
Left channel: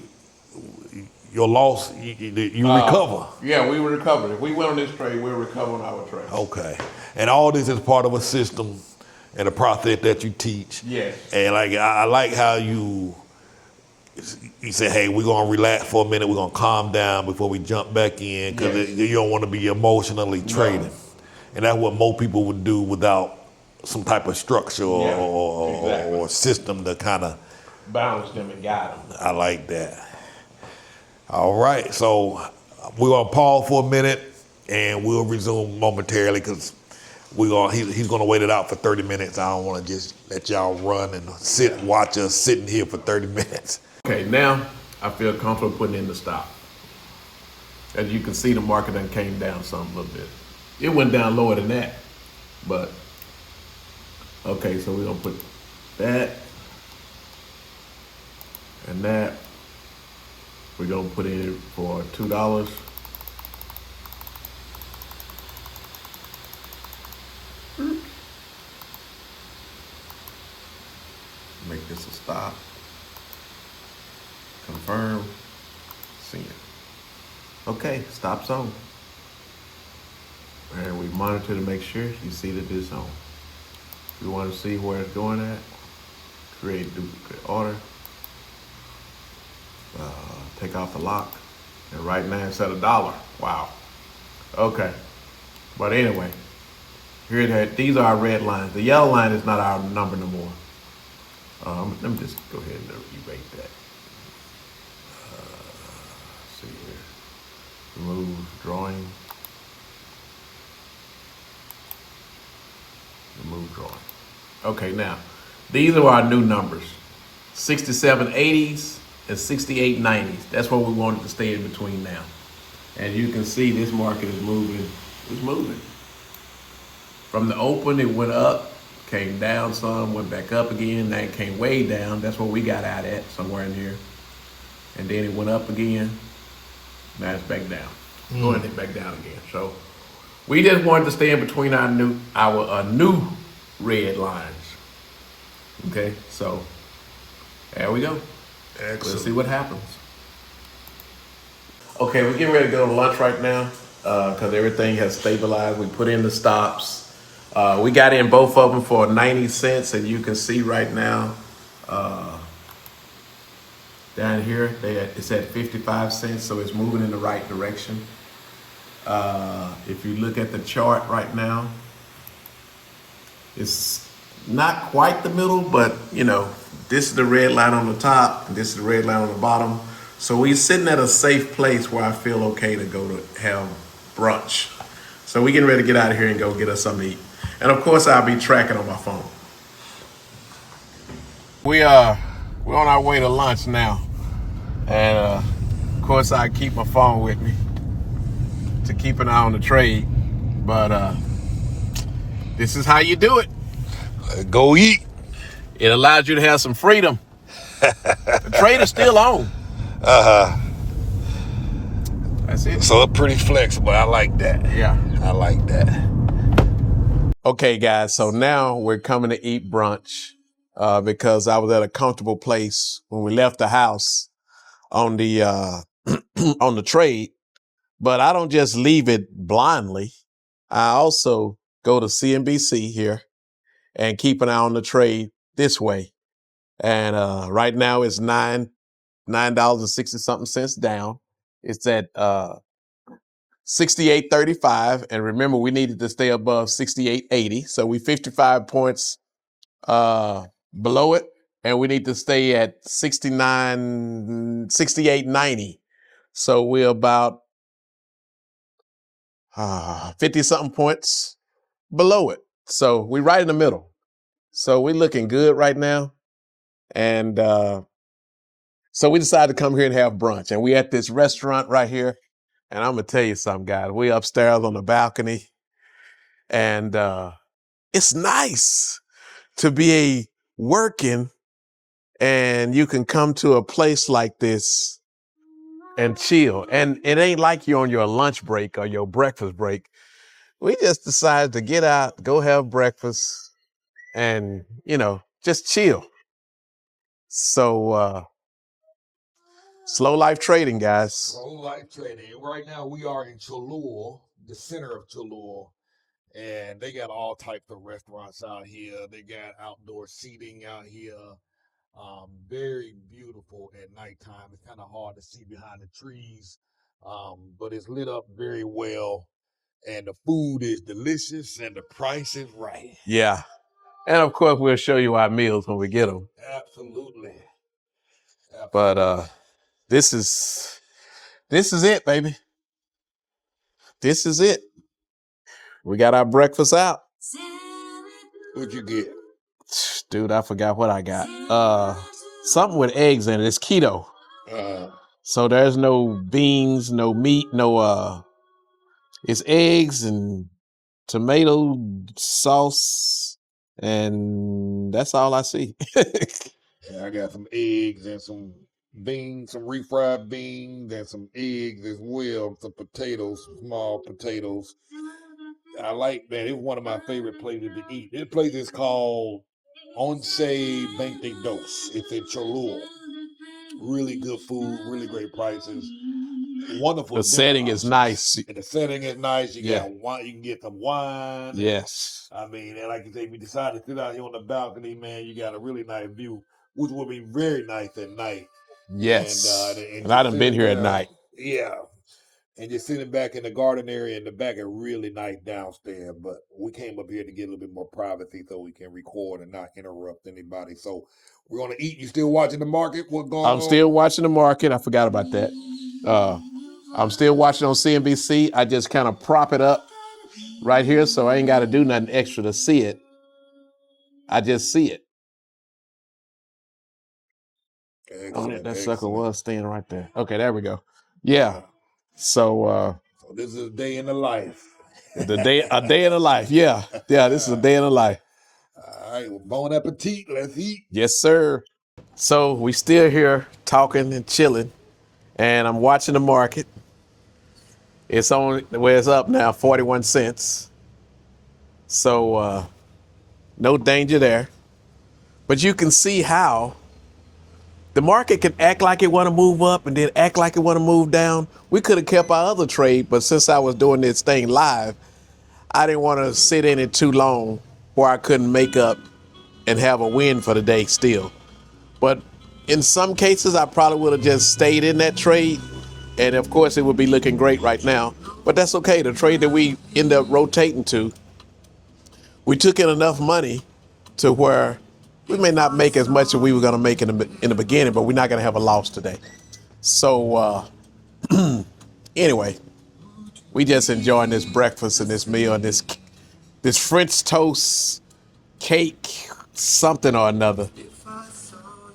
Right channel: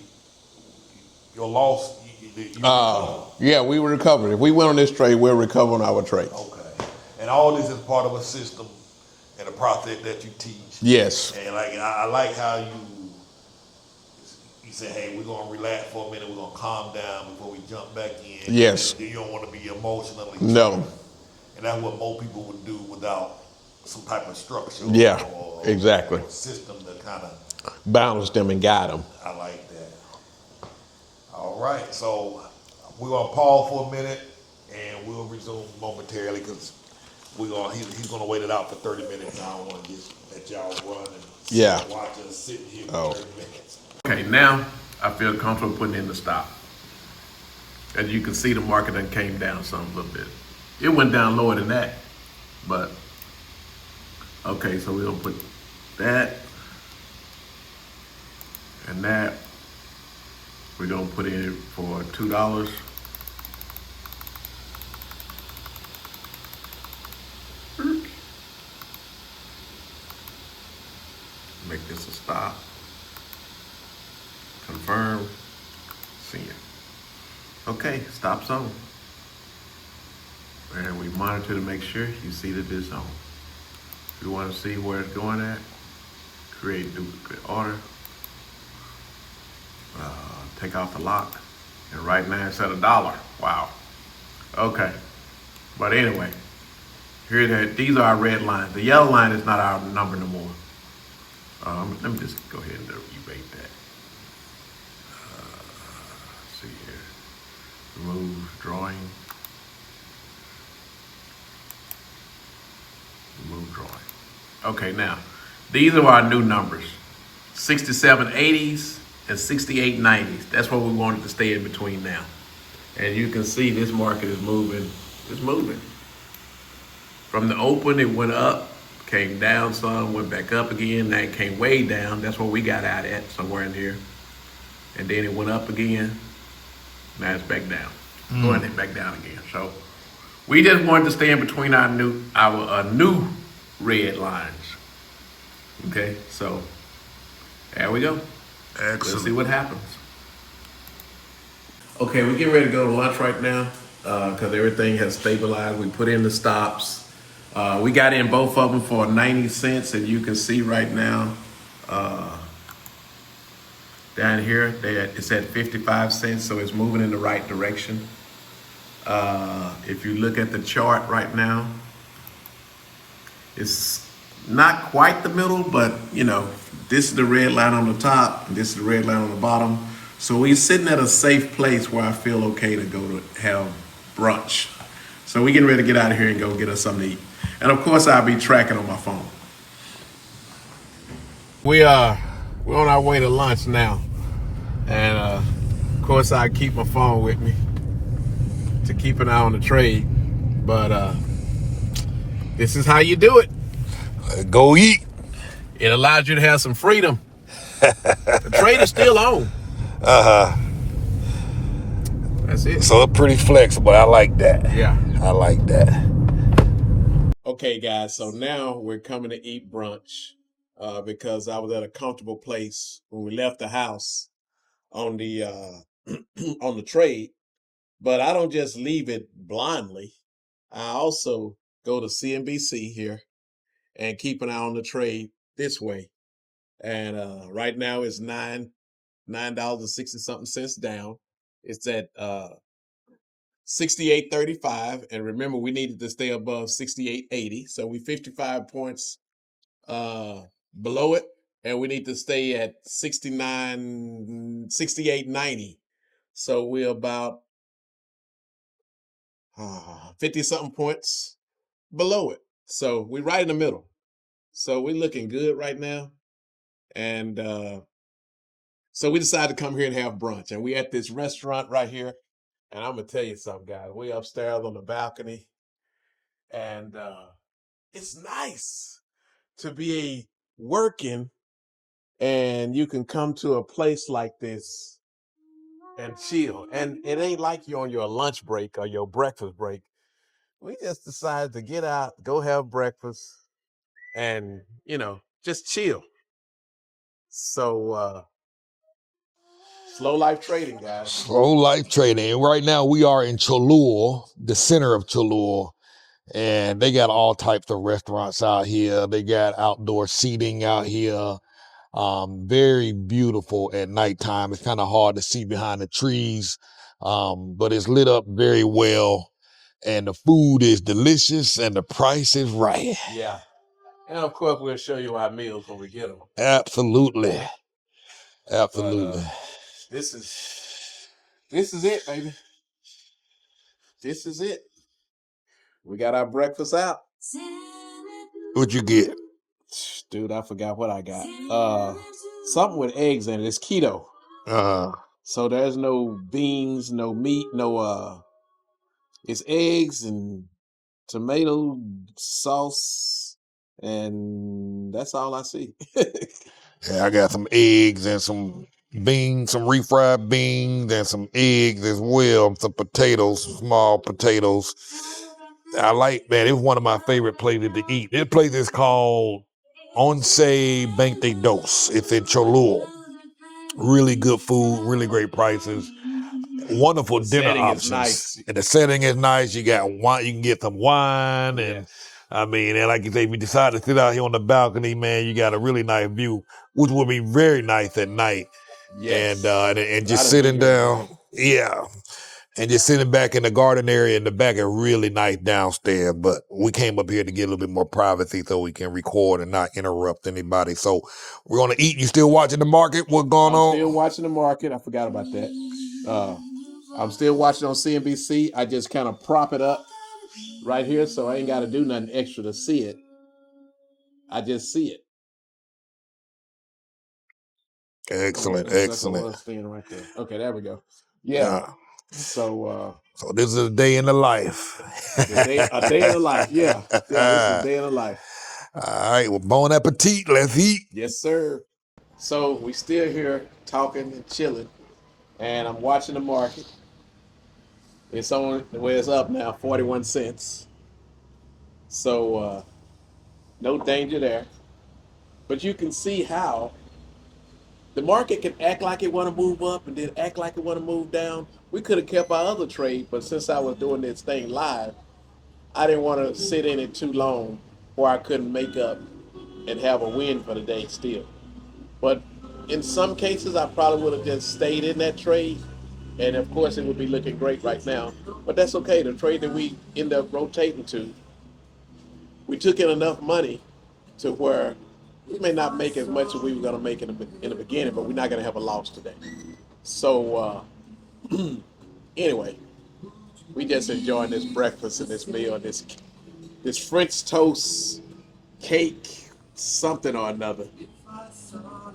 Your loss, you recover. Yeah, we recover. If we win on this trade, we'll recover on our trade. Okay. And all this is part of a system and a process that you teach. Yes. And like I like how you say, hey, we're gonna relax for a minute, we're gonna calm down before we jump back in. Yes. You don't want to be emotionally No. trading. And that's what most people would do without some type of structure Yeah, exactly. or system to kind of. Balance them and guide them. I like that. All right, so we're gonna pause for a minute, and we'll resume momentarily because he's gonna wait it out for 30 minutes. I don't want to just let y'all run and watch us sitting here for 30 minutes. Okay, now I feel comfortable putting in the stop. As you can see, the market then came down some a little bit. It went down lower than that, but okay, so we're gonna put that and that. We're gonna put in for $2. Make this a stop. Confirm. Send. Okay, stop's on. And we monitor to make sure you see that it's on. We want to see where it's going at. Create duplicate order. Take off the lock. And right now it's at $1. Wow. Okay. But anyway, these are our red lines. The yellow line is not our number no more. Let me just go ahead and erase that. See here. Remove drawing. Remove drawing. Okay, now these are our new numbers: 6780s and 6890s. That's what we wanted to stay in between now. And you can see this market is moving. It's moving. From the open, it went up, came down some, went back up again. Now it came way down. That's what we got out at, somewhere in here. And then it went up again. Now it's back down. Going it back down again. So we just wanted to stay in between our new red lines. Okay, so there we go. Excellent. Let's see what happens. Okay, we're getting ready to go to lunch right now because everything has stabilized. We put in the stops. We got in both of them for 90 cents, and you can see right now down here it's at 55 cents, so it's moving in the right direction. If you look at the chart right now, it's not quite the middle, but this is the red line on the top, and this is the red line on the bottom. So we're sitting at a safe place where I feel okay to go to have brunch. So we're getting ready to get out of here and go get us something to eat. And of course, I'll be tracking on my phone. We're on our way to lunch now. And of course, I keep my phone with me to keep an eye on the trade. But this is how you do it. Go eat. It allows you to have some freedom. The trade is still on. That's it. So it's pretty flexible. I like that. Yeah. I like that. Okay, guys. So now we're coming to eat brunch because I was at a comfortable place when we left the house on the on the trade. But I don't just leave it blindly. I also go to CNBC here and keep an eye on the trade this way. And right now it's $9.60 down. It's at 68.35, and remember we needed to stay above 68.80, so we 55 points below it, and we need to stay at 68.90. So we're about 50 something points below it. So we're right in the middle. So we're looking good right now, and so we decided to come here and have brunch, and we at this restaurant right here. And I'm gonna tell you something, guys. We upstairs on the balcony, and it's nice to be working, and you can come to a place like this and chill. And it ain't like you're on your lunch break or your breakfast break. We just decided to get out, go have breakfast, and just chill. So slow life trading, guys. Slow life trading. And right now we are in Cholula, the center of Cholula, and they got all types of restaurants out here. They got outdoor seating out here. Very beautiful at nighttime. It's kind of hard to see behind the trees, but it's lit up very well. And the food is delicious and the price is right. Yeah. And of course, we'll show you our meals when we get them. Absolutely. But this is it, baby. This is it. We got our breakfast out. What'd you get? Dude, I forgot what I got. Something with eggs in it. It's keto. So there's no beans, no meat, no it's eggs and tomato sauce, and that's all I see. Yeah, I got some eggs and some beans, some refried beans, and some eggs as well. Some potatoes, some small potatoes. I like, man, it was one of my favorite places to eat. This place is called Once Veinte Dos. It's in Cholula. Really good food, really great prices. Wonderful The dinner setting options. is nice. And the setting is nice. You Yeah. got wine, you can get some wine. Yes. And, I mean, and like you say, if you decide to sit out here on the balcony, man, you got a really nice view, which will be very nice at night. Yes. And I just done been sitting here at down. night. Yeah. And just sitting back in the garden area in the back is really nice downstairs. But we came up here to get a little bit more privacy so we can record and not interrupt anybody. So we're going to eat. You still watching the market? What's going on? I'm still watching the market. I forgot about that. I'm still watching on CNBC. I just kind of prop it up right here, so I ain't got to do nothing extra to see it. I just see it. Excellent, that sucker excellent. was staying right there. Okay, there we go. Yeah. So this is a day in the life. a day in the life. Yeah. Yeah, this is a day in the life. All right, well, bon appetit. Let's eat. Yes, sir. So we still here talking and chilling, and I'm watching the market. It's on where it's up now, 41 cents. So no danger there. But you can see how the market can act like it want to move up and then act like it want to move down. We could have kept our other trade, but since I was doing this thing live, I didn't want to sit in it too long where I couldn't make up and have a win for the day still. But in some cases, I probably would have just stayed in that trade. And of course, it would be looking great right now. But that's okay. The trade that we end up rotating to, we took in enough money to where we may not make as much as we were going to make in the beginning, but we're not going to have a loss today. So anyway, we just enjoying this breakfast and this meal and this French toast, cake, something or another.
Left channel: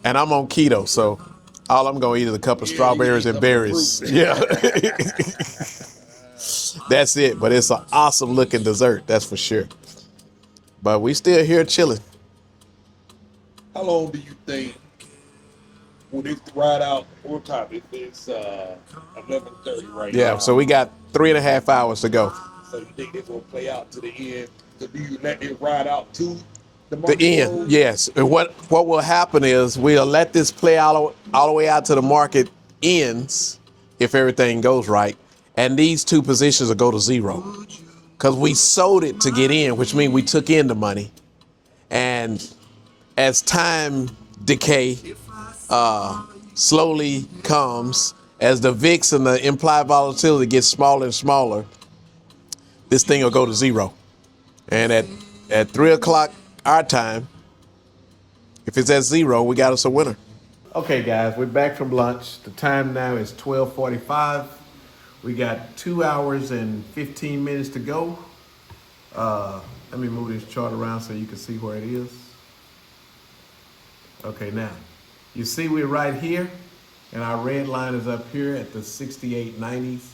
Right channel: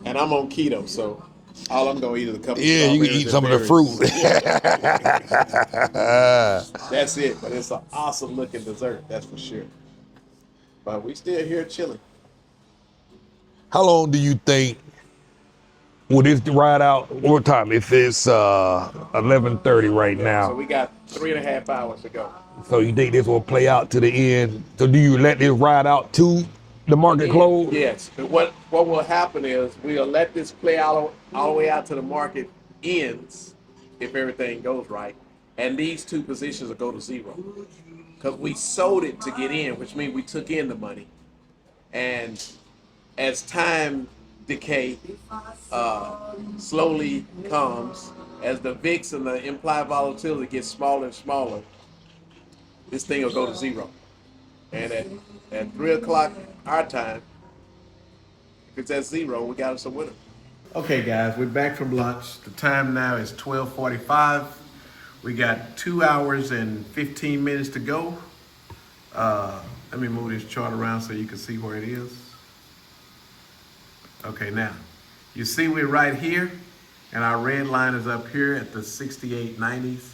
And I'm on keto, so all I'm going to eat is a couple of strawberries and berries. Fruit. Yeah. That's it, but it's an awesome looking dessert, that's for sure. But we still here chilling. How long do you think will this ride out? What time? It's 11:30 right now. Yeah, so we got 3.5 hours to go. So you think this will play out to the end? So do you let this ride out to the market close? Yes. And what will happen is we'll let this play all the way out to the market ends if everything goes right. And these two positions will go to zero. Because we sold it to get in, which means we took in the money. And as time decay slowly comes, as the VIX and the implied volatility gets smaller and smaller, this thing will go to zero. And at 3 o'clock our time, if it's at zero, we got us a winner. Okay, guys, we're back from lunch. The time now is 12:45. We got 2 hours and 15 minutes to go. Let me move this chart around so you can see where it is. Okay, now, you see we're right here, and our red line is up here at the 68.90s,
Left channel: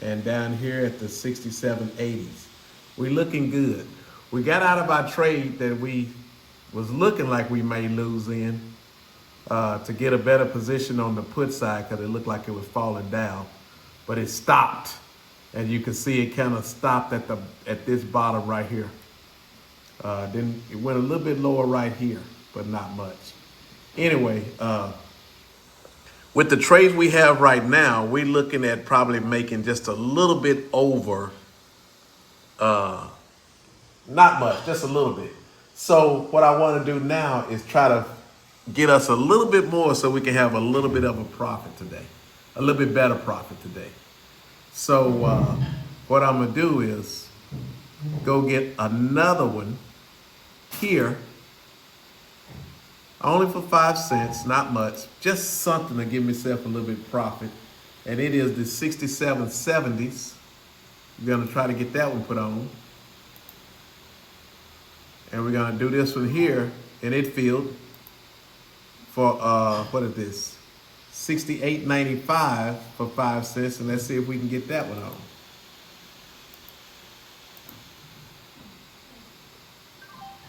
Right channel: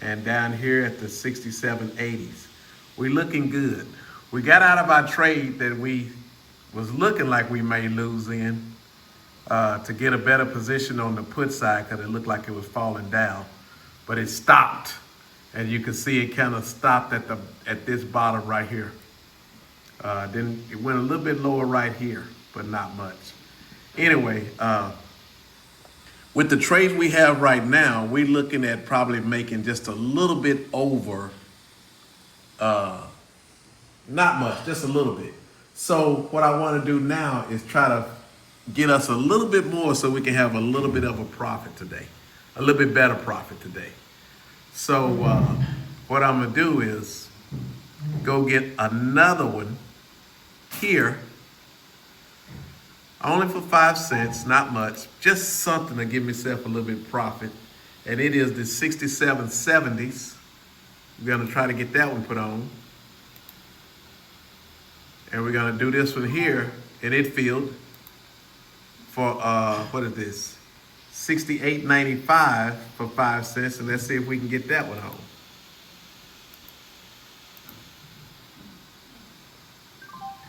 and down here at the 67.80s. We're looking good. We got out of our trade that we was looking like we may lose in to get a better position on the put side because it looked like it was falling down, but it stopped, and you can see it kind of stopped at this bottom right here. Then it went a little bit lower right here, but not much. Anyway, with the trades we have right now, we're looking at probably making just a little bit over, not much, just a little bit. So what I want to do now is try to get us a little bit more so we can have a little bit of a profit today, a little bit better profit today. So what I'm going to do is go get another one here only for 5 cents, not much, just something to give myself a little bit of profit. And it is the 6770s. We're gonna try to get that one put on. And we're gonna do this one here in it field for, what is this? $68.95 for 5 cents, and let's see if we can get that one on.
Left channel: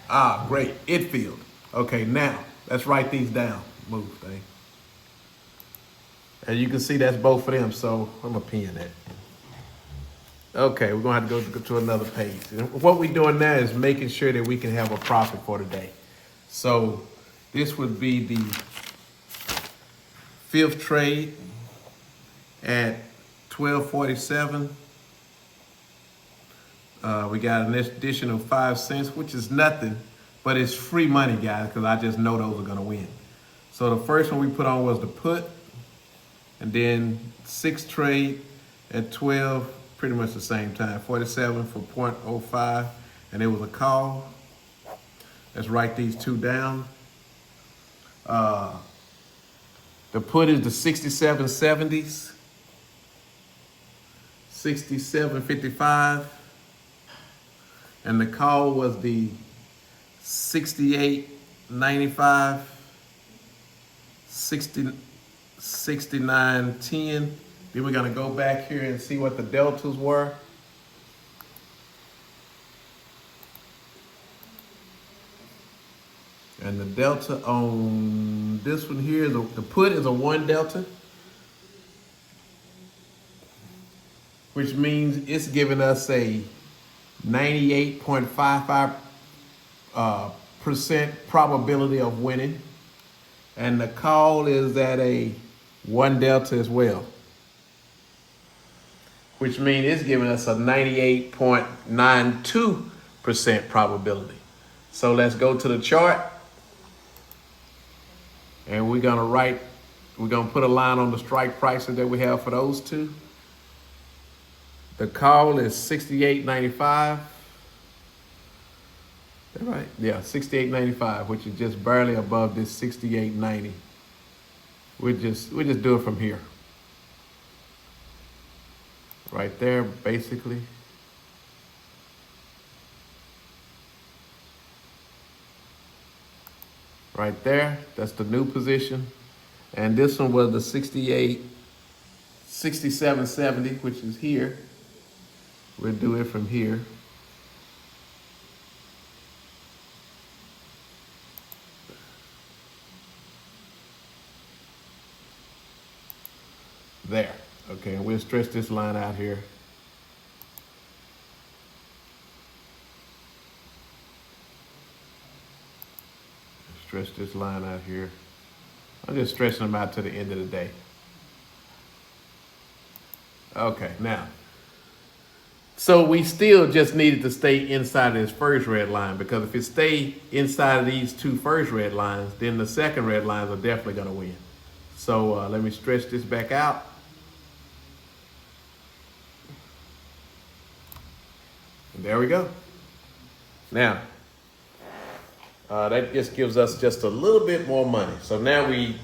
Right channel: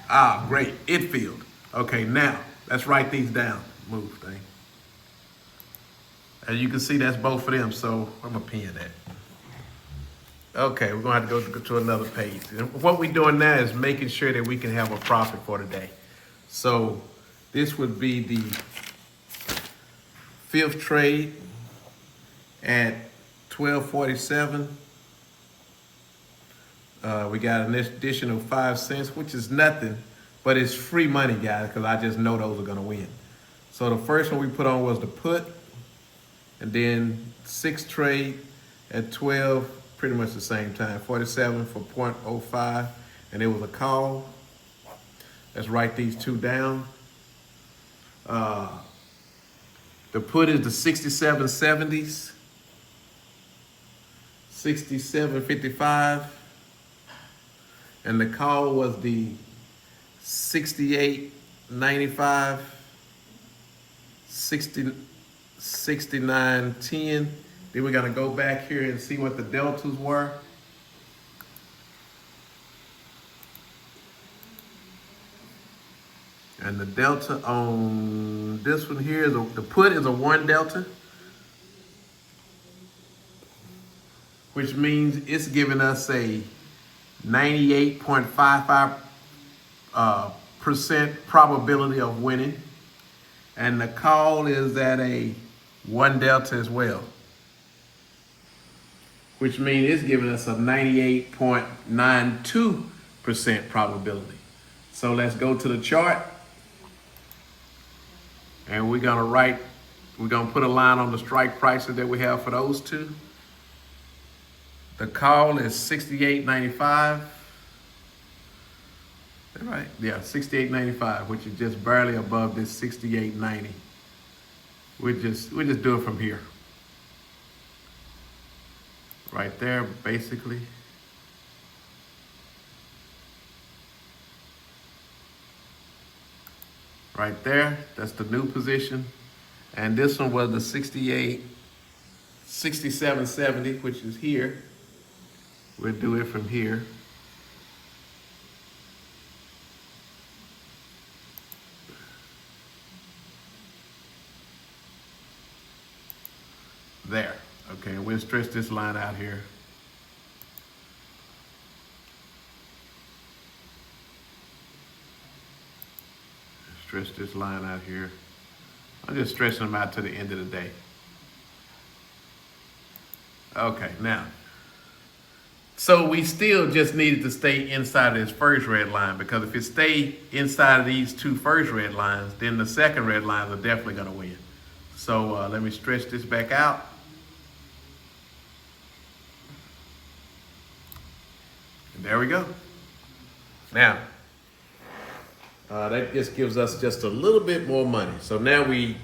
Ah, great, it field. Okay, now, let's write these down. Move, thing. And you can see that's both of them, so I'm gonna pin that. Okay, we're gonna have to go to another page. And what we're doing now is making sure that we can have a profit for today. So this would be the 5th trade at 12.47. We got an additional 5 cents, which is nothing, but it's free money, guys, because I just know those are gonna win. So the first one we put on was the put, and then 6th trade at 12, pretty much the same time, 47 for 0.05, and it was a call. Let's write these two down. The put is the 6770s, 67.55, and the call was the 68.95, 69.10. Then we're gonna go back here and see what the deltas were. And the delta on this one here, the put is a 1 delta, which means it's giving us a 98.55% probability of winning. And the call is at a 1 delta as well, which means it's giving us a 98.92% probability. So let's go to the chart. And we're gonna put a line on the strike prices that we have for those two. The call is 68.95. Is that right? Yeah, 68.95, which is just barely above this 68.90. We just do it from here. Right there, basically. Right there, that's the new position. And this one was the 67.70, which is here. We'll do it from here. There, okay, we'll stretch this line out here. Stretch this line out here. I'm just stretching them out to the end of the day. Okay, now, so we still just needed to stay inside of this first red line, because if it stayed inside of these two first red lines, then the second red lines are definitely gonna win. So let me stretch this back out. And there we go. Now, that just gives us just a little bit more money. So now we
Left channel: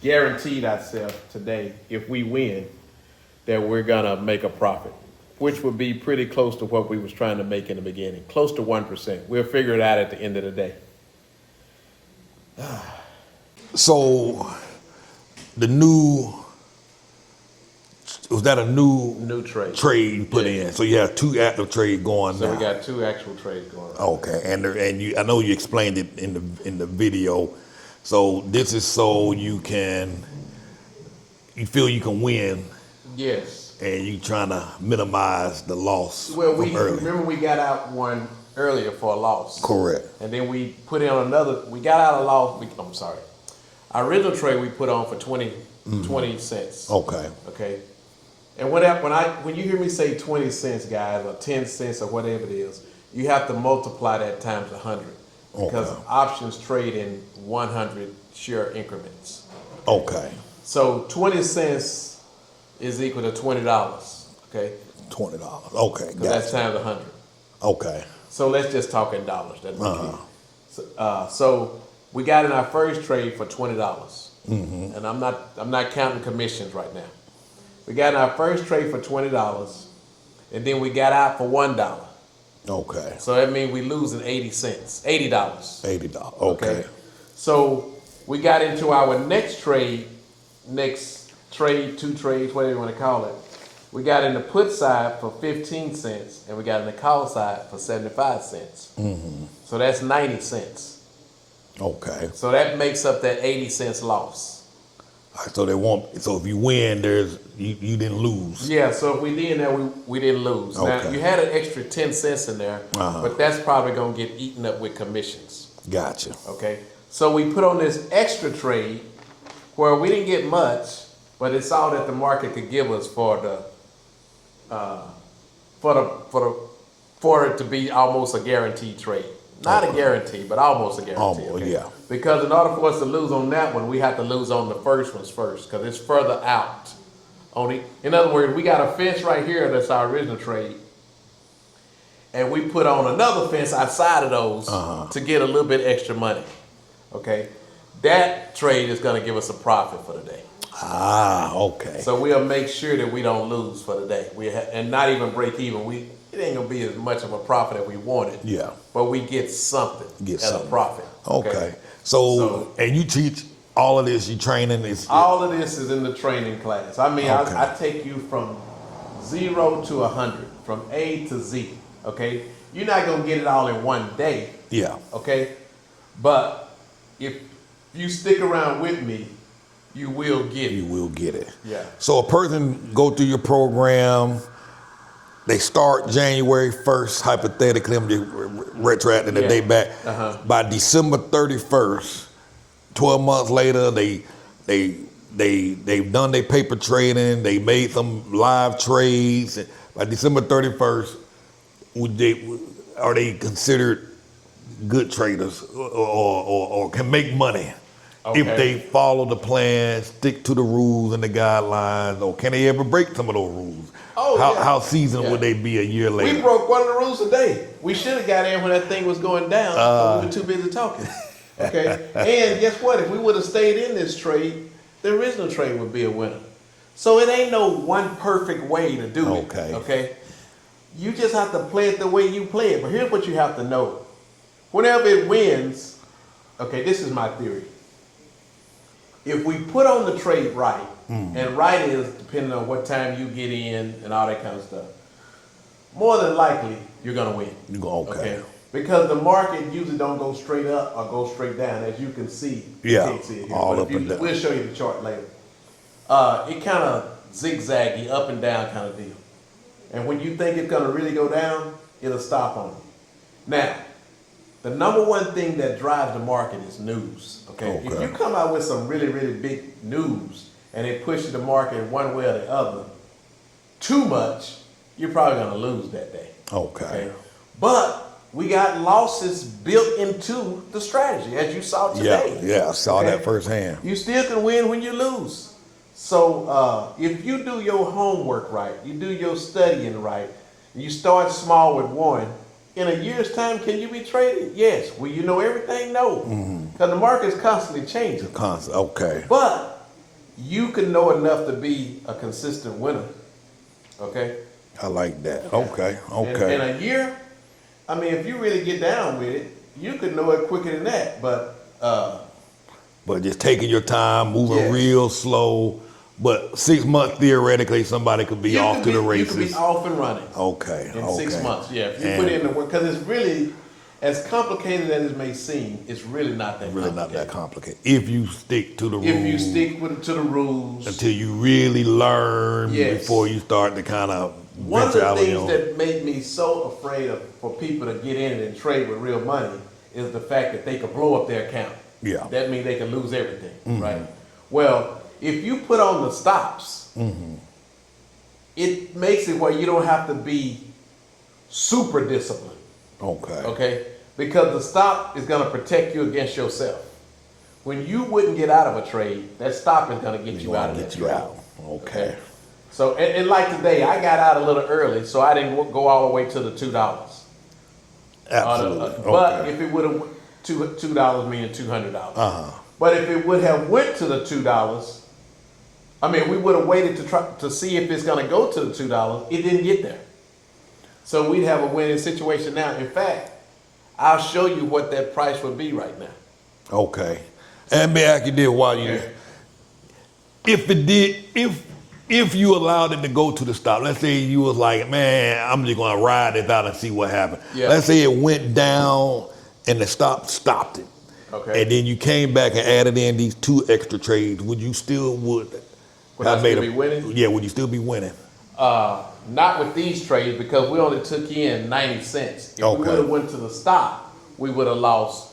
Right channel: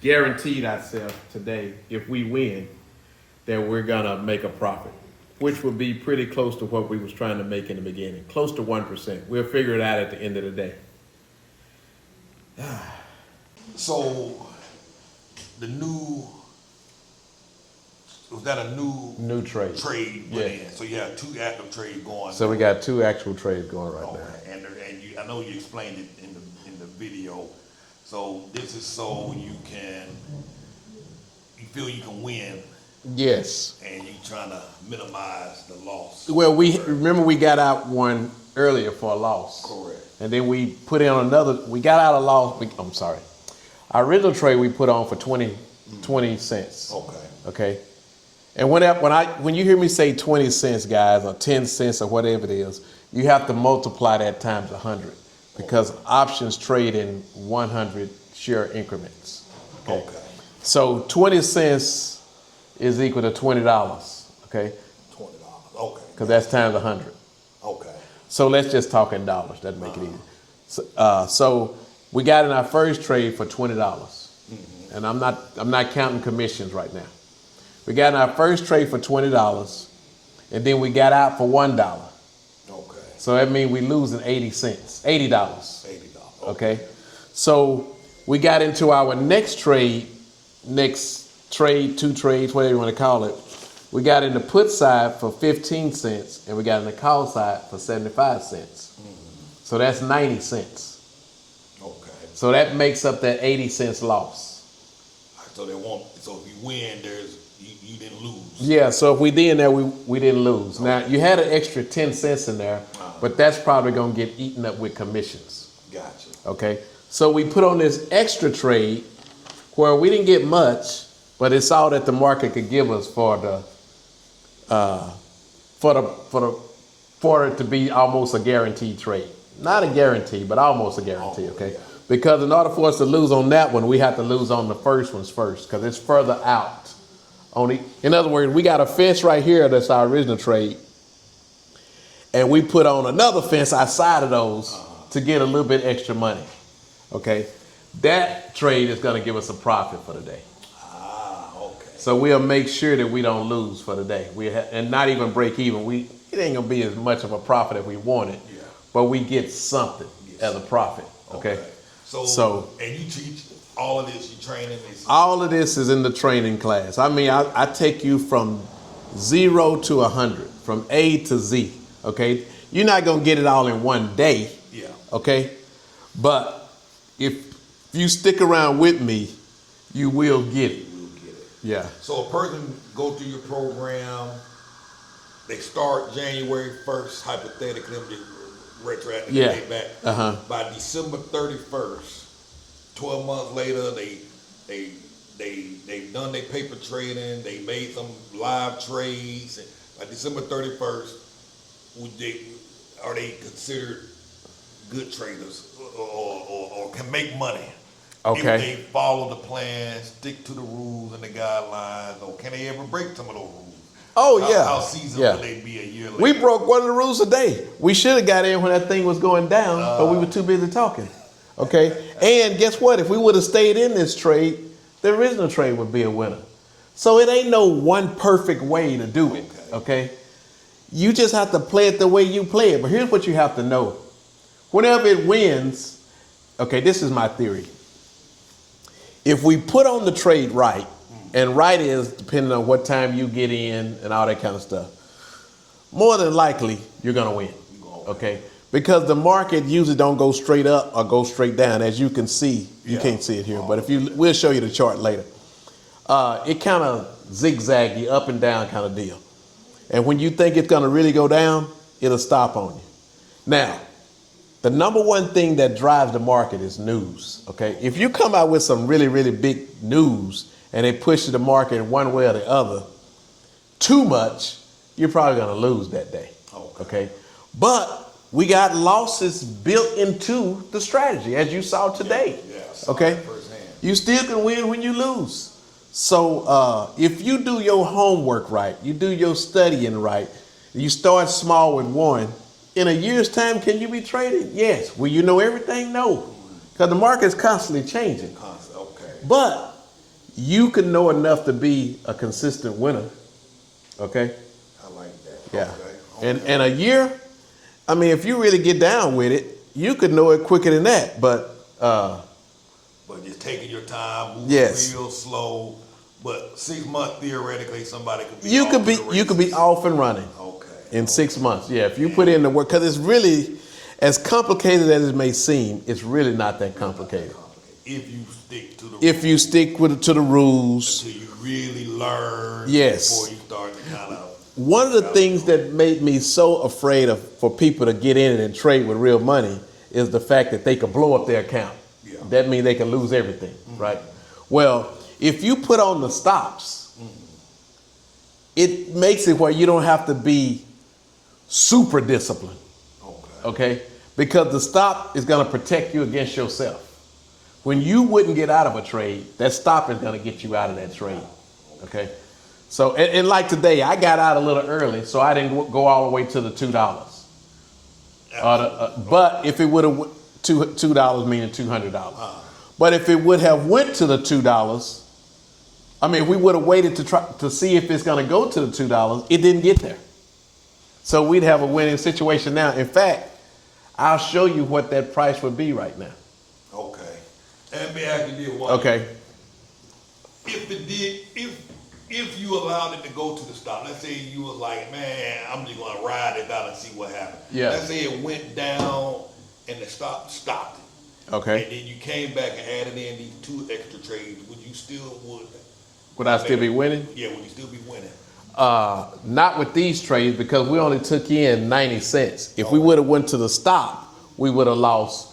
guaranteed ourselves today, if we win, that we're gonna make a profit, which would be pretty close to what we was trying to make in the beginning, close to 1%. We'll figure it out at the end of the day. So the was that a new trade put in? So you have 2 active trades going. So now. we got 2 actual trades going right Okay, and I know you explained it in the video. So this is so you feel you can win. Yes. And you trying to minimize the loss. Well, remember we got out one earlier for a loss. Correct. And then we put in another. We got out a loss. I'm sorry. Our original trade we put on for 20 cents. Okay. Okay. And when you hear me say 20 cents, guys, or 10 cents, or whatever it is, you have to multiply that times 100, because options trade in 100 share increments. Okay. So 20 cents is equal to $20. Okay. $20. Okay. Because that's times 100. Okay. So let's just talk in dollars. That make it. So We got in our first trade for $20, and I'm not counting commissions right now. We got in our first trade for $20, and then we got out for $1. Okay. So that means we losing 80 cents, $80. $80. Okay. So we got into our next trade, two trades, whatever you want to call it. We got in the put side for 15 cents, and we got in the call side for 75 cents. So that's 90 cents. Okay. So that makes up that 80 cents loss. All right, so if you win, you didn't lose. Yeah, so if we did that, we didn't lose. Now, Okay. you had an extra 10 cents in there, but that's probably going to get eaten up with commissions. Gotcha. Okay, so we put on this extra trade where we didn't get much, but it's all that the market could give us for it to be almost a guaranteed trade. Not a guarantee, but almost a guarantee. Almost, okay? yeah. Because in order for us to lose on that one, we have to lose on the first ones first, because it's further out. In other words, we got a fence right here that's our original trade, and we put on another fence outside of those to get a little bit extra money. Okay, that trade is going to give us a profit for the day. Ah, okay. So we'll make sure that we don't lose for the day. And not even break even. It ain't gonna be as much of a profit as we wanted. Yeah. But we get something a profit. Okay. So and you teach all of this. You training this. All of this is in the training class. I mean, I take you from 0 to 100, from A to Z. Okay. You're not gonna get it all in one day. Yeah. Okay. But if you stick around with me, you will get it. You will get it. Yeah. So a person go through your program. They start January 1st, hypothetically, I'm just retroacting the day back. By December 31st, 12 months later, they've done their paper trading. They made some live trades. By December 31st, are they considered good traders or can make money? Okay. If they follow the plan, stick to the rules and the guidelines, or can they ever break some of those rules? Oh, How seasoned would they be a year later? We broke one of the rules today. We should have got in when that thing was going down, but we were too busy talking. Okay? And guess what? If we would have stayed in this trade, the original trade would be a winner. So it ain't no one perfect way to do it. Okay? You just have to play it the way you play it. But here's what you have to know. Whenever it wins, okay, this is my theory. If we put on the trade right, and right is depending on what time you get in and all that kind of stuff, more than likely you're gonna win. Okay. Because the market usually don't go straight up or go straight down, as you can see. You can't see it here, but we'll show you the chart later. It kind of zigzaggy up and down kind of deal. And when you think it's gonna really go down, it'll stop on you. Now, the number one thing that drives the market is news. Okay. If you come out with some really, really big news and they push the market in one way or the other too much, you're probably gonna lose that day. Okay. But we got losses built into the strategy, as you saw today. Yeah, I saw that firsthand. You still can win when you lose. So if you do your homework right, you do your studying right, you start small with one, in a year's time, can you be traded? Yes. Will you know everything? No. Because the market's constantly changing. Okay. But you can know enough to be a consistent winner. Okay? I like that. Yeah. Okay. And a year, I mean, if you really get down with it, you could know it quicker than that. But just taking your time, moving real slow. But 6 months, theoretically, somebody could be off to the races. You could be off and running. Okay. In 6 months, yeah. If you put in the work, because it's really, as complicated as it may seem, it's really not that complicated. If you stick to the rules. If you stick to the rules. Until you really learn before you start to kind of. One of the things that made me so afraid for people to get in it and trade with real money is the fact that they could blow up their account. Yeah. That means they can lose everything, right? Well, if you put on the stops, it makes it where you don't have to be super disciplined. Okay? Because the stop is going to protect you against yourself. When you wouldn't get out of a trade, that stop is going to get you out of that trade. Okay? So, and like today, I got out a little early, so I didn't go all the way to the $2. Absolutely. But if it would have, $2 meaning $200. But if it would have went to the $2, I mean, we would have waited to see if it's going to go to the $2. It didn't get there, so we'd have a winning situation now. In fact, I'll show you what that price would be right now. Okay. And may I ask you this while Okay. if you allowed it to go to the stop, let's say you was like, man, I'm just gonna ride it out and see what happens. Yeah. Let's say it went down and the stopped it. Okay. And then you came back and added in these 2 extra trades. Would I still be winning? Yeah, would you still be winning? Not with these trades because we only took in 90 cents. If we Okay. would have went to the stop, we would have lost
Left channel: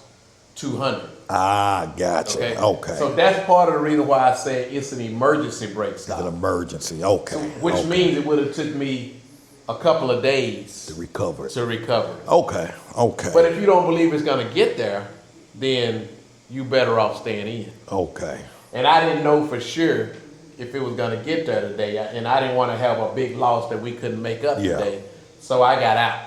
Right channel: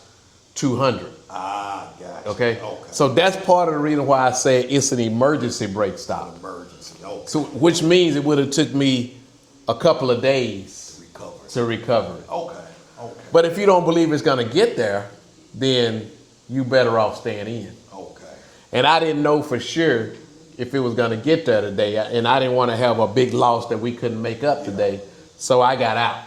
200. Ah, gotcha. Okay. Okay. So that's part of the reason why I say it's an emergency brake an stop. emergency. Okay. So, which Okay. means it would have took me a couple of days to recover it. to recover it. Okay. Okay. But if you don't believe it's going to get there, then you better off staying in. Okay. And I didn't know for sure if it was going to get there today, and I didn't want to have a big loss that we couldn't make up Yeah. today. So I got out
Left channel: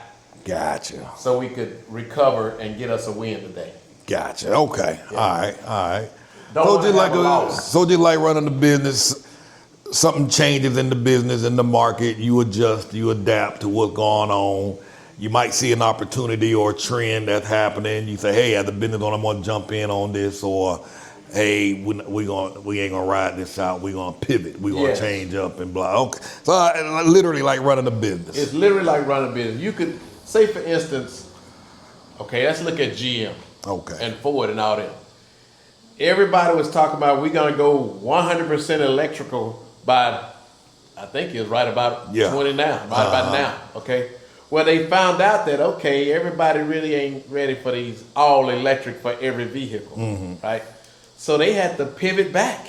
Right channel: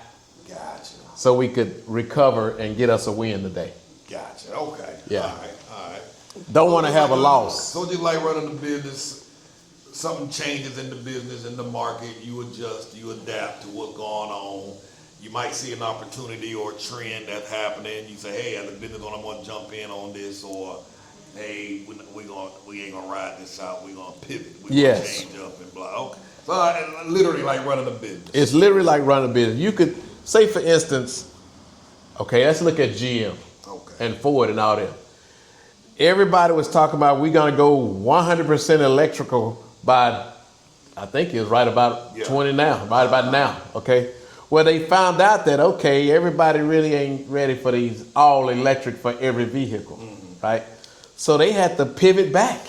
Gotcha. so we could recover and get us a win today. Gotcha. Okay. Yeah. All right. All right. Don't So want to just have a loss. So just like running the business, something changes in the business, in the market, you adjust, you adapt to what's going on. You might see an opportunity or a trend that's happening. You say, hey, as a business owner, I'm gonna jump in on this, or hey, we ain't gonna ride this out. We're gonna pivot. We're Yes. gonna change up and blah. Okay. So literally like running a business. It's literally like running a business. You could say, for instance, okay, let's look at GM. Okay. And Ford and all them. Everybody was talking about we're gonna go 100% electrical by, I think it was right about Yeah. 20 now, right about now. Okay. Well, they found out that okay, everybody really ain't ready for these all electric for every vehicle, right? So they had to pivot back.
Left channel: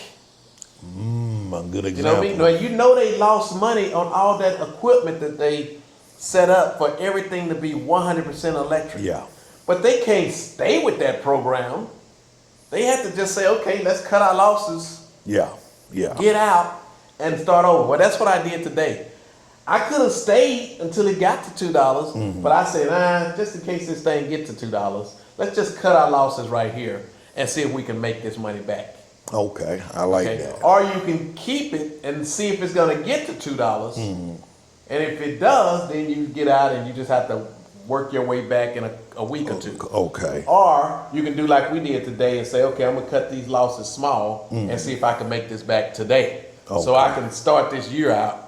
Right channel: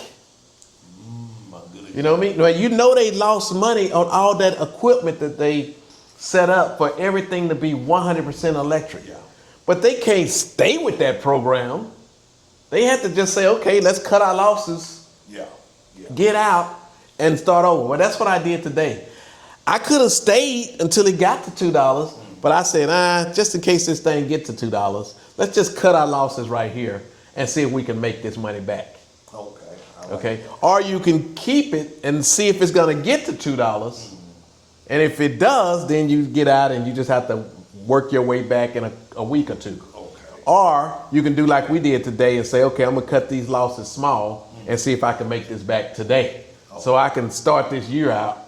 A good You know example. what I mean? Well, you know they lost money on all that equipment that they set up for everything to be 100% electric. Yeah. But they can't stay with that program. They have to just say, okay, let's cut our losses, Yeah. Yeah. get out, and start over. Well, that's what I did today. I could have stayed until it got to $2, but I said, just in case this thing gets to $2, let's just cut our losses right here and see if we can make this money back. Okay. I like Okay? that. Or you can keep it and see if it's gonna get to $2. And if it does, then you get out and you just have to work your way back in a week or two. Okay. Or you can do like we did today and say, okay, I'm gonna cut these losses small and see if I can make this back today. So Okay. I can start this year out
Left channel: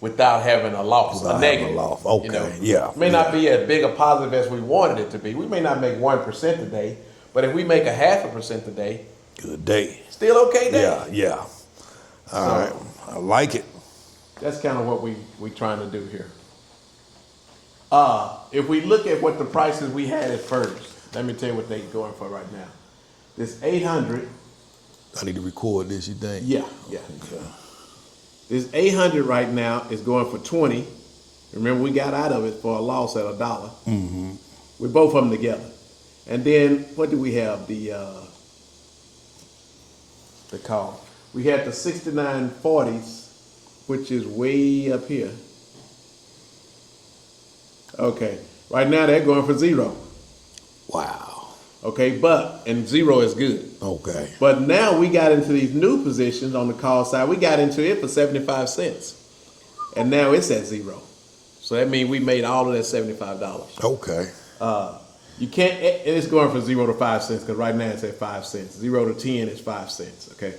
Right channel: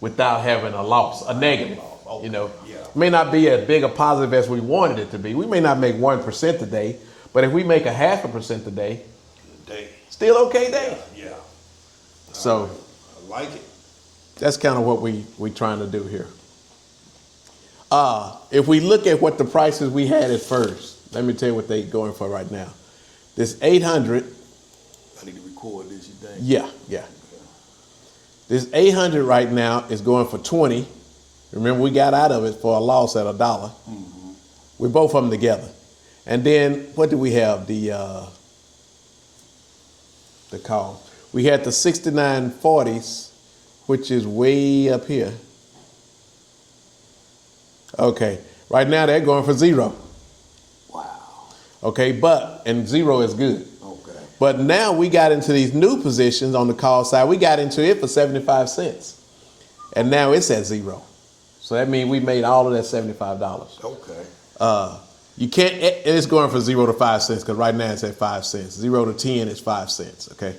without having a loss, Without a having a negative. loss. Okay, yeah, It may not be as big a positive as we wanted it to be. We may not make 1% today, but if we make a 0.5% today, Good day. still okay day. Yeah. All So- right. I like it. That's kind of what we trying to do here. If we look at what the prices we had at first, let me tell you what they going for right now. This 800, I need to record this, you think? yeah. Okay. This 800 right now is going for 20. Remember, we got out of it for a loss at $1. Mm-hmm. We both of them together. And then what do we have? The call. We had the 6940s, which is way up here. Okay, right now they're going for 0. Wow. Okay, and 0 is good. Okay. But now we got into these new positions on the call side. We got into it for 75 cents. And now it's at 0. So that means we made all of that $75. Okay. You can't, it's going from 0 to 5 cents because right now it's at 5 cents. 0 to 10 is 5 cents, okay?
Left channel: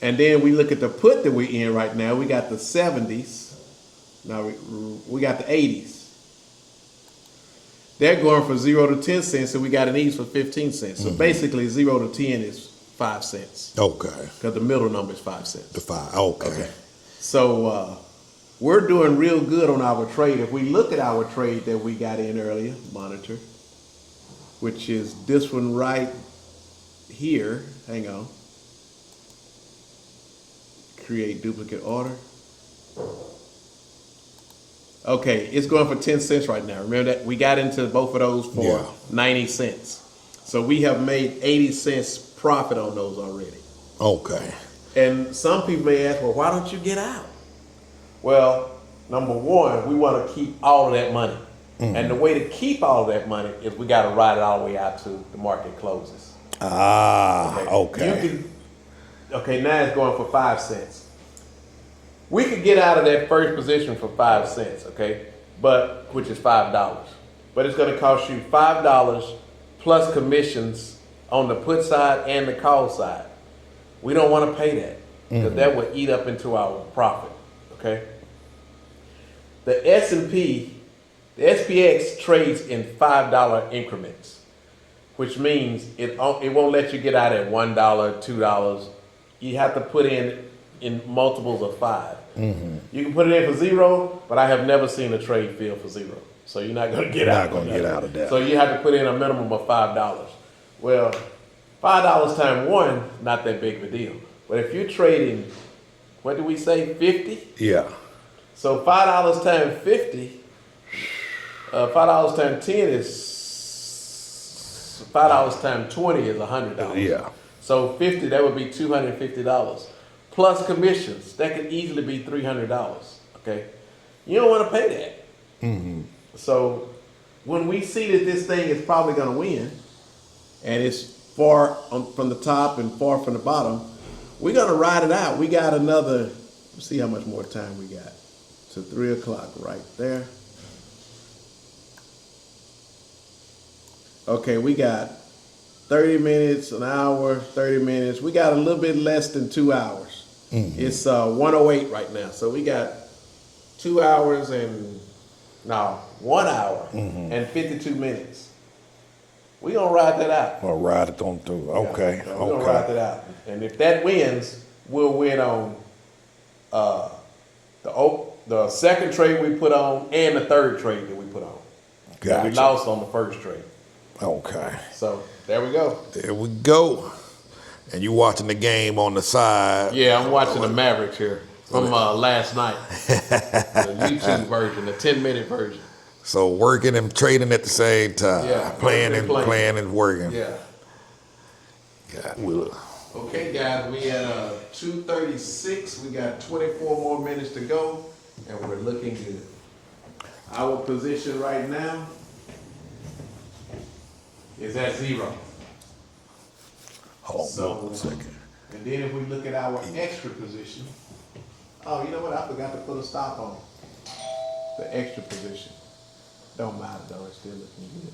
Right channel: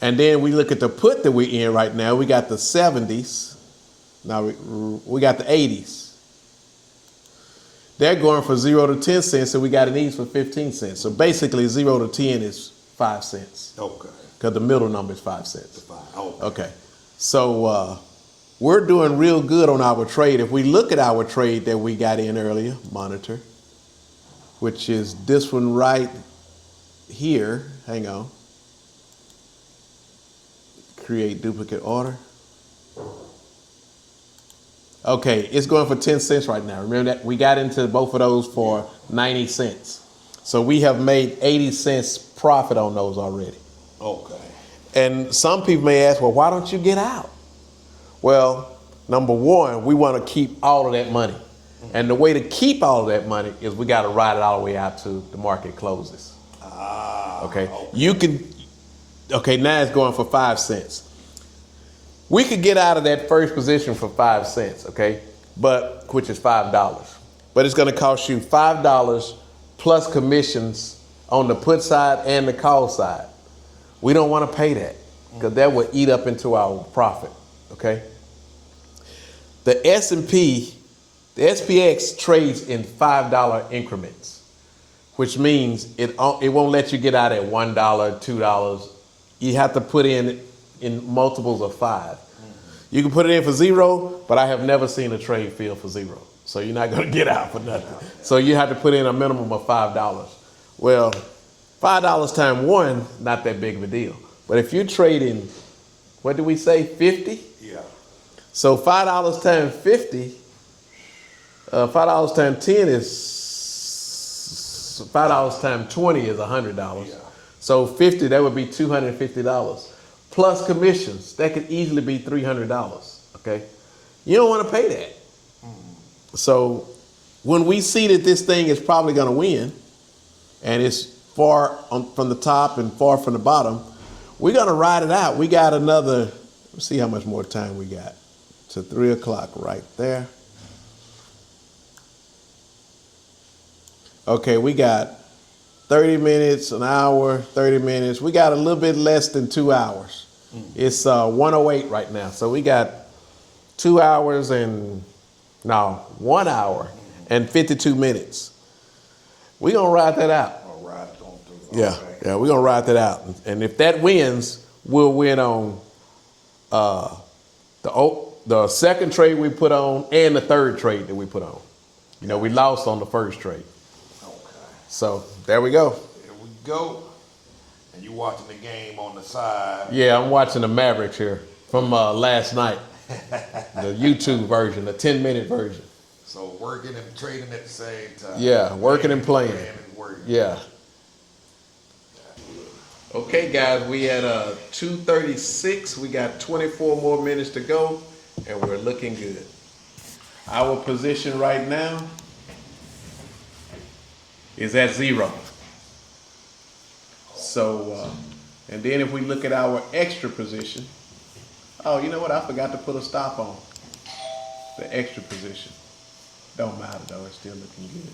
And then we look at the put that we're in right now. We got the 70s. Now we got the 80s. They're going from 0 to 10 cents, and we got an each for 15 cents. So basically 0 to 10 is 5 cents Okay. because the middle number is 5 cents. The 5. Okay. Okay. So we're doing real good on our trade. If we look at our trade that we got in earlier, monitor, which is this one right here. Hang on. Create duplicate order. Okay, it's going for 10 cents right now. Remember that? We got into both of those for 90 cents. So we have made 80 cents profit on those already. Okay. And some people may ask, well, why don't you get out? Well, number one, we want to keep all of that money. And the way to keep all that money is we got to ride it all the way out to the market closes. Okay. You can, now it's going for 5 cents. We could get out of that first position for 5 cents, which is $5. But it's going to cost you $5 plus commissions on the put side and the call side. We don't want to pay that because that would eat up into our profit, The S&P, the SPX trades in $5 increments, which means it won't let you get out at $1, $2. You have to put in multiples of 5. You can put it in for 0, but I have never seen a trade fail for 0. So you're not going to get out of that. So you have to put in a minimum of $5. Well, $5 times 1, not that big of a deal. But if you're trading, what do we say, 50? Yeah. So $5 times 50, $5 times 10 is $5 times 20 is $100. Yeah. So 50, that would be $250. Plus commissions, that could easily be $300. You don't want to pay that. So when we see that this thing is probably going to win, and it's far from the top and far from the bottom, we're going to ride it out. We got another, let's see how much more time we got. To 3 o'clock right there. Okay, we got 30 minutes, an hour, 30 minutes. We got a little bit less than 2 hours. It's 1:08 right now. So we got 1 hour and 52 minutes. We're going to ride that out. Or ride it on through. Okay. Yeah, we're going to ride that out. And if that wins, we'll win on the second trade we put on and the third trade that we put on. That we lost on the first trade. Okay. So there we go. There we go. And you watching the game on the side. Yeah, I'm watching the Mavericks here from last night. The YouTube version, the 10-minute version. So working and trading at the same time. Yeah, working and playing. Playing and working. Yeah. God. Okay, guys, we at 2:36. We got 24 more minutes to go, and we're looking good. Our position right now is at 0. So, and then if we look at our extra position, oh, you know what? I forgot to put a stop on the extra position. Don't matter though, it's still looking good.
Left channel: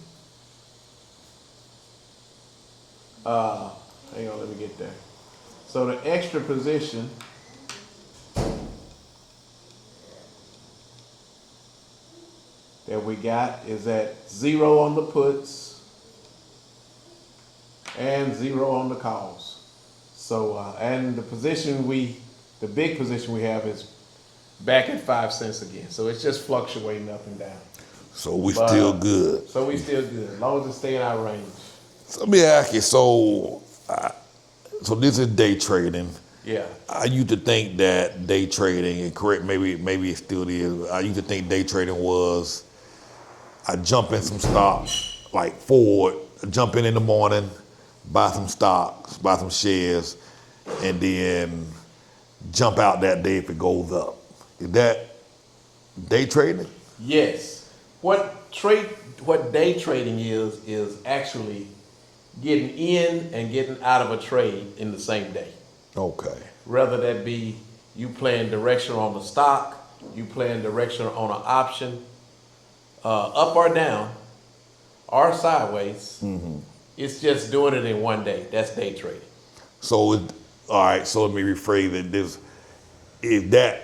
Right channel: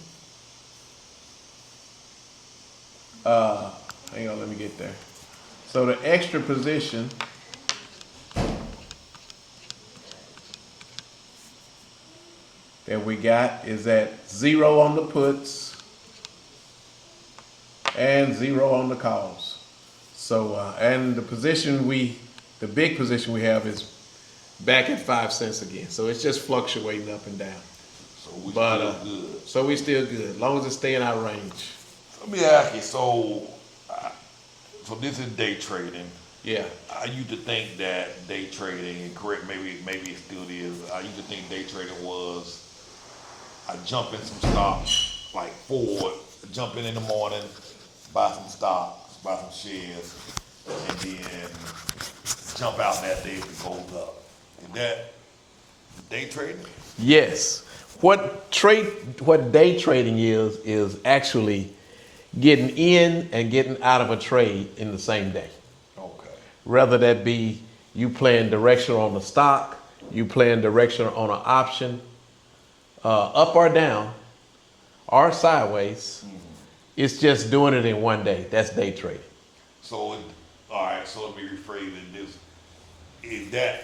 Hang on, let me get there. So the extra position that we got is at 0 on the puts and 0 on the calls. So, and the big position we have is back at 5 cents again. So it's just fluctuating up and down. So we still good. So we still good, as long as it stay in our range. So let me ask you, so this is day trading. Yeah. I used to think that day trading, and correct, maybe it still is, I used to think day trading was, I jump in some stocks, like Ford, jump in the morning, buy some stocks, buy some shares, and then jump out that day if it goes up. Is that day trading? Yes. What day trading is actually getting in and getting out of a trade in the same day. Okay. Whether that be you playing directional on the stock, you playing directional on an option, up or down, or sideways. It's just doing it in one day. That's day trading. So, all right, so let me rephrase it. Is that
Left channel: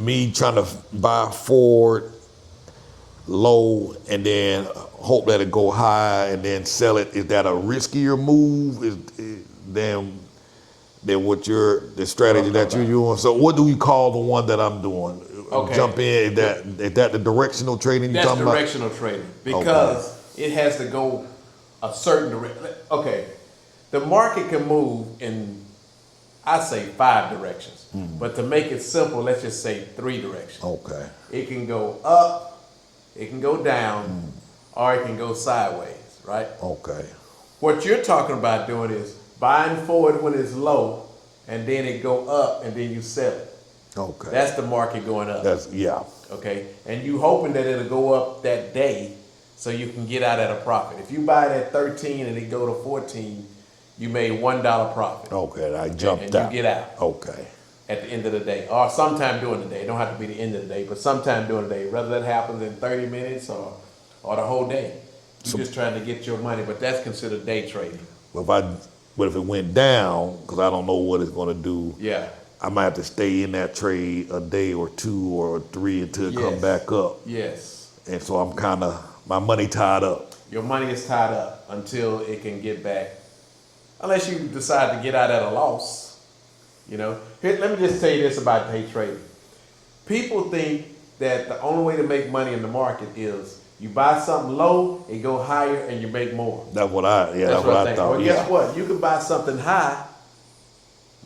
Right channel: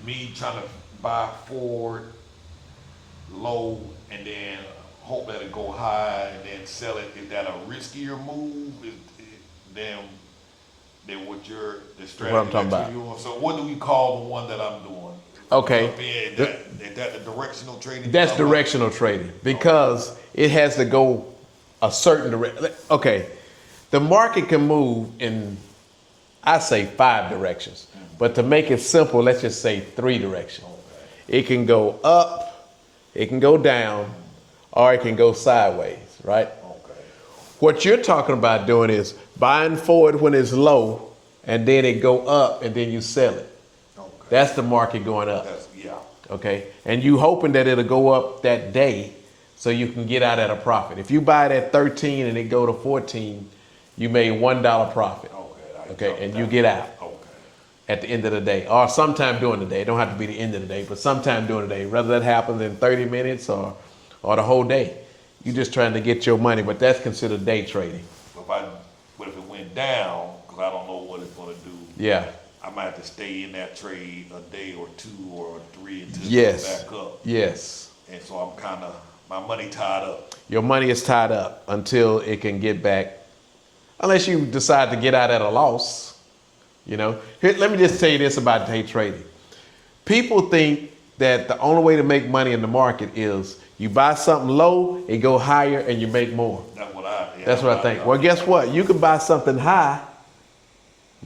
me trying to buy Ford low and then hope that it go high and then sell it? Is that a riskier move than what the strategy that you're doing? So what do we call the one that I'm doing? Okay. Jump in. Is that the directional trading? That's directional trading because it has to go a certain direction. Okay, the market can move in, I say 5 directions, but to make it simple, let's just say 3 directions. Okay. It can go up, it can go down, or it can go sideways, right? Okay. What you're talking about doing is buying Ford when it's low, and then it go up, and then you sell it. Okay. That's the market going up. That's yeah. Okay, and you hoping that it'll go up that day so you can get out at a profit. If you buy it at 13 and it go to 14, you made $1 profit. Okay, I jumped and out. you get out Okay. at the end of the day, or sometime during the day. It don't have to be the end of the day, but sometime during the day. Whether that happens in 30 minutes or the whole day, you're just trying to get your money. But that's considered day trading. But if it went down, because I don't know what it's going to do. Yeah. I might have to stay in that trade a day or 2 or 3 until it Yes. comes back up. Yes. And so I'm kind of, my money tied up. Your money is tied up until it can get back, unless you decide to get out at a loss. You know, here, let me just tell you this about day trading. People think that the only way to make money in the market is you buy something low, it go higher, and you make more. That's what I That's what I think. thought, Well, guess what? You can buy something high.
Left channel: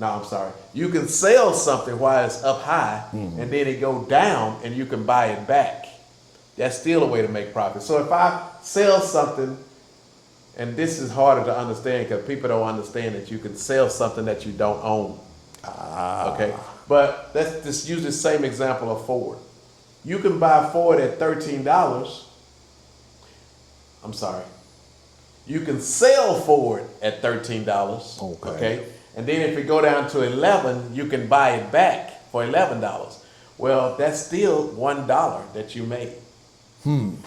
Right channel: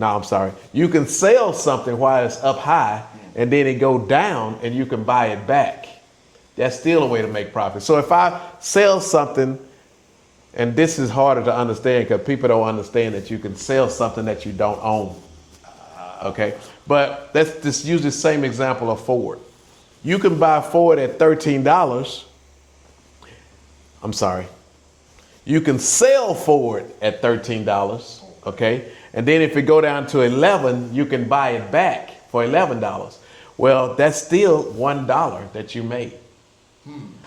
No, I'm sorry. You can sell something while it's up high, and then it go down, and you can buy it back. That's still a way to make profit. So if I sell something, and this is harder to understand because people don't understand that you can sell something that you don't own. Okay, but let's just use the same example of Ford. You can buy Ford at $13. I'm sorry. You can sell Ford at $13. Okay. And then if it go down to 11, you can buy it back for $11. Well, that's still $1 that you made.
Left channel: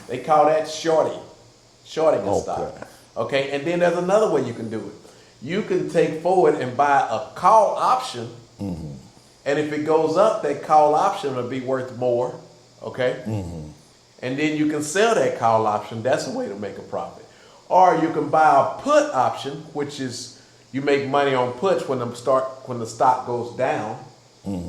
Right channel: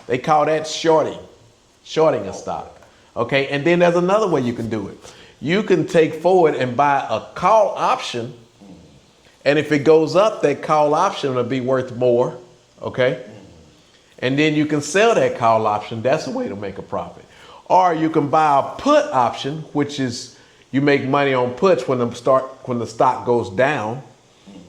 They call that shorting a stock. Okay. And then there's another way you can do it. You can take Ford and buy a call option. And if it goes up, that call option will be worth more. Okay. And then you can sell that call option. That's a way to make a profit. Or you can buy a put option, which is you make money on puts when the stock goes down.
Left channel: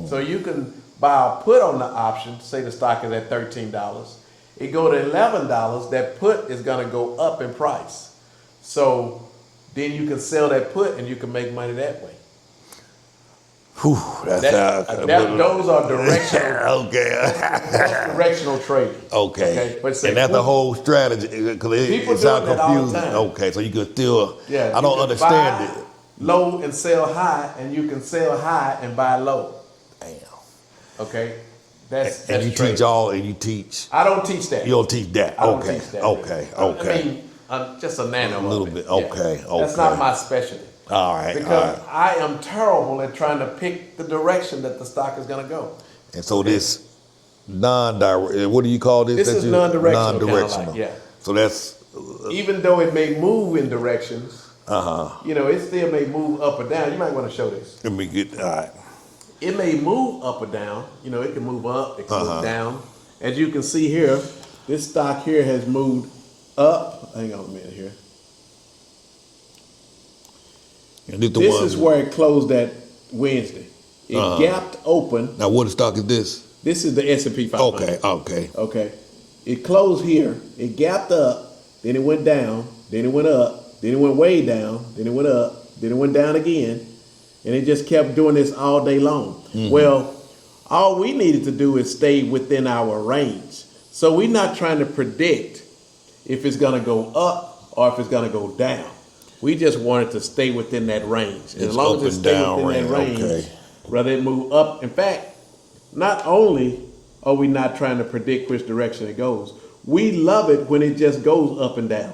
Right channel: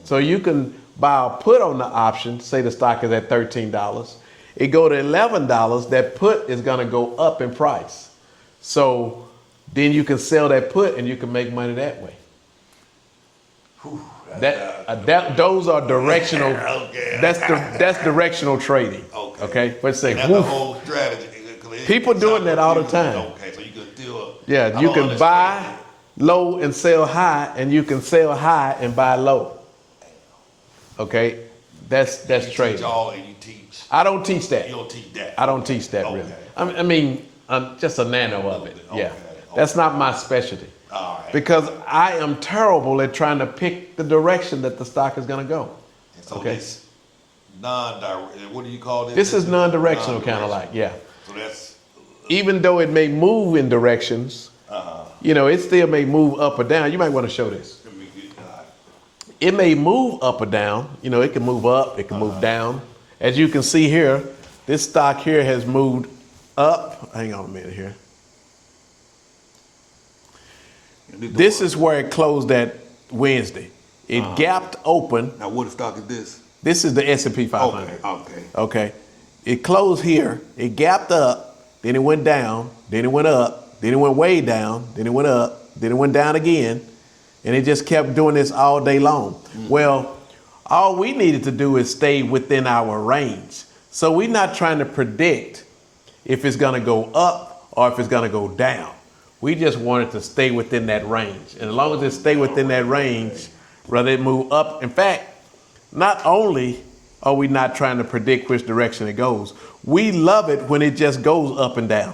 So you can buy a put on the option. Say the stock is at $13. It go to $11. That put is going to go up in price. So then you can sell that put and you can make money that way. Whew, Those are directional. Okay. That's directional trading. Okay. Okay. But say, and that's the whole strategy. People doing that all the time. Okay, so you can still. Yeah, I you don't can understand buy it. low and sell high, and you can sell high and buy low. Damn. Okay, that's And you trading. teach all, and you teach. I don't teach that. You don't teach that. I don't Okay. teach that. Okay. Really. I mean, just a nano. A little of it. bit. Yeah. Okay. That's not Okay. my specialty. All right. Because all right. I am terrible at trying to pick the direction that the stock is going to go. And so this non-direct. What do you call this? This is non-directional, kinda like, yeah. So that's. Even though it may move in directions, you know, it still may move up or down. You might want to show this. Let me get. All right. It may move up or down. You know, it can move up, it can move down. As you can see here, this stock here has moved up. Hang on a minute here. And this, This is where it closed at Wednesday. It gapped open. Now, what stock is this? This is the S&P 500. Okay. Okay. Okay. It closed here. It gapped up. Then it went down. Then it went up. Then it went way down. Then it went up. Then it went down again. And it just kept doing this all day long. Well, all we needed to do is stay within our range. So we're not trying to predict if it's going to go up or if it's going to go down. We just wanted to stay within that range. And as long as it stay within that range, rather it move up. In fact, not only are we not trying to predict which direction it goes, we love it when it just goes up and down.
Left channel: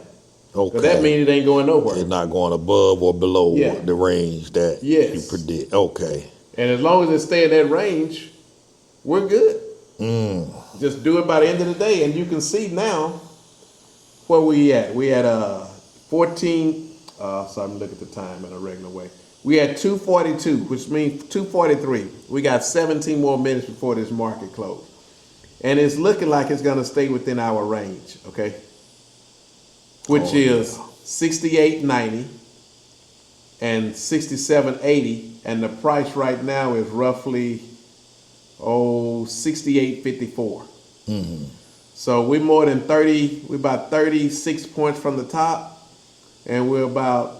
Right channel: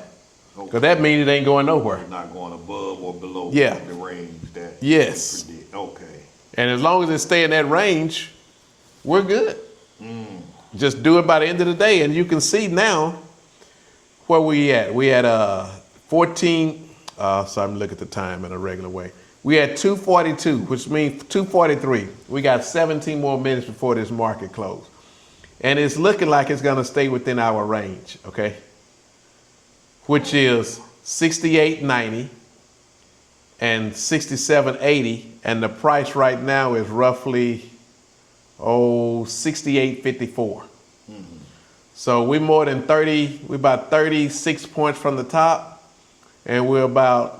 Because that means it ain't going nowhere. It's not going above or below Yeah. the range that Yes. you predict. Okay. And as long as it stay in that range, we're good. Just do it by the end of the day. And you can see now where we at. We had 14, so I'm looking at the time in a regular way. We had 2:42, which means 2:43. We got 17 more minutes before this market closed. And it's looking like it's gonna stay within our range, okay? Which is 68.90 and 67.80. And the price right now is roughly, 68.54. So we're more than 30, we're about 36 points from the top. And we're about,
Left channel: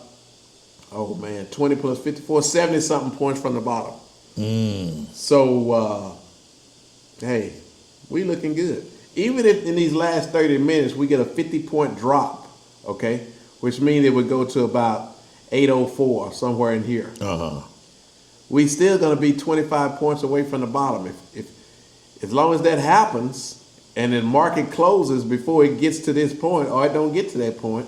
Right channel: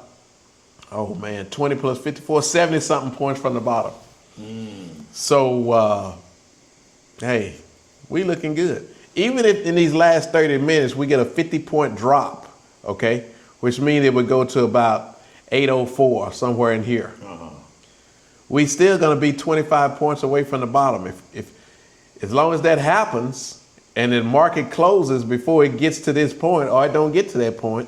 20 plus 54, 70 something points from the bottom. So, hey, we looking good. Even if in these last 30 minutes, we get a 50-point drop, okay? Which means it would go to about 804, somewhere in here. we still gonna be 25 points away from the bottom. If as long as that happens and the market closes before it gets to this point or it don't get to that point,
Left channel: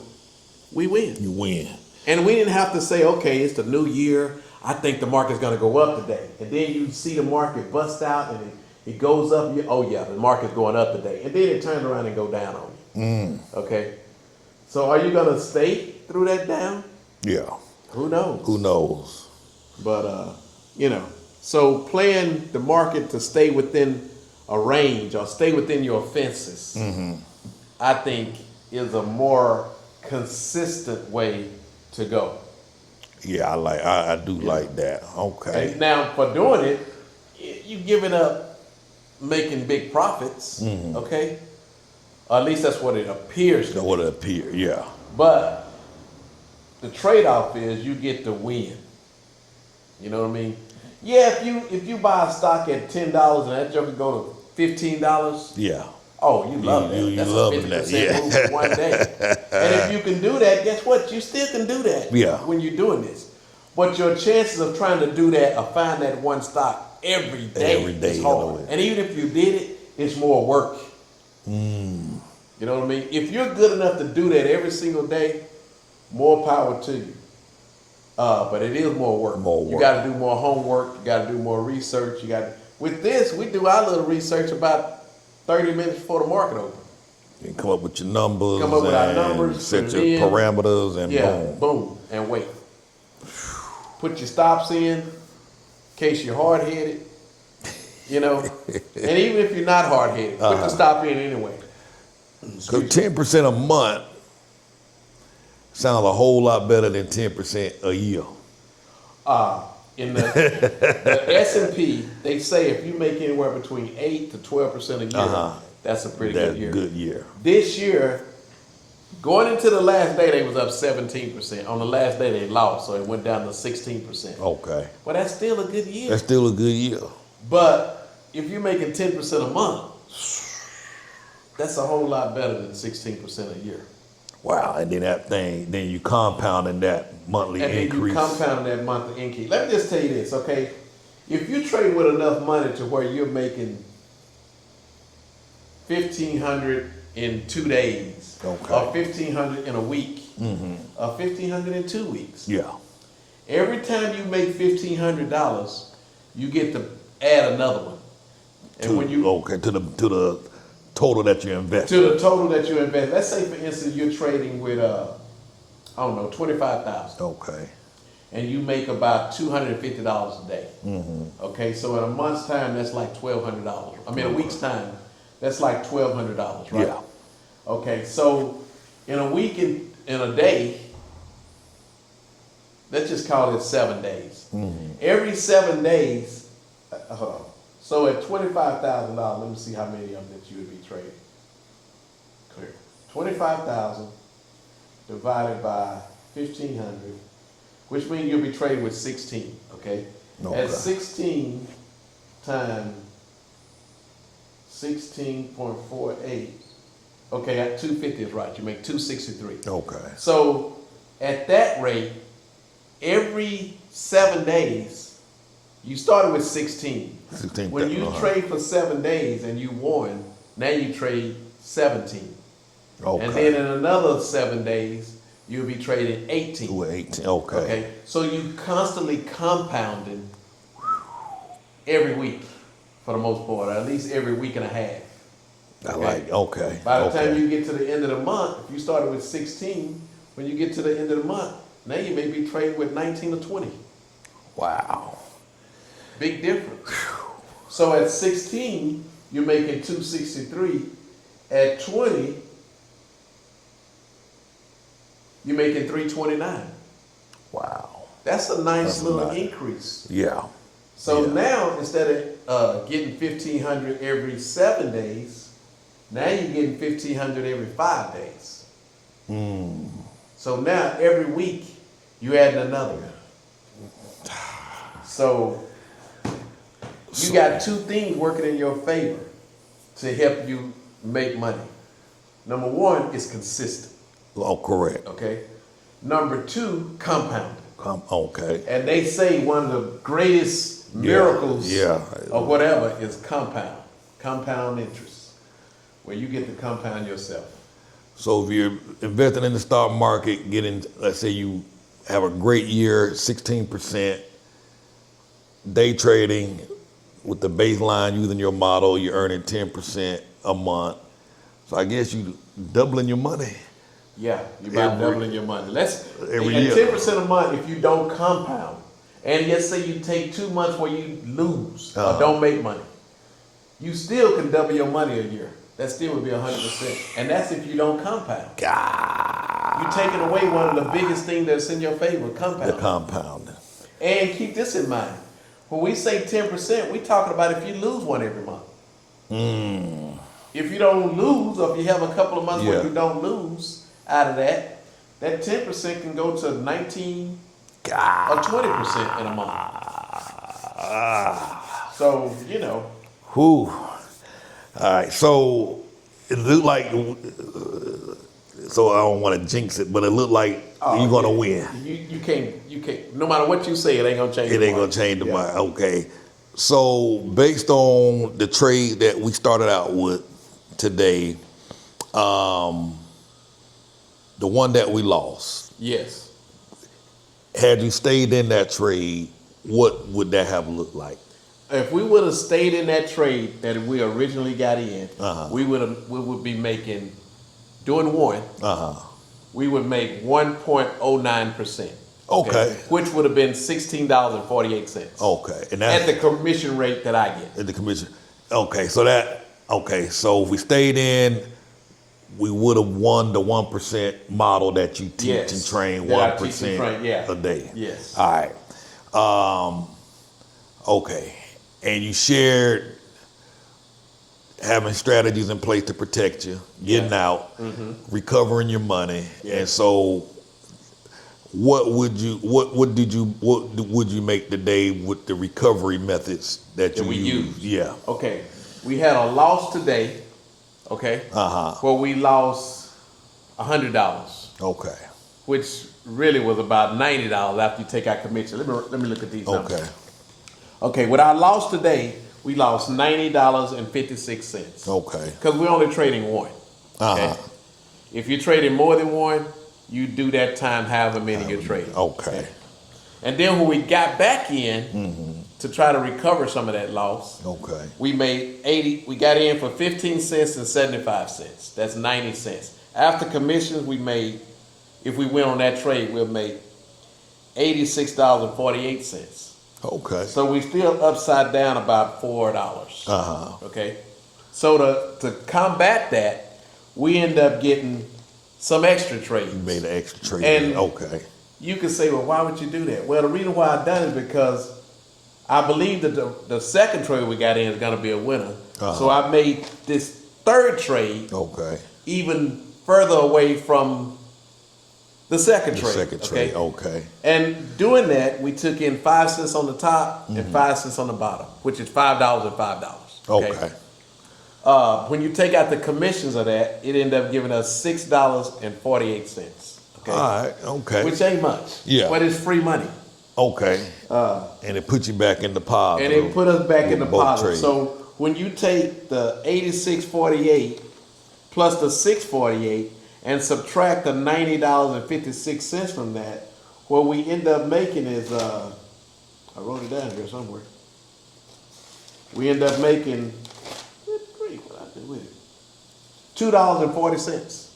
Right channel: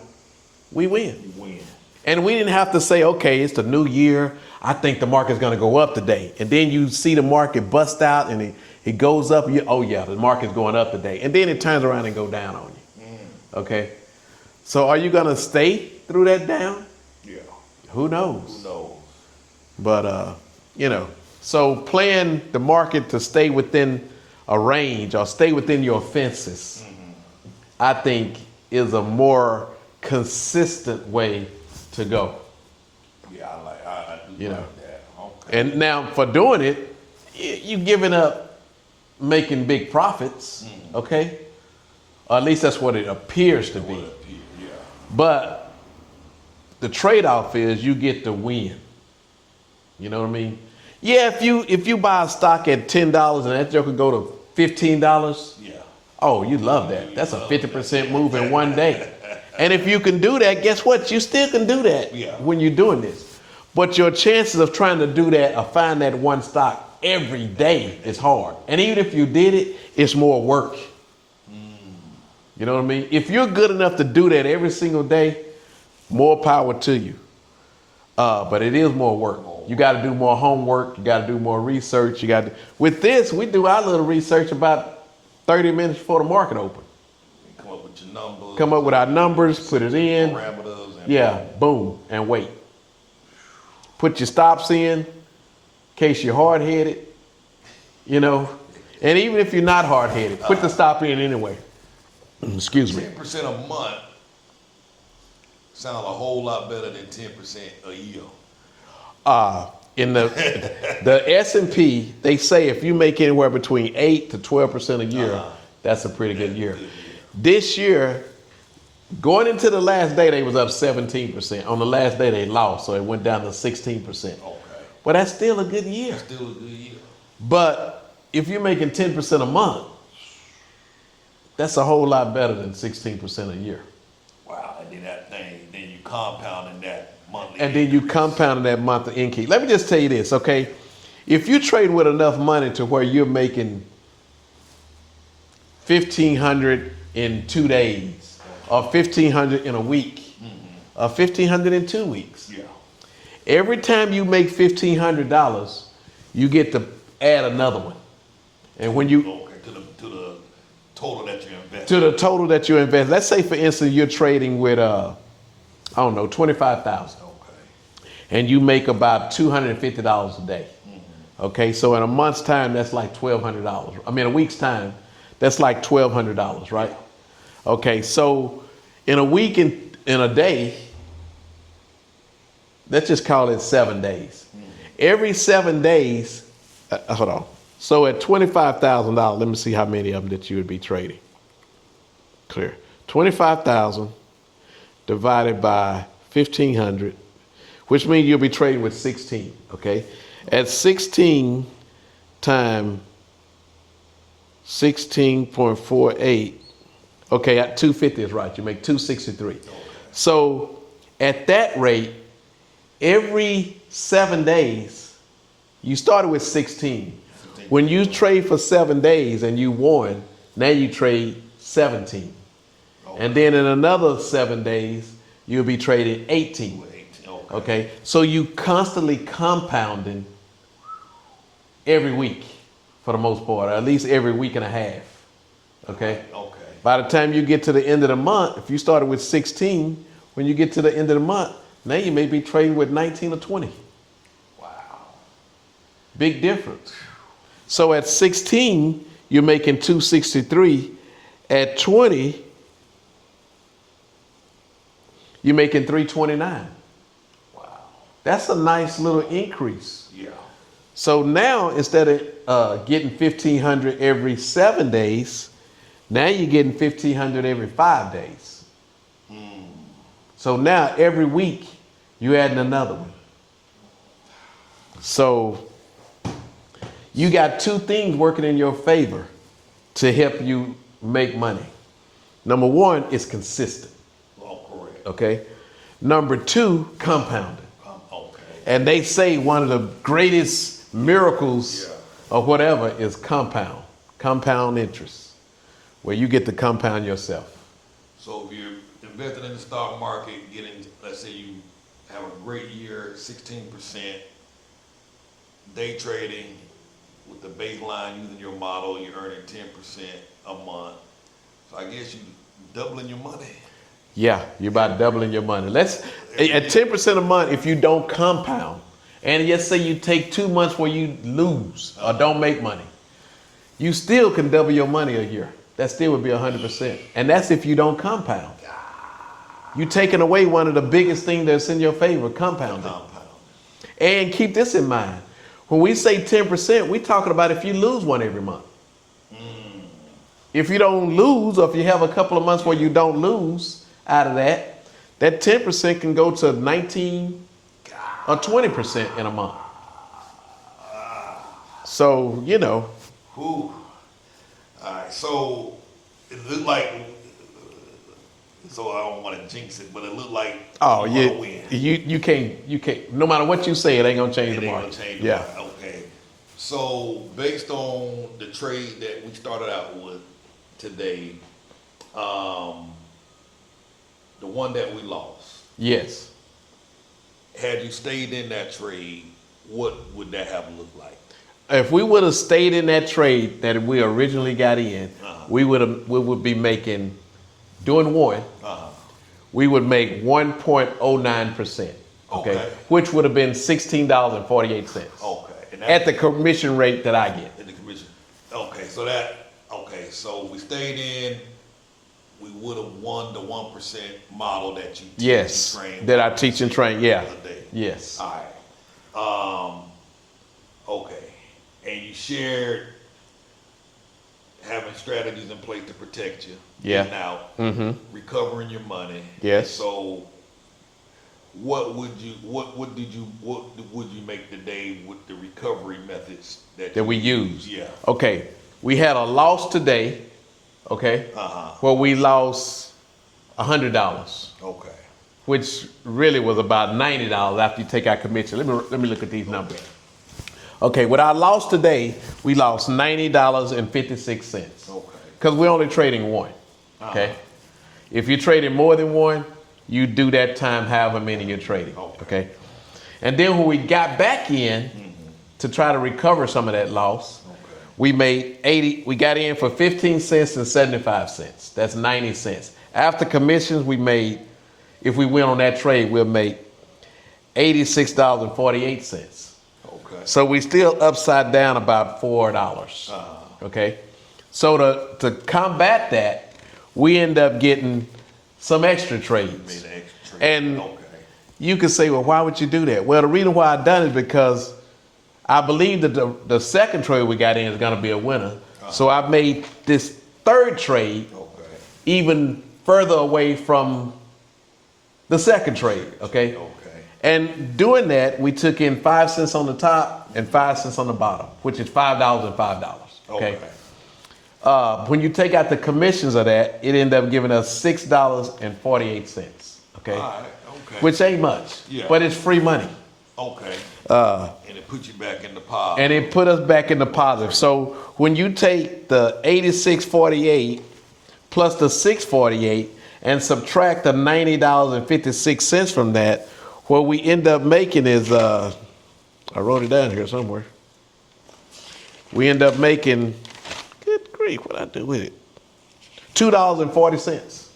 we win. You win. And we didn't have to say, okay, it's the new year. I think the market's gonna go up today. And then you see the market bust out and it goes up. Oh yeah, the market's going up today. And then it turns around and go down on you. Okay. So are you gonna stay through that down? Yeah. Who knows? Who knows? But so playing the market to stay within a range or stay within your fences, I think is a more consistent way to go. Yeah, I do like that. Okay. And now for doing it, you giving up making big profits, okay? Or at least that's what it appears to What be. it appears, yeah. But the trade-off is you get to win. You know what I mean? Yeah, if you buy a stock at $10 and that joker go to $15, Yeah. oh, you love that. You That's a loving 50% that, yeah. move in one day. And if you can do that, guess what? You still can do that Yeah. when you're doing this. But your chances of trying to do that or find that one stock every day is hard. And even if you did it, it's more work. You know what I mean? If you're good enough to do that every single day, more power to you. But it is more work. You got to do more homework. You got to do more research. With this, we do our little research about 30 minutes before the market open. You come up with your numbers. Come up with our and numbers, set put it your in. parameters, and Yeah, boom, and wait. Put your stops in case you're hard-headed, And even if you're not hard-headed, put the stop in anyway. Excuse me. 10% a month sounds a whole lot better than 10% a year. In the S&P, they say if you make anywhere between 8 to 12% a year, that's a pretty good year. Good year. This year, going into the last day, they was up 17%. On the last day, they lost, so it went down to 16%. Okay. But that's still a good year. That's still a good year. But if you're making 10% a month, that's a whole lot better than 16% a year. Wow. And then you compounding that monthly And increase. then you compound that monthly increase. Let me just tell you this, okay? If you trade with enough money to where you're making $1,500 in 2 days, or $1,500 in a week, or $1,500 in 2 weeks. Yeah. Every time you make $1,500, you get to add another one. And when you to the total that you invest. to the total that you invest, let's say for instance you're trading with $25,000. Okay. And you make about $250 a day. Okay, so in a month's time, that's like $1,200. I mean, a week's time, that's like $1,200, right? Yeah. Okay, so in a week in a day, let's just call it 7 days. Every 7 days, hold on. So at $25,000, let me see how many of them that you would be trading. Clear. 25,000 divided by 1,500. Which means you'll be trading with 16, okay? At 16 times 16.48, okay, at 250 is right. You make 263. Okay. So at that rate, every 7 days, you started with 16. When you trade for 7 days and you won, now you trade 17. Okay. And then in another 7 days, you'll be trading 18. 18. Okay. Okay. So you constantly compounding every week for the most part, or at least every week and a half. Okay. By the time you get to the end of the month, if you started with 16, when you get to the end of the month, now you may be trading with 19 or 20. Wow. Big difference. So at 16, you're making 263. At 20, you're making 329. Wow. That's a nice little increase. Yeah. So now instead of getting 1,500 every 7 days, now you're getting 1,500 every 5 days. So now every week you're adding another one. So you got two things working in your favor to help you make money. Number one is consistent. Oh, correct. Okay. Number two, compounding. Okay. And they say one of the greatest miracles Yeah. or whatever is compound interest, where you get to compound yourself. So if you're investing in the stock market, getting, let's say you have a great year, 16%, day trading with the baseline using your model, you're earning 10% a month. So I guess you doubling your money. Yeah, you're about doubling your money. Let's at 10% a month if you don't compound. And let's say you take 2 months where you lose or don't make money. You still can double your money a year. That still would be 100%. And that's if you don't compound. God. You're taking away one of the biggest things that's in your favor, The compounding. compounding. And keep this in mind. When we say 10%, we're talking about if you lose one every month. If you don't lose, or if you have a couple of months where Yeah. you don't lose out of that, that 10% can go to 19 or 20% in a month. So, you know. Whew. All right, so it looked like, so I don't want to jinx it, but it looked like you're going to win. You can't, no matter what you say, it ain't going to change It the ain't going market. to change the Yeah. market. Okay. So based on the trade that we started out with today, the one that we lost, Yes. had you stayed in that trade, what would that have looked like? If we would have stayed in that trade that we originally got in, we would be making, doing one, we would make 1.09%. Okay. Which would have been $16.48. Okay. And At the commission rate that I get. at the commission. Okay, so so if we stayed in, we would have won the 1% model that you teach and train. That I teach and train, yeah. A day. Yes. All right. Okay. And you shared having strategies in place to protect you, getting out, recovering your money. Yes. And so what would you make today with the recovery methods that we use? use. Yeah. Okay. We had a loss today, okay? Where we lost $100. Okay. Which really was about $90 after you take out commission. Let me look at these numbers. Okay. Okay, with our loss today, we lost $90.56. Okay. Because we're only trading one. Okay? If you're trading more than one, you do that time however many you're trading. Okay. And then when we got back in to try to recover some of that loss, Okay. we got in for 15 cents and 75 cents. That's 90 cents. After commissions, if we went on that trade, we'll make $86.48. Okay. So we still upside down about $4. Okay. So to combat that, we end up getting some extra trades. Made an extra trade. And okay. You could say, well, why would you do that? Well, the reason why I done it is because I believe that the second trade we got in is going to be a winner. So I made this third trade even further away from the second trade. Okay. And doing that, we took in 5 cents on the top and 5 cents on the bottom, which is $5 and $5. Okay. When you take out the commissions of that, it ended up giving us $6.48. Okay. All right. Okay. Which ain't much. Yeah. But it's free money. Okay. And it puts you back in the positive. And it put us back in the Both positive. trades. So when you take the 86.48 plus the 6.48 and subtract the $90.56 from that, what we end up making is, I wrote it down here somewhere. We end up making, good grief, what I do with it? $2.40.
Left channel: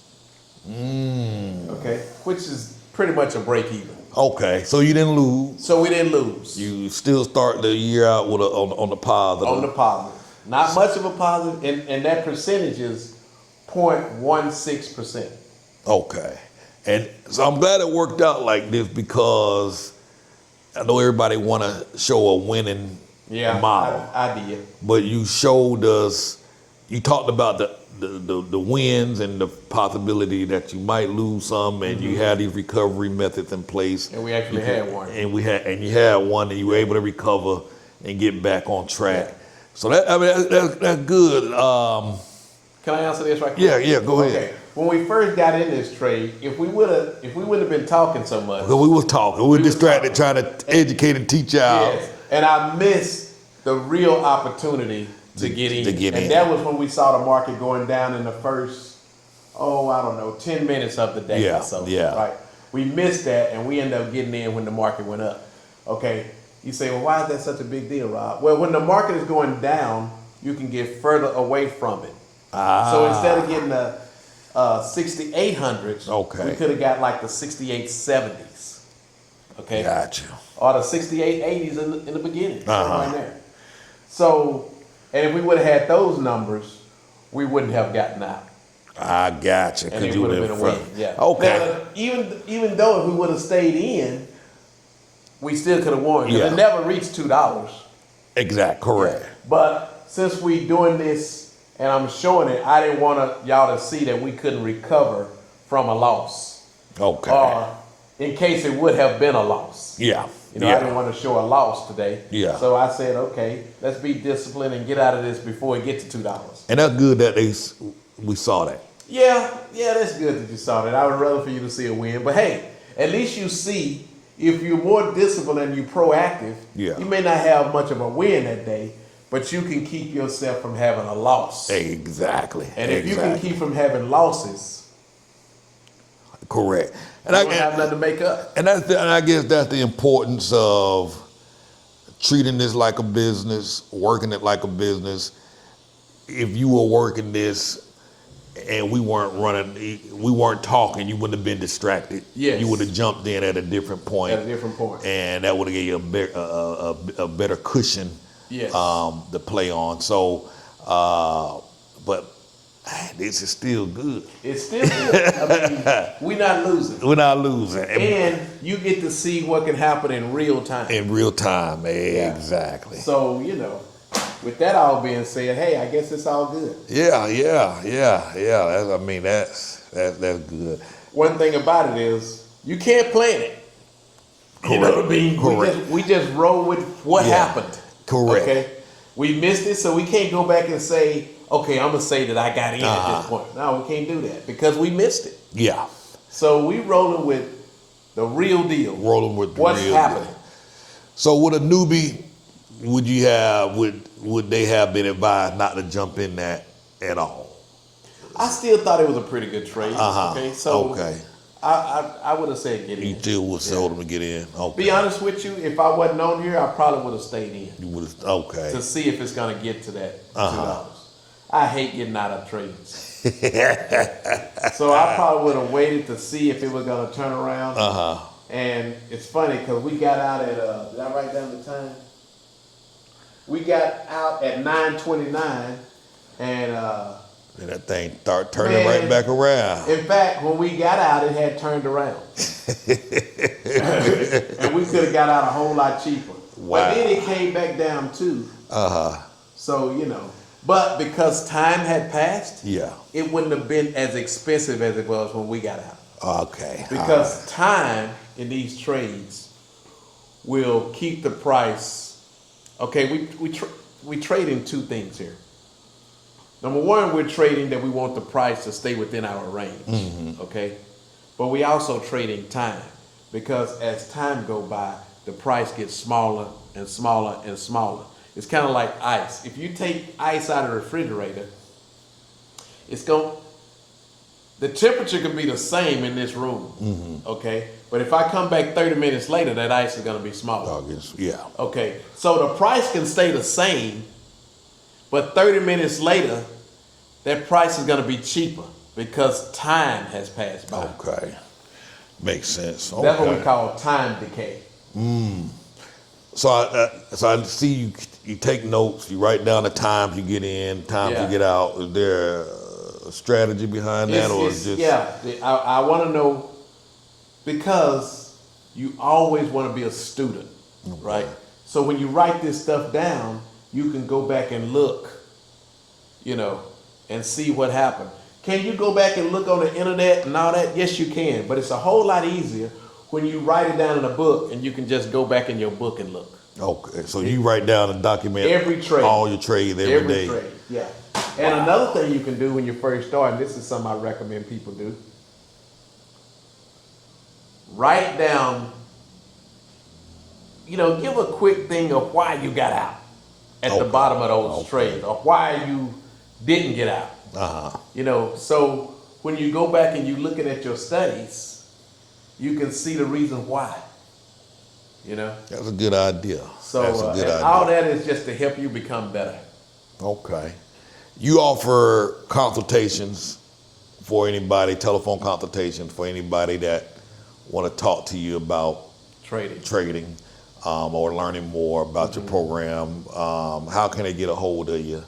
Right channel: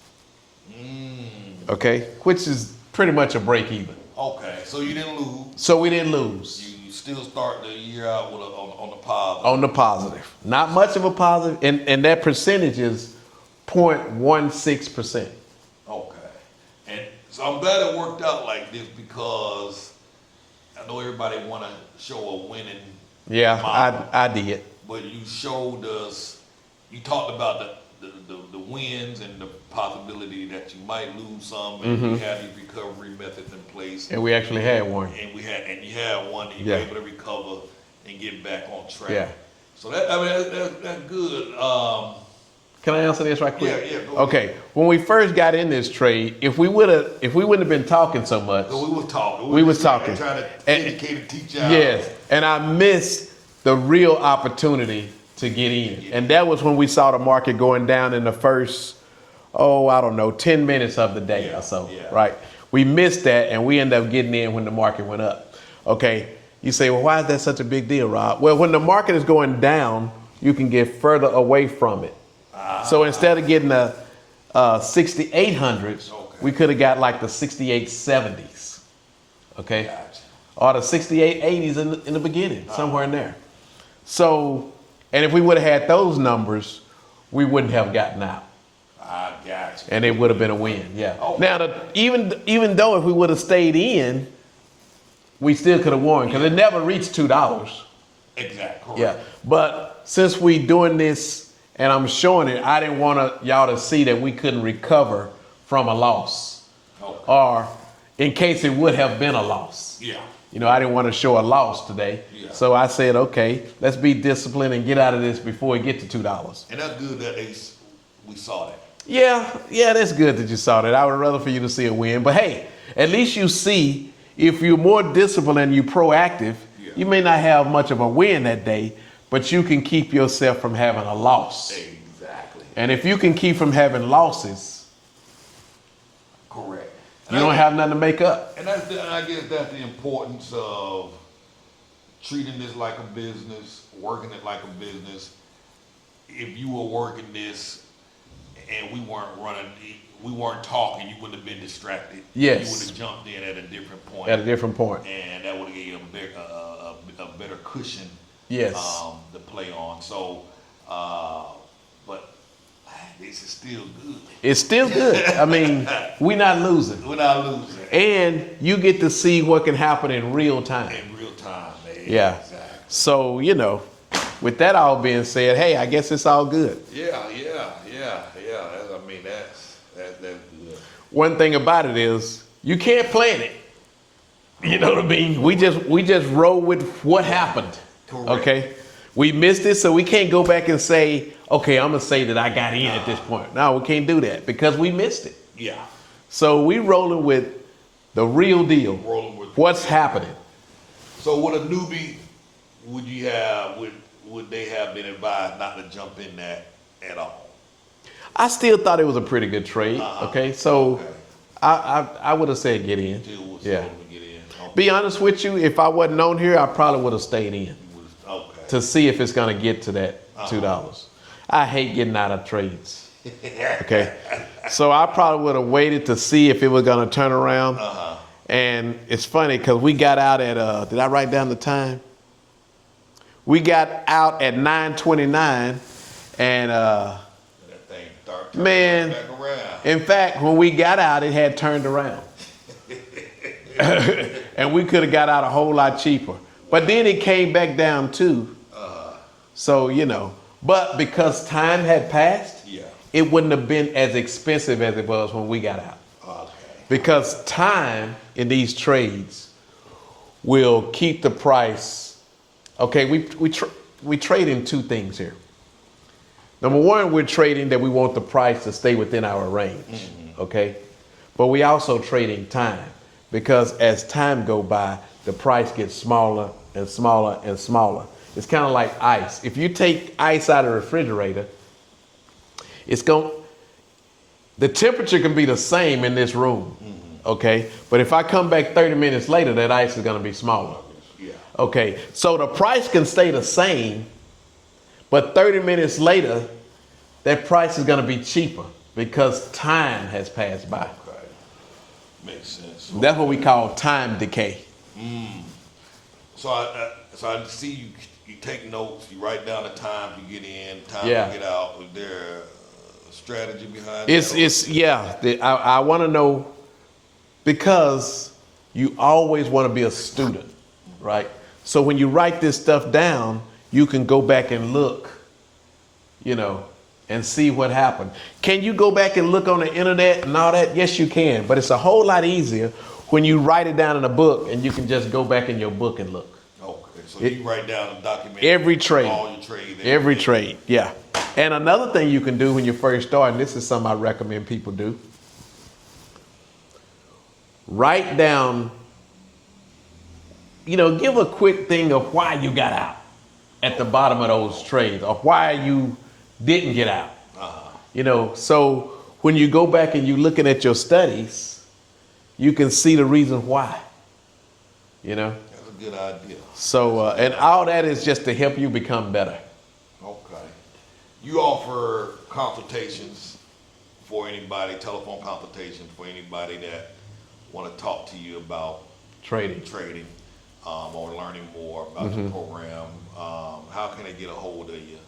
Okay, which is pretty much a break even. Okay, so you didn't lose. So we didn't lose. You still start the year out with on the positive. On the positive. Not much of a positive, and that percentage is 0.16%. Okay, and so I'm glad it worked out like this because I know everybody want to show a winning model. I did. But you showed us. You talked about the wins and the possibility that you might lose some, and you had these recovery methods in place. And we actually had one. And you had one, and you were able to recover and get back on track. Yeah. So that's good. Can I answer this right quick? Yeah, go ahead. Okay, when we first got in this trade, if we wouldn't have been talking so much, We was talking. We were just trying to educate and teach y'all. yes, and I missed the real opportunity to get in. in. That was when we saw the market going down in the first, 10 minutes of the day Yeah, or so. yeah. Right. We missed that, and we ended up getting in when the market went up. Okay. You say, well, why is that such a big deal, Rob? Well, when the market is going down, you can get further away from it. So instead of getting the 6800s, Okay. we could have got like the 6870s. Okay. Gotcha. Or the 6880s in the beginning, somewhere in there. So, and if we would have had those numbers, we wouldn't have gotten out. I gotcha. And it would have been a win. Yeah. Okay. Now, even though if we would have stayed in, we still could have won because Yeah. it never reached $2. Exact. Correct. Yeah. But since we doing this and I'm showing it, I didn't want y'all to see that we couldn't recover from a loss. Okay. Or in case it would have been a loss. Yeah. You know, I didn't want to show a loss today. Yeah. So I said, okay, let's be disciplined and get out of this before we get to $2. And that's good that we saw that. Yeah, that's good that you saw that. I would rather for you to see a win. But hey, at least you see if you're more disciplined and you're proactive, you may not have much of a win that day, but you can keep yourself from having a loss. Exactly. And if you can keep from having losses, correct. And you don't have nothing to make up. And I guess that's the importance of treating this like a business, working it like a business. If you were working this and we weren't talking, you wouldn't have been distracted. Yes. You would have jumped in at a different point. At a different point. And that would have given you a better cushion Yes. to play on. So, but this is still good. It's still good. I mean, we're not losing. We're not losing. And you get to see what can happen in real time. In real time, man. Yeah. Exactly. So, with that all being said, hey, I guess it's all good. Yeah. That's good. One thing about it is you can't plan it. You know what I mean? Correct. We just roll with what happened. Correct. Okay. We missed it, so we can't go back and say, okay, I'm gonna say that I got in at this point. No, we can't do that because we missed it. Yeah. So we rolling with the real deal. Rolling with the what's real happening. deal. So with a newbie, would they have been advised not to jump in that at all? I still thought it was a pretty good trade. Okay, so Okay. I would have said get in. You still would have told them to get in. Okay. Be honest with you, if I wasn't on here, I probably would have stayed in You would have. Okay. to see if it's gonna get to that $2. I hate getting out of trades. Okay, so I probably would have waited to see if it was gonna turn around. And it's funny because we got out at did I write down the time? We got out at 9:29, and And that thing start turning Man. right back around. in fact, when we got out, it had turned around, and we could have got out a whole lot cheaper. But then it came back down too. So but because time had passed, Yeah. it wouldn't have been as expensive as it was when we got out. Okay. Because time in these trades will keep the price. Okay, we trade in two things here. Number one, we're trading that we want the price to stay within our range. Okay, but we also trade in time because as time go by, the price gets smaller and smaller and smaller. It's kind of like ice. If you take ice out of the refrigerator, the temperature can be the same in this room, okay? But if I come back 30 minutes later, that ice is gonna be smaller. Yeah. Okay, so the price can stay the same, but 30 minutes later, that price is gonna be cheaper because time has passed by. Okay. Makes sense. That's what we call time decay. So I see you take notes, you write down the times you get in, times Yeah. you get out. Is there a strategy behind that? or It's just- yeah. I want to know because you always want to be a student, right? So when you write this stuff down, you can go back and look, and see what happened. Can you go back and look on the internet and all that? Yes, you can, but it's a whole lot easier when you write it down in a book and you can just go back in your book and look. Okay, so you write down and document Every trade. all your trades Every day. trade, yeah. And another thing you can do when you first start, and this is something I recommend people do, write down, give a quick thing of why you got out at the bottom of those trades, or why you didn't get out. So when you go back and you're looking at your studies, you can see the reason why. That's a good idea. So, all that is just to help you become better. Okay. You offer consultations for anybody, telephone consultations for anybody that want to talk to you about trading, or learning more about your program. How can they get a hold of you?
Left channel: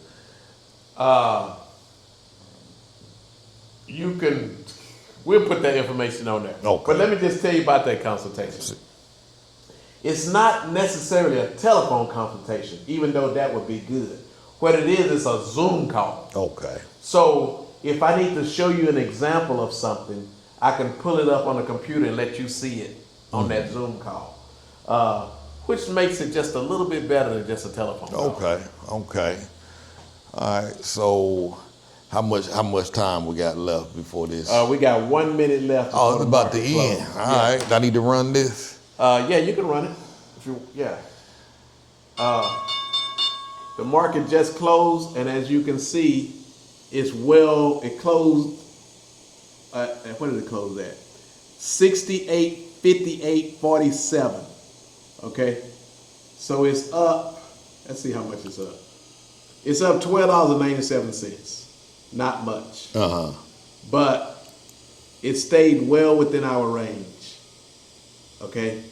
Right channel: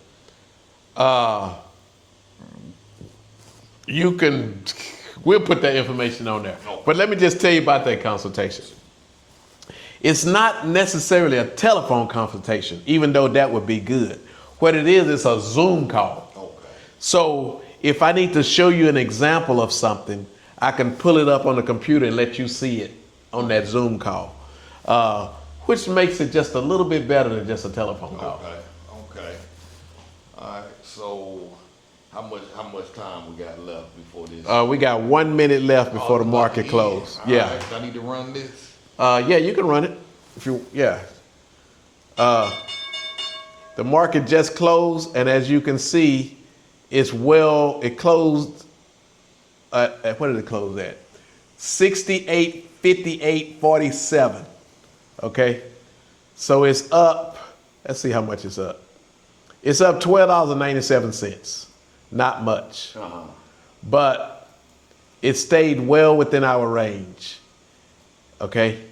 We'll put that information on there. Okay. But let me just tell you about that consultation. It's not necessarily a telephone consultation, even though that would be good. What it is, it's a Zoom call. Okay. So if I need to show you an example of something, I can pull it up on the computer and let you see it on that Zoom call, which makes it just a little bit better than just a telephone call. Okay. All right. So how much time we got left before this? We got 1 minute left before the market closes. All right. I need to run this. Yeah, you can run it. The market just closed, and as you can see, it closed at, what did it close at? 68.58.47. Okay? So it's up, let's see how much it's up. It's up $12.97. Not much. But it stayed well within our range. Okay?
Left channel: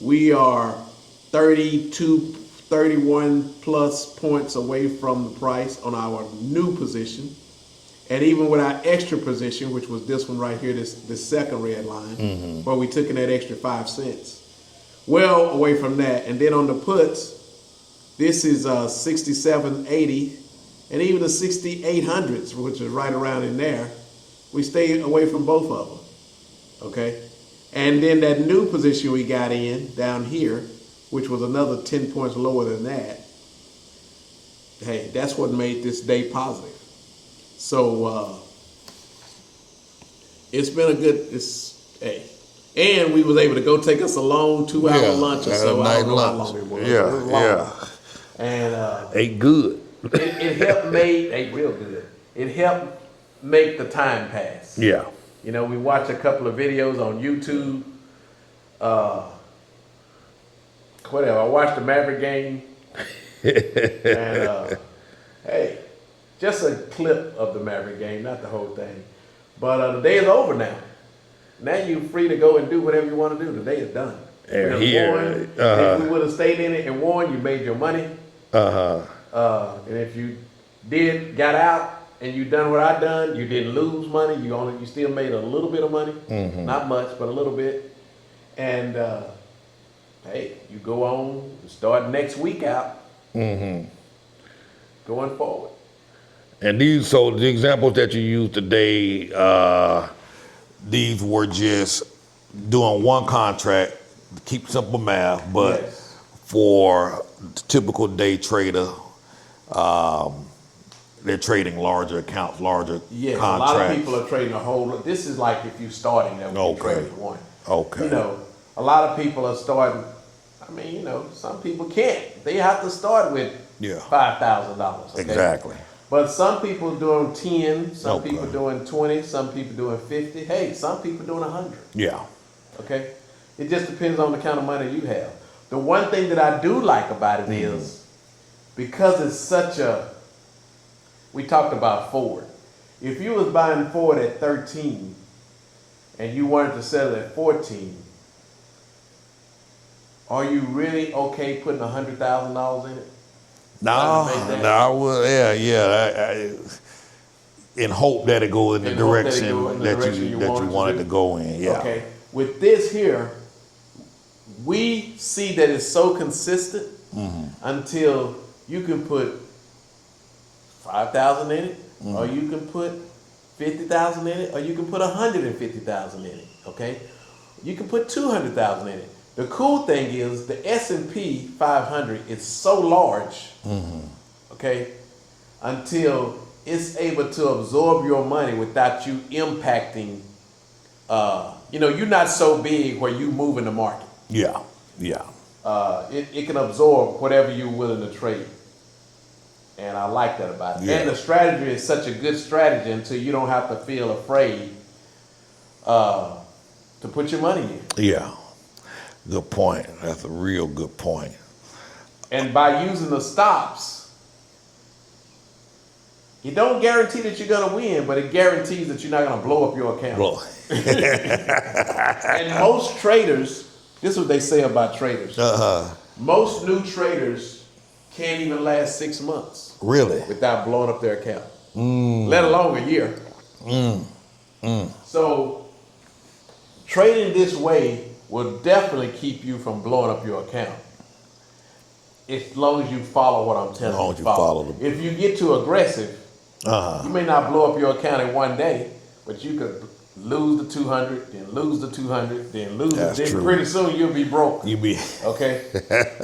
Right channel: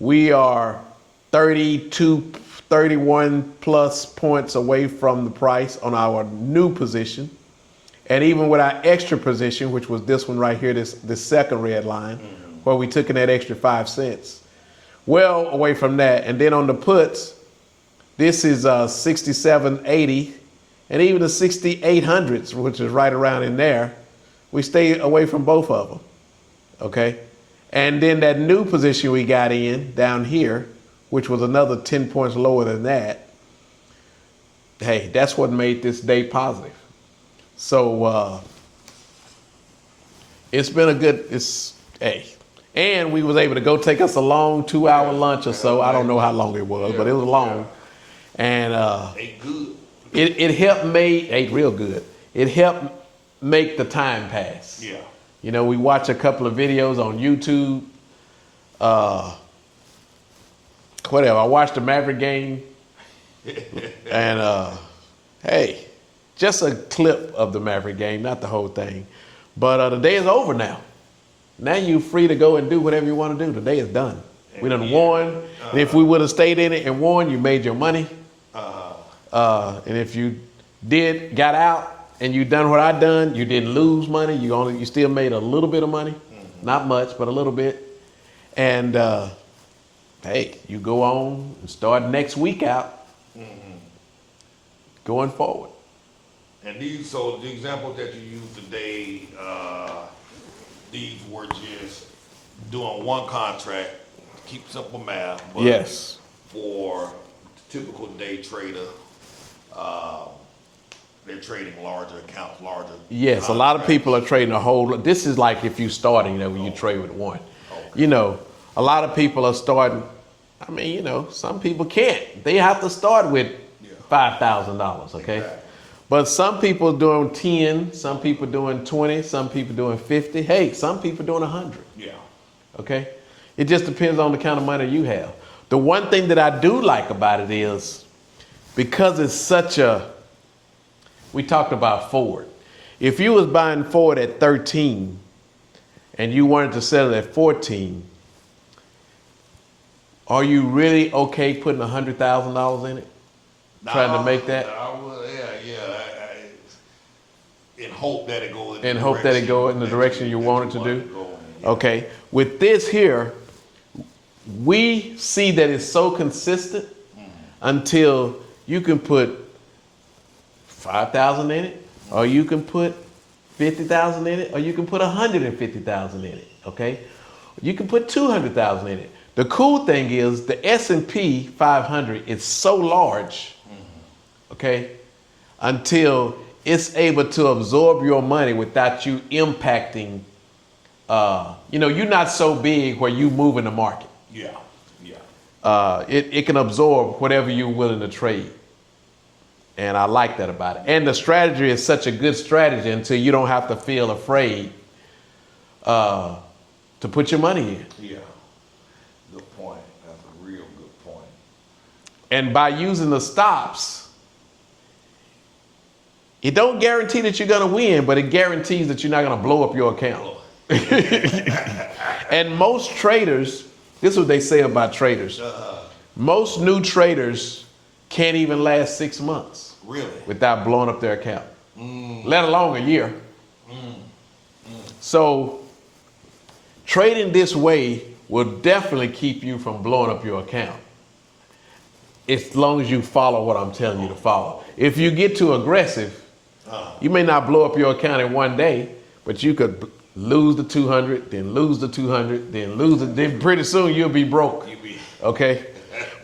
We are 31 plus points away from the price on our new position. And even with our extra position, which was this one right here, this second red line, where we took in that extra 5 cents, well away from that. And then on the puts, this is 67.80, and even the 6800s, which is right around in there, we stay away from both of them. Okay? And then that new position we got in down here, which was another 10 points lower than that, hey, that's what made this day positive. So it's been a good, and we was able to go take us a long 2-hour lunch or so. I don't know how long it was, but it was long. And ate good. It helped ate real good. It helped make the time pass. Yeah. We watch a couple of videos on YouTube. Whatever. I watched the Maverick game. And hey, just a clip of the Maverick game, not the whole thing. But the day is over now. Now you're free to go and do whatever you want to do. The day is done. We done won. If we would have stayed in it and won, you made your money. And if you got out and you done what I done, you didn't lose money. You still made a little bit of money. Not much, but a little bit. And hey, you go on and start next week out. Going forward. And so the examples that you used today, these were just doing one contract, keep simple math, but yes, for the typical day trader, they're trading larger accounts, larger yes, contracts. A lot of people are trading a whole lot. This is like if you're starting, when you trade with one. Okay. A lot of people are starting, some people can't. They have to start with $5,000, okay? Exactly. But some people are doing 10, some people doing 20, some people doing 50. Hey, some people doing 100. Yeah. Okay? It just depends on the kind of money you have. The one thing that I do like about it is, because it's such we talked about Ford. If you was buying Ford at 13 and you wanted to sell it at 14, are you really okay putting $100,000 in it? Trying to make that? In hope that it goes in the direction you wanted to go in. Yeah. Okay. With this here, we see that it's so consistent until you can put 5,000 in it, or you can put 50,000 in it, or you can put 150,000 in it. Okay. You can put 200,000 in it. The cool thing is the S&P 500 is so large, okay, until it's able to absorb your money without you impacting. You're not so big where you move in the market. Yeah. Yeah. It can absorb whatever you're willing to trade. And I like that about it. Yeah. And the strategy is such a good strategy until you don't have to feel afraid to put your money in. Yeah. Good point. That's a real good point. And by using the stops, it don't guarantee that you're going to win, but it guarantees that you're not going to blow up your account. Well, And most traders, this is what they say about traders. Most new traders can't even last 6 months really? without blowing up their account, let alone a year. So trading this way will definitely keep you from blowing up your account, as long as you follow what I'm telling you to follow. If you get too aggressive, you may not blow up your account in one day, but you could lose the 200, then lose the 200, then lose it. Then pretty soon you'll be broke. Okay?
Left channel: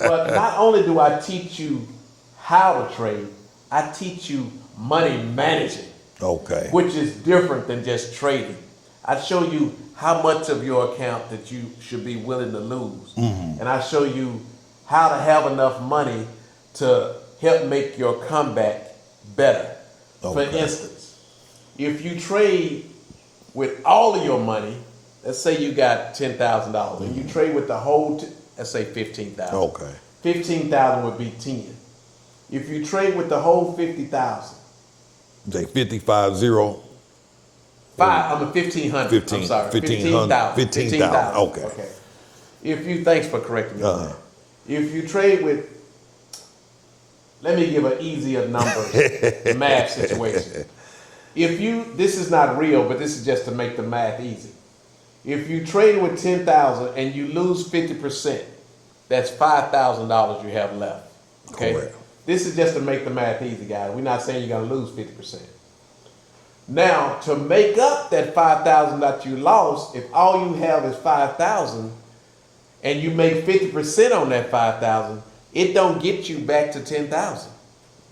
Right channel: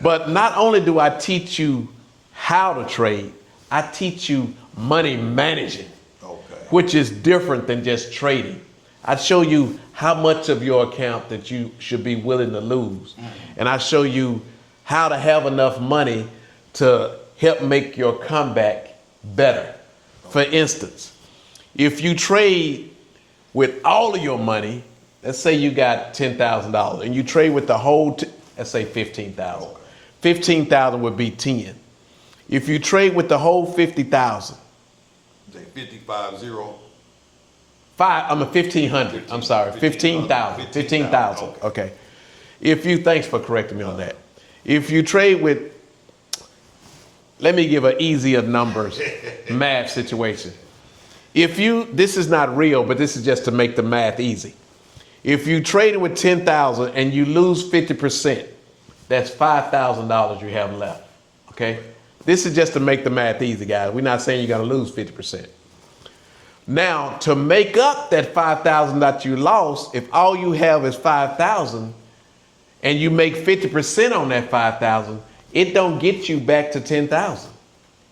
But not only do I teach you how to trade, I teach you money managing. Okay. Which is different than just trading. I show you how much of your account that you should be willing to lose. And I show you how to have enough money to help make your comeback better. For instance, if you trade with all of your money, let's say you got $10,000 and you trade with the whole, let's say 15,000. Okay. 15,000 would be 10. If you trade with the whole 50,000. Say 55-0. 1,500. I'm sorry, 15,000. 15,000. Okay. Thanks for correcting me on that. If you trade with, let me give an easier numbers math situation. This is not real, but this is just to make the math easy. If you trade with 10,000 and you lose 50%, that's $5,000 you have left. Okay. Correct. This is just to make the math easy, guys. We're not saying you're gonna lose 50%. Now, to make up that 5,000 that you lost, if all you have is 5,000 and you make 50% on that 5,000, it don't get you back to 10,000.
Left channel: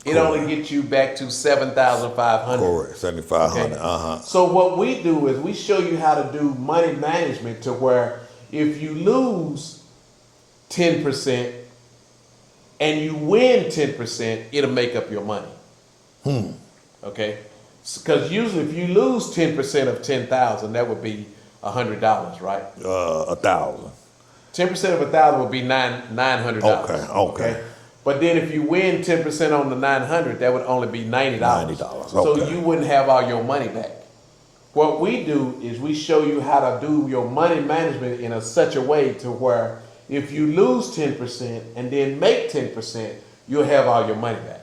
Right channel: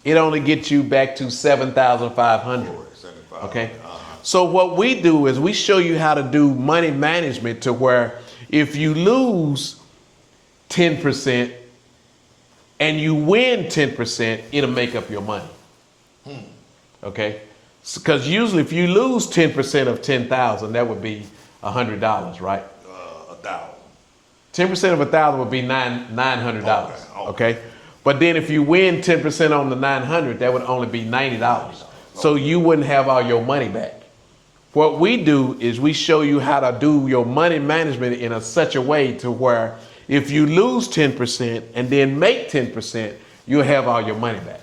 It only gets you back to 7,500. Correct, 7,500. Okay? So what we do is we show you how to do money management to where if you lose 10% and you win 10%, it'll make up your money. Okay? Because usually if you lose 10% of 10,000, that would be $100, right? 1,000. 10% of 1,000 would be $900. Okay. But then if you win 10% on the 900, that would only be $90. $90. So Okay. you wouldn't have all your money back. What we do is we show you how to do your money management in such a way to where if you lose 10% and then make 10%, you'll have all your money back.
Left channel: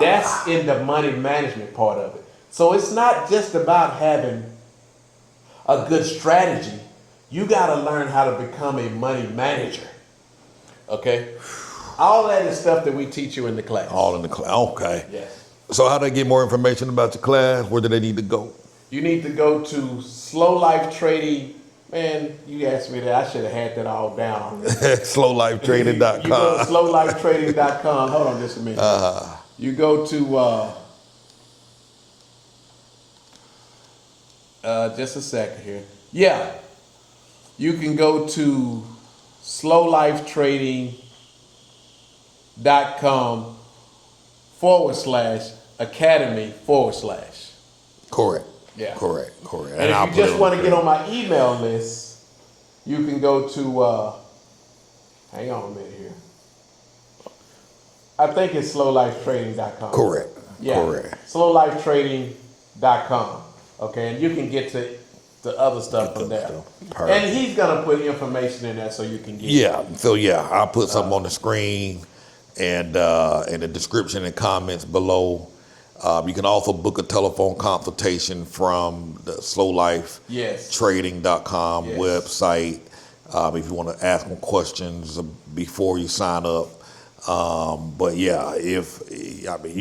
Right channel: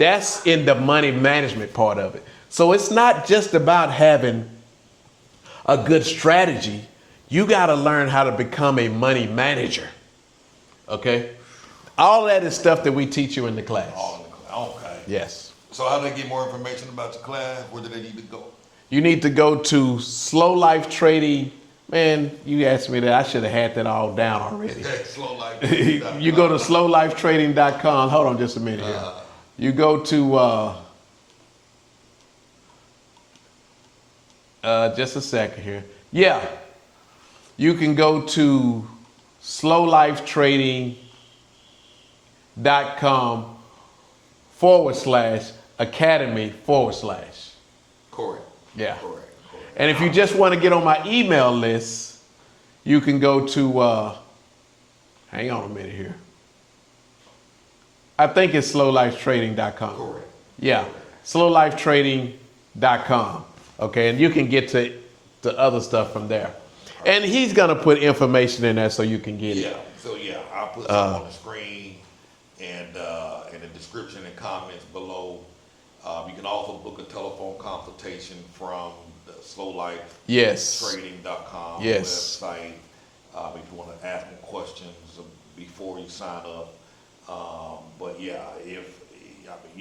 That's in the money management part of it. So it's not just about having a good strategy. You got to learn how to become a money manager. Okay? All that is stuff that we teach you in the class. All in the class. Okay. Yes. So how do they get more information about your class? Where do they need to go? You need to go to Slow Life Trading. Man, you asked me that. I should have had that all down already. SlowLifeTrading.com. You go to slowlifetrading.com. Hold on just a minute. You go to, just a second here. Yeah. You can go to slowlifetrading.com /academy /. Correct. Yeah. Correct. And if you just want to get on my email list, you can go to, hang on a minute here. I think it's slowlifetrading.com. Correct. Yeah. Correct. Slowlifetrading.com. Okay, and you can get to the other stuff from there. Perfect. And he's gonna put information in there so you can get it. Yeah. So I'll put something on the screen and in the description and comments below. You can also book a telephone consultation from the slowlifetrading.com website if you want to ask them questions before you sign up. But yeah, you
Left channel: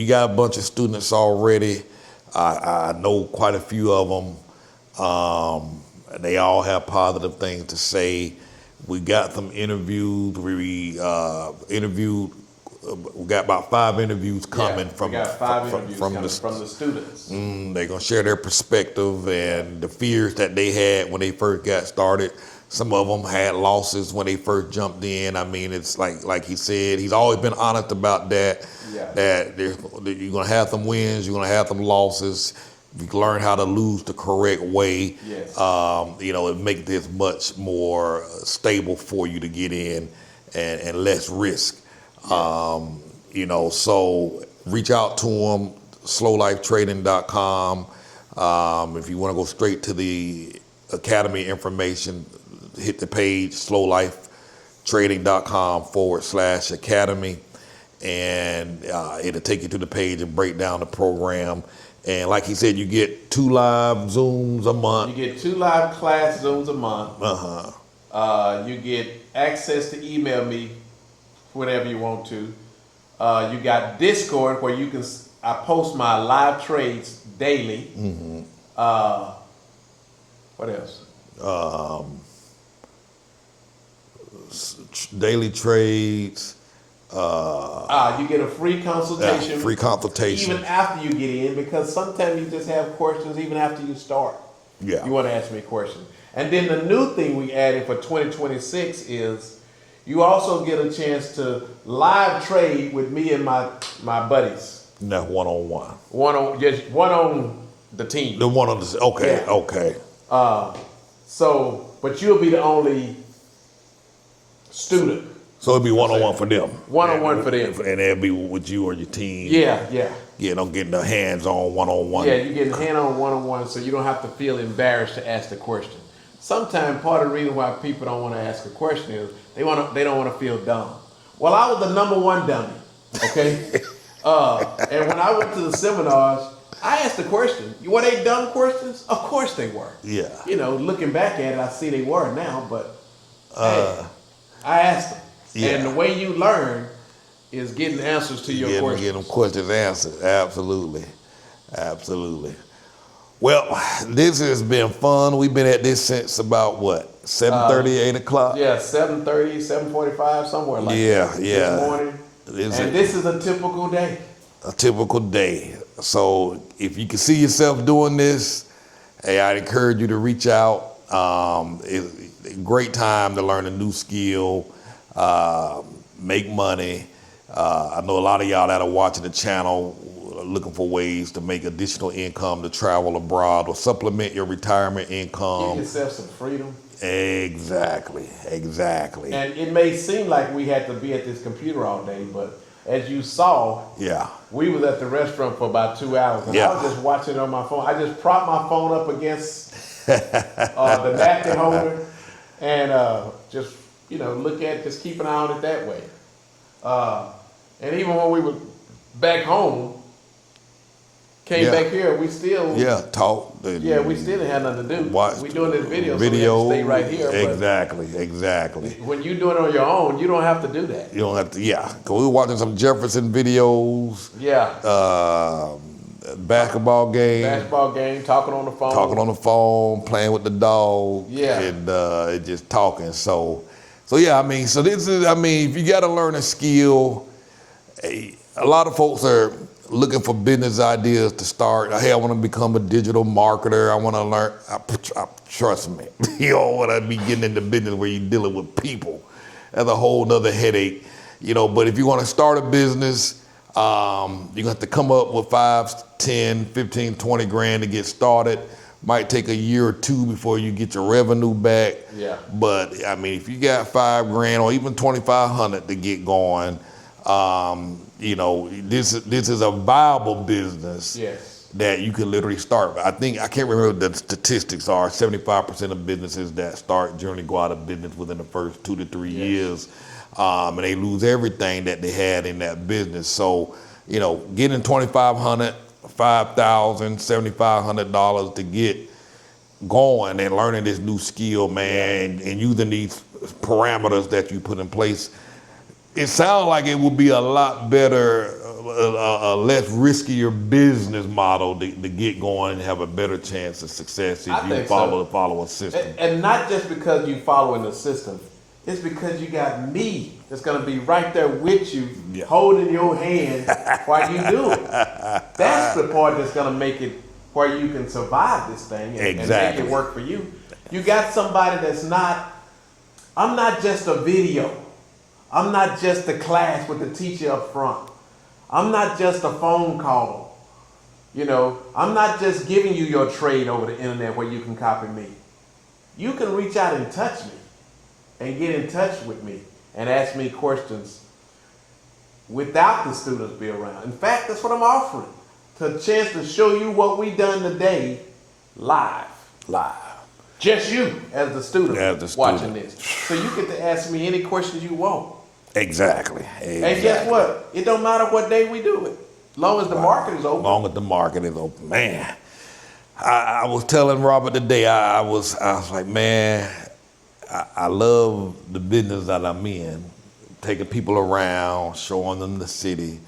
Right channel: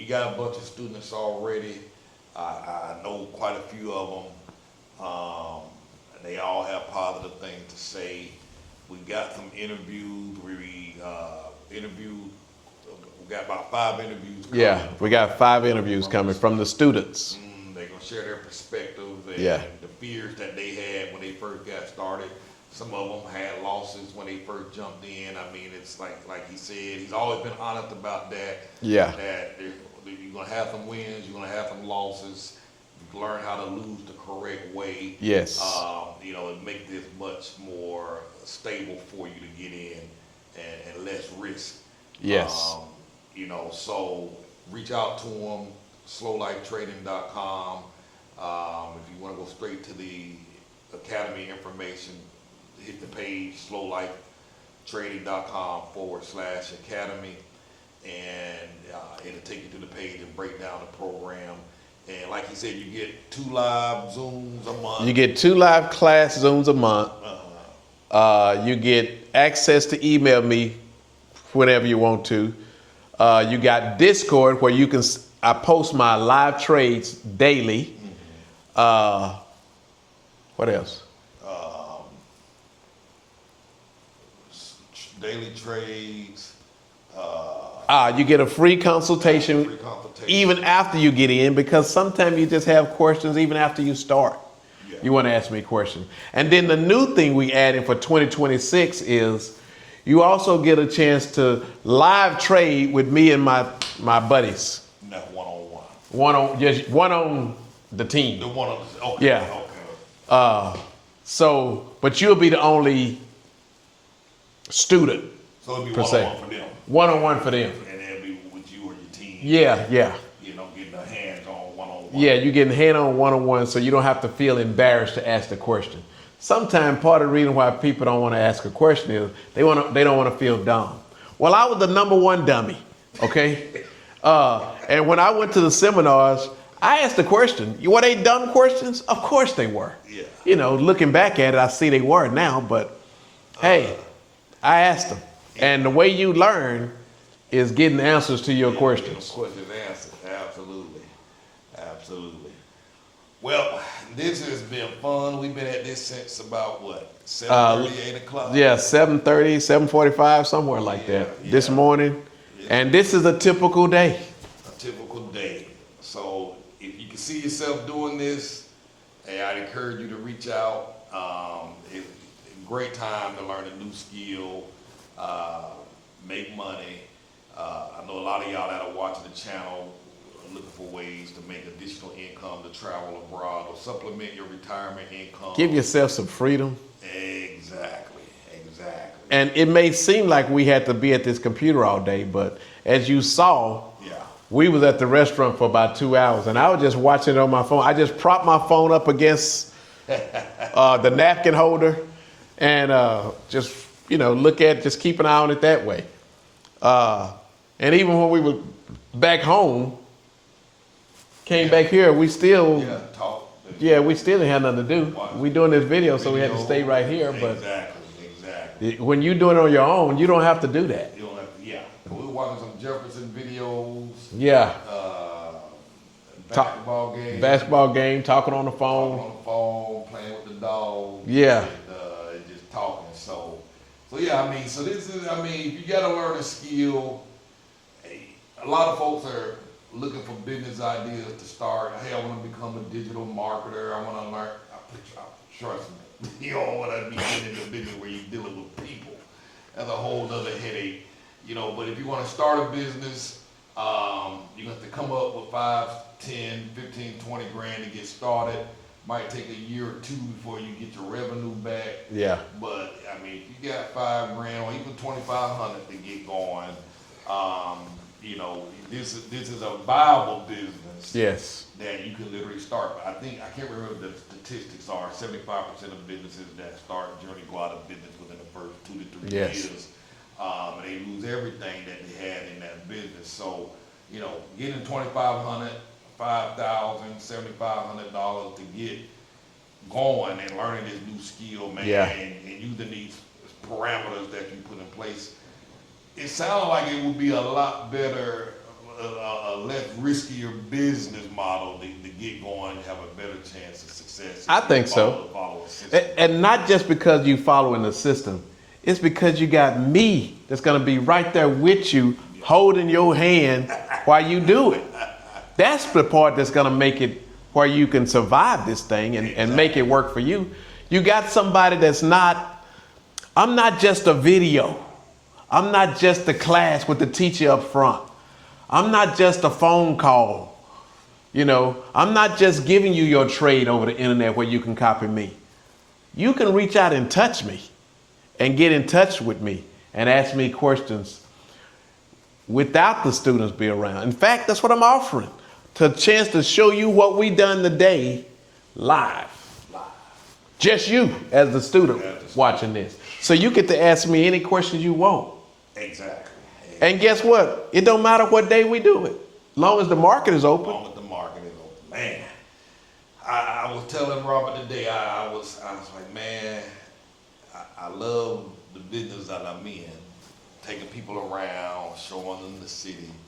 got a bunch of students already. I know quite a few of them. They all have positive things to say. We got them interviewed. We interviewed we got about 5 interviews coming. Yeah, we got 5 interviews coming the, from the students. they're gonna share their perspective and the fears that they had when they first got started. Some of them had losses when they first jumped in. I mean, it's like he said, he's always been honest about that. Yeah. That you're gonna have some wins, you're gonna have some losses. You can learn how to lose the correct way. Yes. It make this much more stable for you to get in and less risk. Yes. So reach out to them, slowlifetrading.com. If you want to go straight to the academy information, hit the page, slowlifetrading.com/academy, and it'll take you to the page and break down the program. And like he said, you get 2 live Zooms a month. You get 2 live class Zooms a month. You get access to email me whenever you want to. You got Discord where I post my live trades daily. What else? Daily trades. You get a free consultation. Free consultation. Even after you get in, because sometimes you just have questions even after you start. Yeah. You want to ask me a question. And then the new thing we added for 2026 is you also get a chance to live trade with me and my buddies. No, one-on-one. One on the team. The one on the, okay, Yeah. okay. But you'll be the only student. So it'll be one-on-one for them. One-on-one for them. And it'll be with you or your team. Yeah. I'm getting the hands-on one-on-one. Yeah, you're getting hand-on one-on-one, so you don't have to feel embarrassed to ask the question. Sometimes part of the reason why people don't want to ask a question is they don't want to feel dumb. Well, I was the number 1 dummy, okay? And when I went to the seminars, I asked the question. Were they dumb questions? Of course they were. Yeah. Looking back at it, I see they were now, but hey, I asked them. Yeah. And the way you learn is getting answers to your questions. Getting them questions answered. Absolutely. Well, this has been fun. We've been at this since about what? 7:30, 8 o'clock? Yeah, 7:30, 7:45, somewhere like that. This morning. This is a typical day. A typical day. So if you can see yourself doing this, hey, I'd encourage you to reach out. It's a great time to learn a new skill, make money. I know a lot of y'all that are watching the channel looking for ways to make additional income to travel abroad or supplement your retirement income. Give yourself some freedom. Exactly. And it may seem like we had to be at this computer all day, but as you saw, we was at the restaurant for about 2 hours, and I was just watching it on my phone. I just propped my phone up against the napkin holder and just keep an eye on it that way. And even when we were back home, back here, we still talk. We still didn't have nothing to do. We doing this video, so we have to stay right here. Exactly. When you do it on your own, you don't have to do that. You don't have to. Cause we were watching some Jefferson videos. Basketball game. Talking on the phone. Playing with the dog. And just talking. So this is. If you got to learn a skill, a lot of folks are looking for business ideas to start. Hey, I want to become a digital marketer. I want to learn. Trust me, you don't want to be getting into business where you're dealing with people. That's a whole nother headache, But if you want to start a business, you're going to have to come up with 5, 10, 15, 20 grand to get started. Might take a year or 2 before you get your revenue back. But if you got 5 grand or even 2,500 to get going, this is a viable business that you can literally start. But I can't remember what the statistics are. 75% of businesses that start generally go out of business within the first 2 to 3 years, and they lose everything that they had in that business. So, getting $2,500, $5,000, $7,500 to get going and learning this new skill, man, and using these parameters that you put in place. It sounds like it would be a lot better, a less riskier business model to get going and have a better chance of success if you follow a system. And not just because you following the system. It's because you got me that's gonna be right there with you, Yeah. holding your hand while you do it. That's the part that's gonna make it where you can survive this thing and make Exactly. it work for you. You got somebody that's not, I'm not just a video. I'm not just a class with the teacher up front. I'm not just a phone call. You know, I'm not just giving you your trade over the internet where you can copy me. You can reach out and touch me and get in touch with me and ask me questions without the students be around. In fact, that's what I'm offering. To a chance to show you what we done today live. Live. Just you as the student, watching this. So you get to ask me any questions you want. Exactly. And guess what? It don't matter what day we do it. Long as the market is open. Long as the market is open. Man, I was telling Robert today, I was like, man, I love the business that I'm in, taking people around, showing them the city,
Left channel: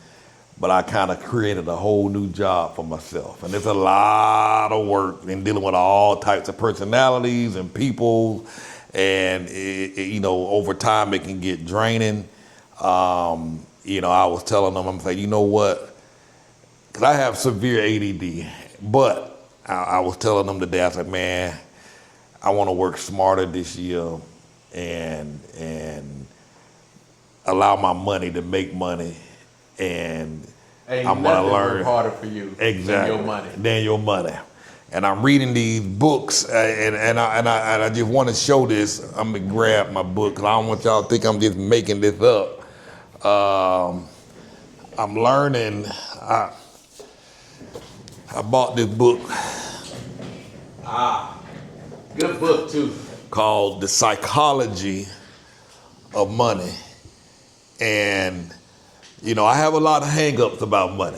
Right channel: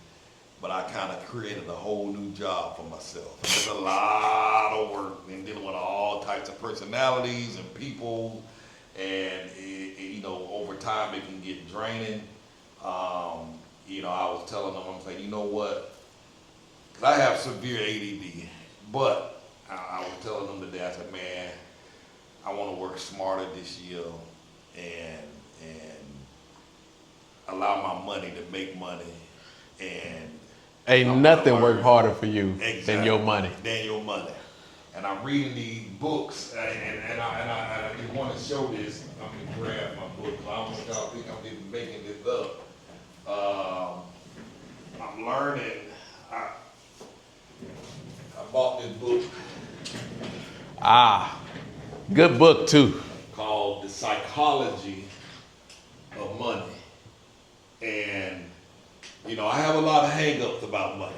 but I kind of created a whole new job for myself. And it's a lot of work in dealing with all types of personalities and people, and you know, over time it can get draining. You know, I was telling them, I'm saying, you know what, because I have severe ADD, but I was telling them today, I was like, man, I want to work smarter this year and allow my money to make money. And Ain't I'm nothing gonna work learn harder for you than your money. Than your money. And I'm reading these books, and I just want to show this. I'm gonna grab my book because I don't want y'all to think I'm just making this up. I'm learning. I bought this book Good book too. called The Psychology of Money. And, you know, I have a lot of hang-ups about money.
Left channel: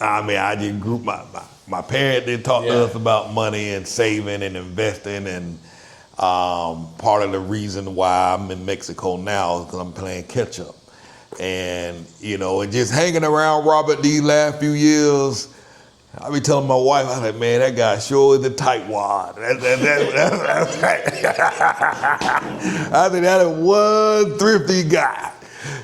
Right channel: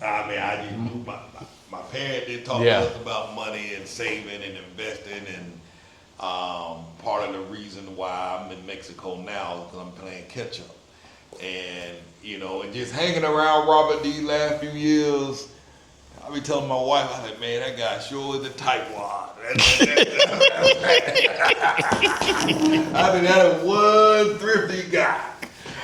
I mean, I just grew, my parents did talk to us about money and saving and investing, and part of the reason why I'm in Mexico now is because I'm playing catch up. And, you know, and just hanging around Robert these last few years, I be telling my wife, I like, man, that guy sure is a tightwad. I think that is one thrifty guy,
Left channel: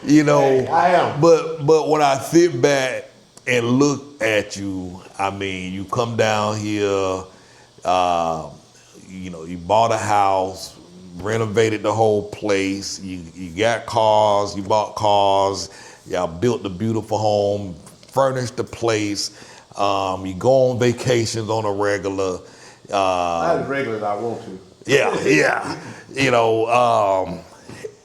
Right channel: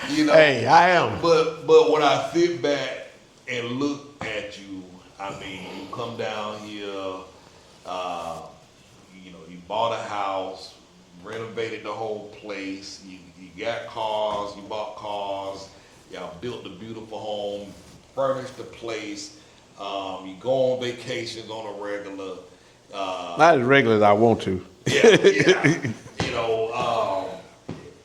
you know. Hey, I am. But when I sit back and look at you, I mean, you come down here, you know, you bought a house, renovated the whole place, you got cars, you bought cars, y'all built the beautiful home, furnished the place. You go on vacations on a regular. Not as regular as I want to. Yeah. You know,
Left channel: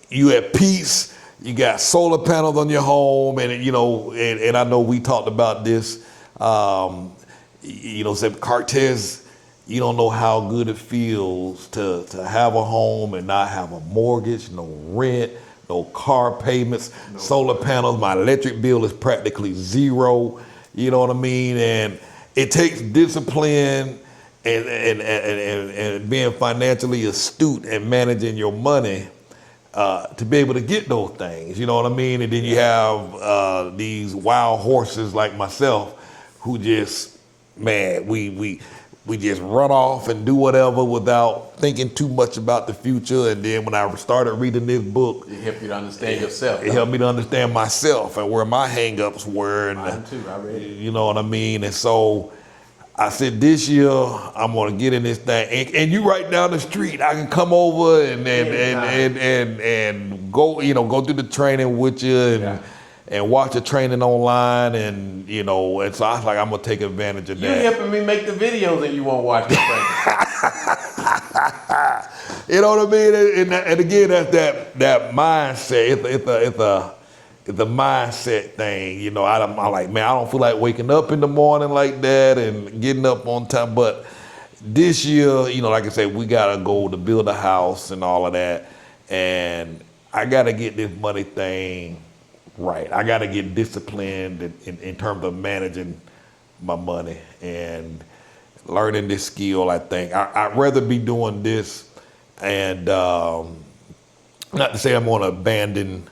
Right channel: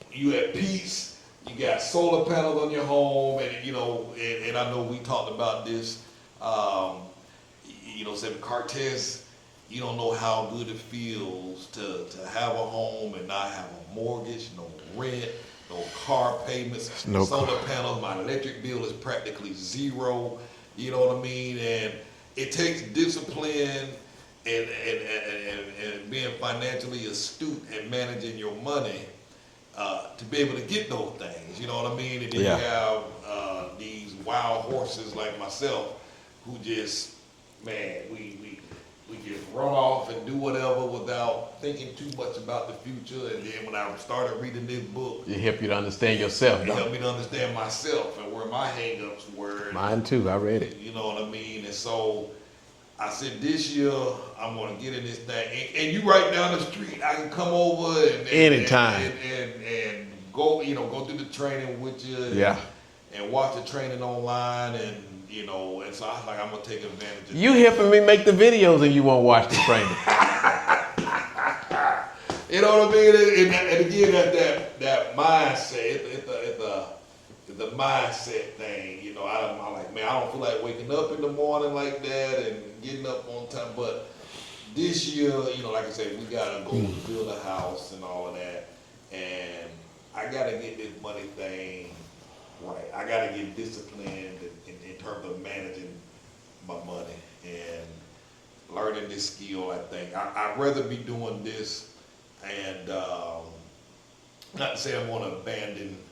you at peace. You got solar panels on your home, and you know, and I know we talked about this. You know, said Cartez. You don't know how good it feels to have a home and not have a mortgage, no rent, no car payments, solar panels. My electric bill is practically zero. You know what I mean? And it takes discipline and being financially astute and managing your money to be able to get those things. You know what I mean? And then you have these wild horses like myself who just, man, we just run off and do whatever without thinking too much about the future. And then when I started reading this book, It helped you to understand yourself. it helped me to understand myself and where my hang-ups were. And, Mine too, I read it. you know what I mean? And so I said, this year I'm gonna get in this thing. And you right down the street, I can come over and go, you know, go through the training with you and watch the training online, and you know, and so I was like, I'm gonna take advantage of You that. helping me make the videos and you won't watch the training. You know what I mean? And again, that's that mindset. It's a mindset thing. You know, I'm like, man, I don't feel like waking up in the morning like that and getting up on time. But this year, you know, like I said, we got a goal to build a house and all of that. And I got to get this money thing right. I got to get disciplined in terms of managing my money and learning this skill. I think I'd rather be doing this, and not to say I'm going to abandon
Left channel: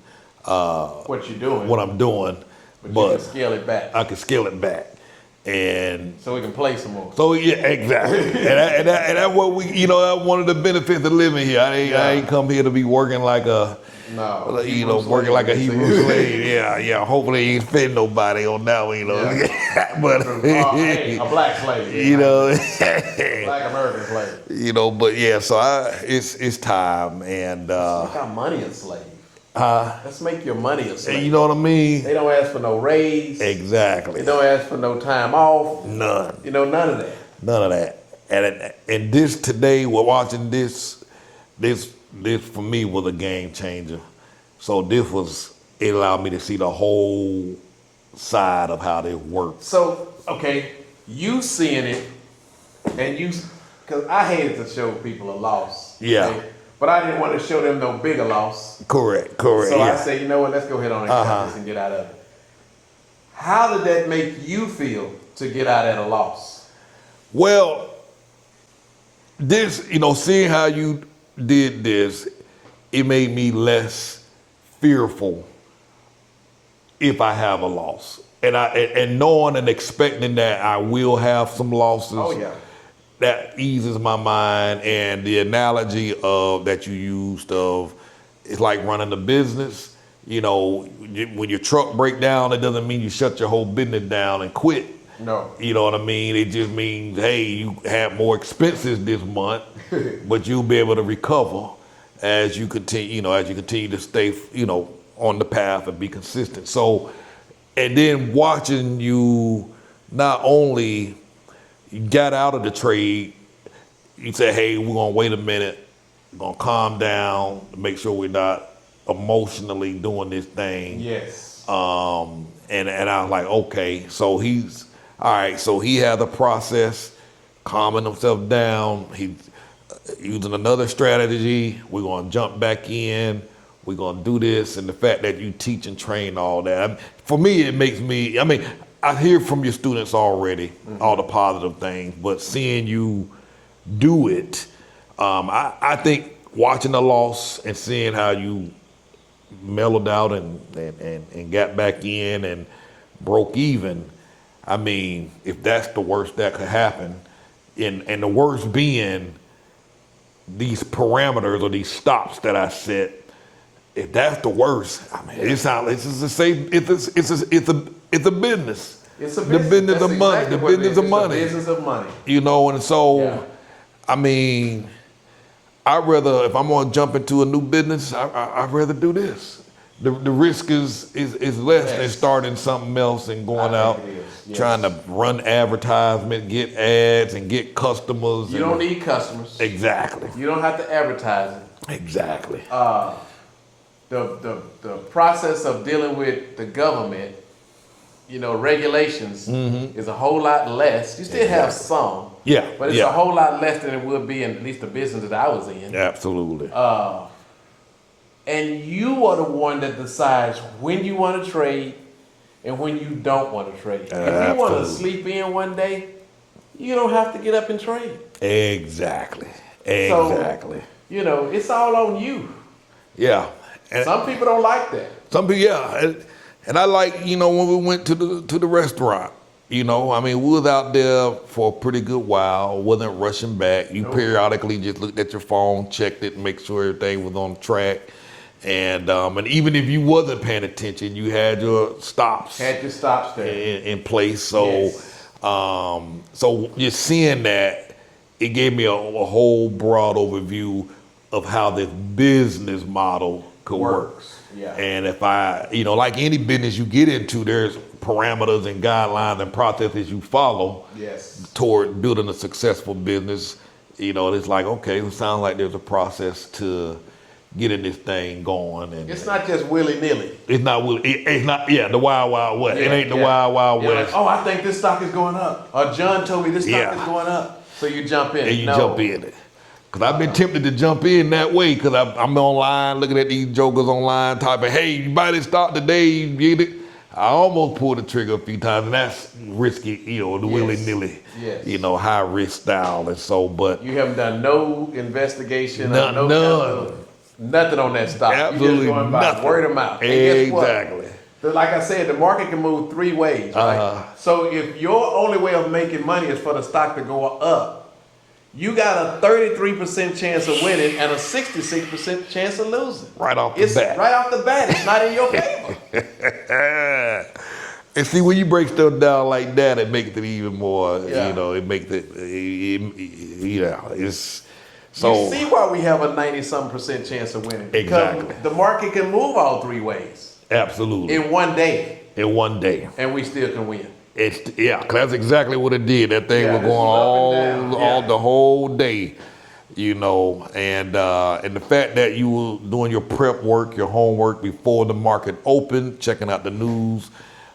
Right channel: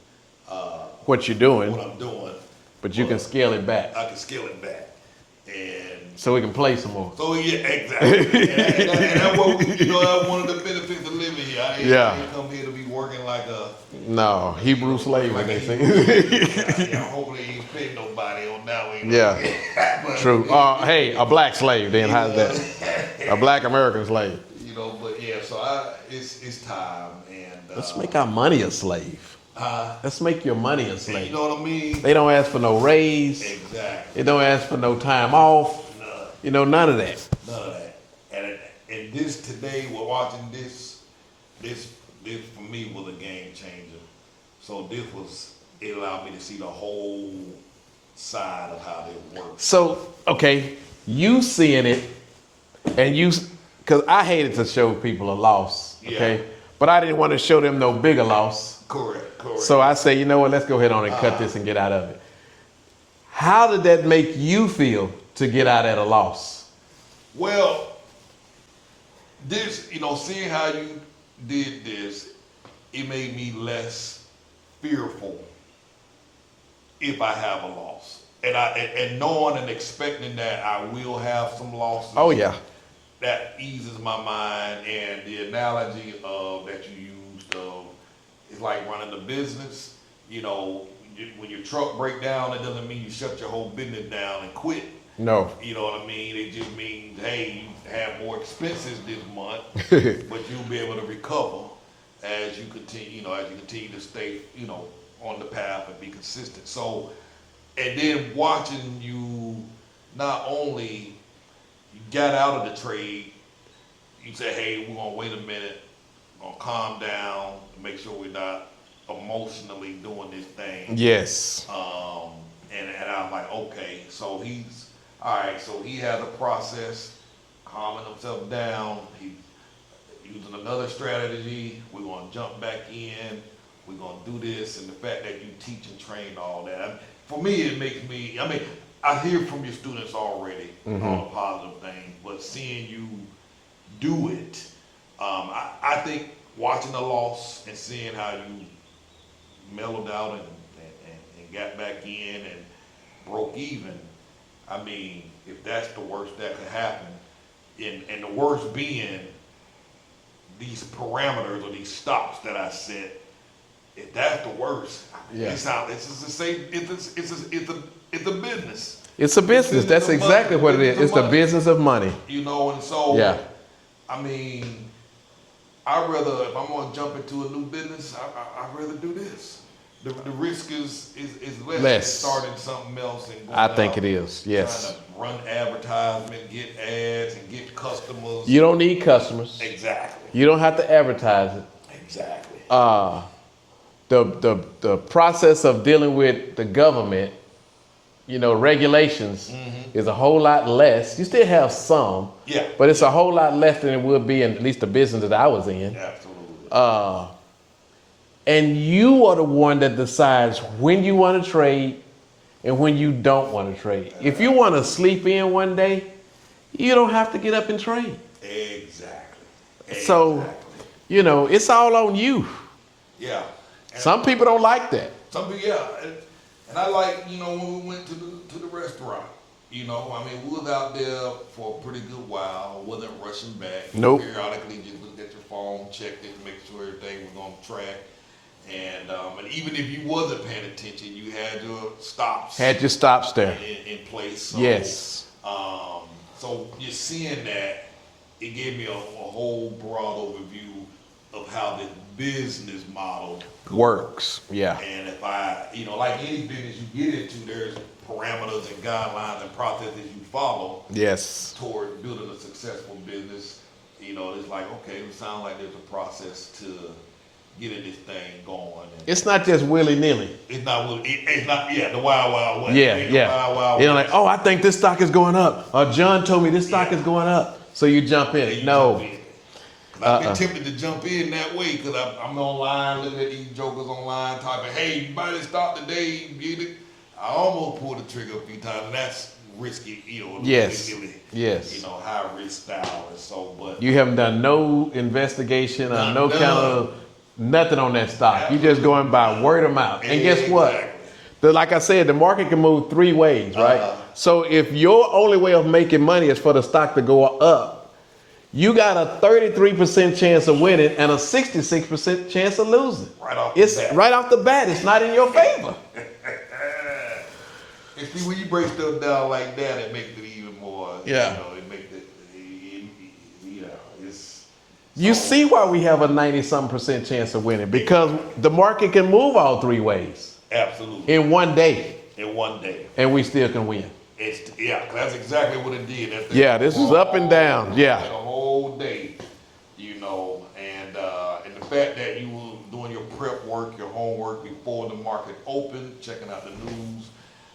What you're doing, what I'm doing, but you can scale it back. I can scale it back. And So we can play some more. so yeah, exactly. and that's what we, that's one of the benefits of living here. I ain't come here to be working like a working like a Hebrew slave. Yeah. Hopefully, he ain't fed nobody on that one. Yeah. But True. Hey, a black slave. Then, a black American slave. But yeah. So it's time, and Let's make our money a slave. Let's make your money a slave. you know what I mean? They don't ask for no raise. Exactly. They don't ask for no time off. None. None of that. None of that. And this today, we're watching this for me was a game changer. So it allowed me to see the whole side of how this works. So, okay, you seeing it, and because I hated to show people a loss. Yeah. Okay? But I didn't want to show them no bigger loss. Correct. So yeah. I say, you know what, let's go ahead on and cut this and get out of it. How did that make you feel to get out at a loss? Well, this, seeing how you did this, it made me less fearful if I have a loss. And knowing and expecting that I will have some losses. Oh, yeah. That eases my mind. And the analogy that you used of, it's like running a business. When your truck break down, it doesn't mean you shut your whole business down and quit. No. You know what I mean? It just means, hey, you have more expenses this month, but you'll be able to recover as you continue, to stay, on the path and be consistent. So, and then watching you not only got out of the trade, you say, hey, we're gonna wait a minute, we're gonna calm down, make sure we're not emotionally doing this thing. Yes. And I was like, okay, so so he had the process, calming himself down. He's using another strategy. We're gonna jump back in. We're gonna do this. And the fact that you teach and train all that, for me, it makes me, I hear from your students already, all the positive things, but seeing you do it, I think watching the loss and seeing how you mellowed out and got back in and broke even, if that's the worst that could happen, and the worst being these parameters or these stops that I set, if that's the worst, it sounds like it's a business. It's a business. That's of exactly money. what it is. It's the money. business of money. And so, Yeah. I'd rather, if I'm gonna jump into a new business, I'd rather do this. The risk is less than starting something else and going out. I think it is. Yes. Trying to run advertisement, get ads, and get customers. You don't need customers. Exactly. You don't have to advertise it. Exactly. The process of dealing with the government, regulations is a whole lot less. You still have some. Yeah. But it's a whole lot less than it would be in at least the business that I was in. Absolutely. And you are the one that decides when you want to trade and when you don't want to trade. If you want to sleep in one day, you don't have to get up and trade. Exactly. So, it's all on you. Yeah. And some people don't like that. Some people, yeah. And I like, when we went to the restaurant, we was out there for a pretty good while, wasn't rushing back. You periodically just looked at your phone, checked it, and make sure everything was on track. And even if you wasn't paying attention, you had your stops. Had your stops there. In place. So, yes. So just seeing that, it gave me a whole broad overview of how this business model works. Yeah. And if like any business you get into, there's parameters and guidelines and processes you follow. Yes. Toward building a successful business. It's like, okay, it sounds like there's a process to getting this thing going. And it's not just willy-nilly. It's not the wild, wild west. Yeah, it ain't the wild, wild west. Like, I think this stock is going up. Or John told me this stock is going up. So you jump in. And you jump in it. Because I've been tempted to jump in that way because I'm online looking at these jokers online typing, hey, you buy this stock today, you get it. I almost pulled the trigger a few times, and that's risky, the willy-nilly, high risk style. And so, but you haven't done no investigation or no kind of nothing on that stock. You're just going by word of mouth. And guess what? Like I said, the market can move three ways, right? So if your only way of making money is for the stock to go up, you got a 33% chance of winning and a 66% chance of losing. Right off the It's bat. right off the bat. It's not in your favor. And see, when you break stuff down like that, it makes it even more, Yeah. you know, it makes it, it's. So, You see why we have a 90-something% chance of winning, because Exactly. the market can move all three ways absolutely. in one day, In one day. and we still can win. Yeah, 'cause that's exactly what it did. That thing Yeah, was this going is up and all- down. all Yeah. the whole day, you know, and the fact that you were doing your prep work, your homework before the market opened, checking out the news,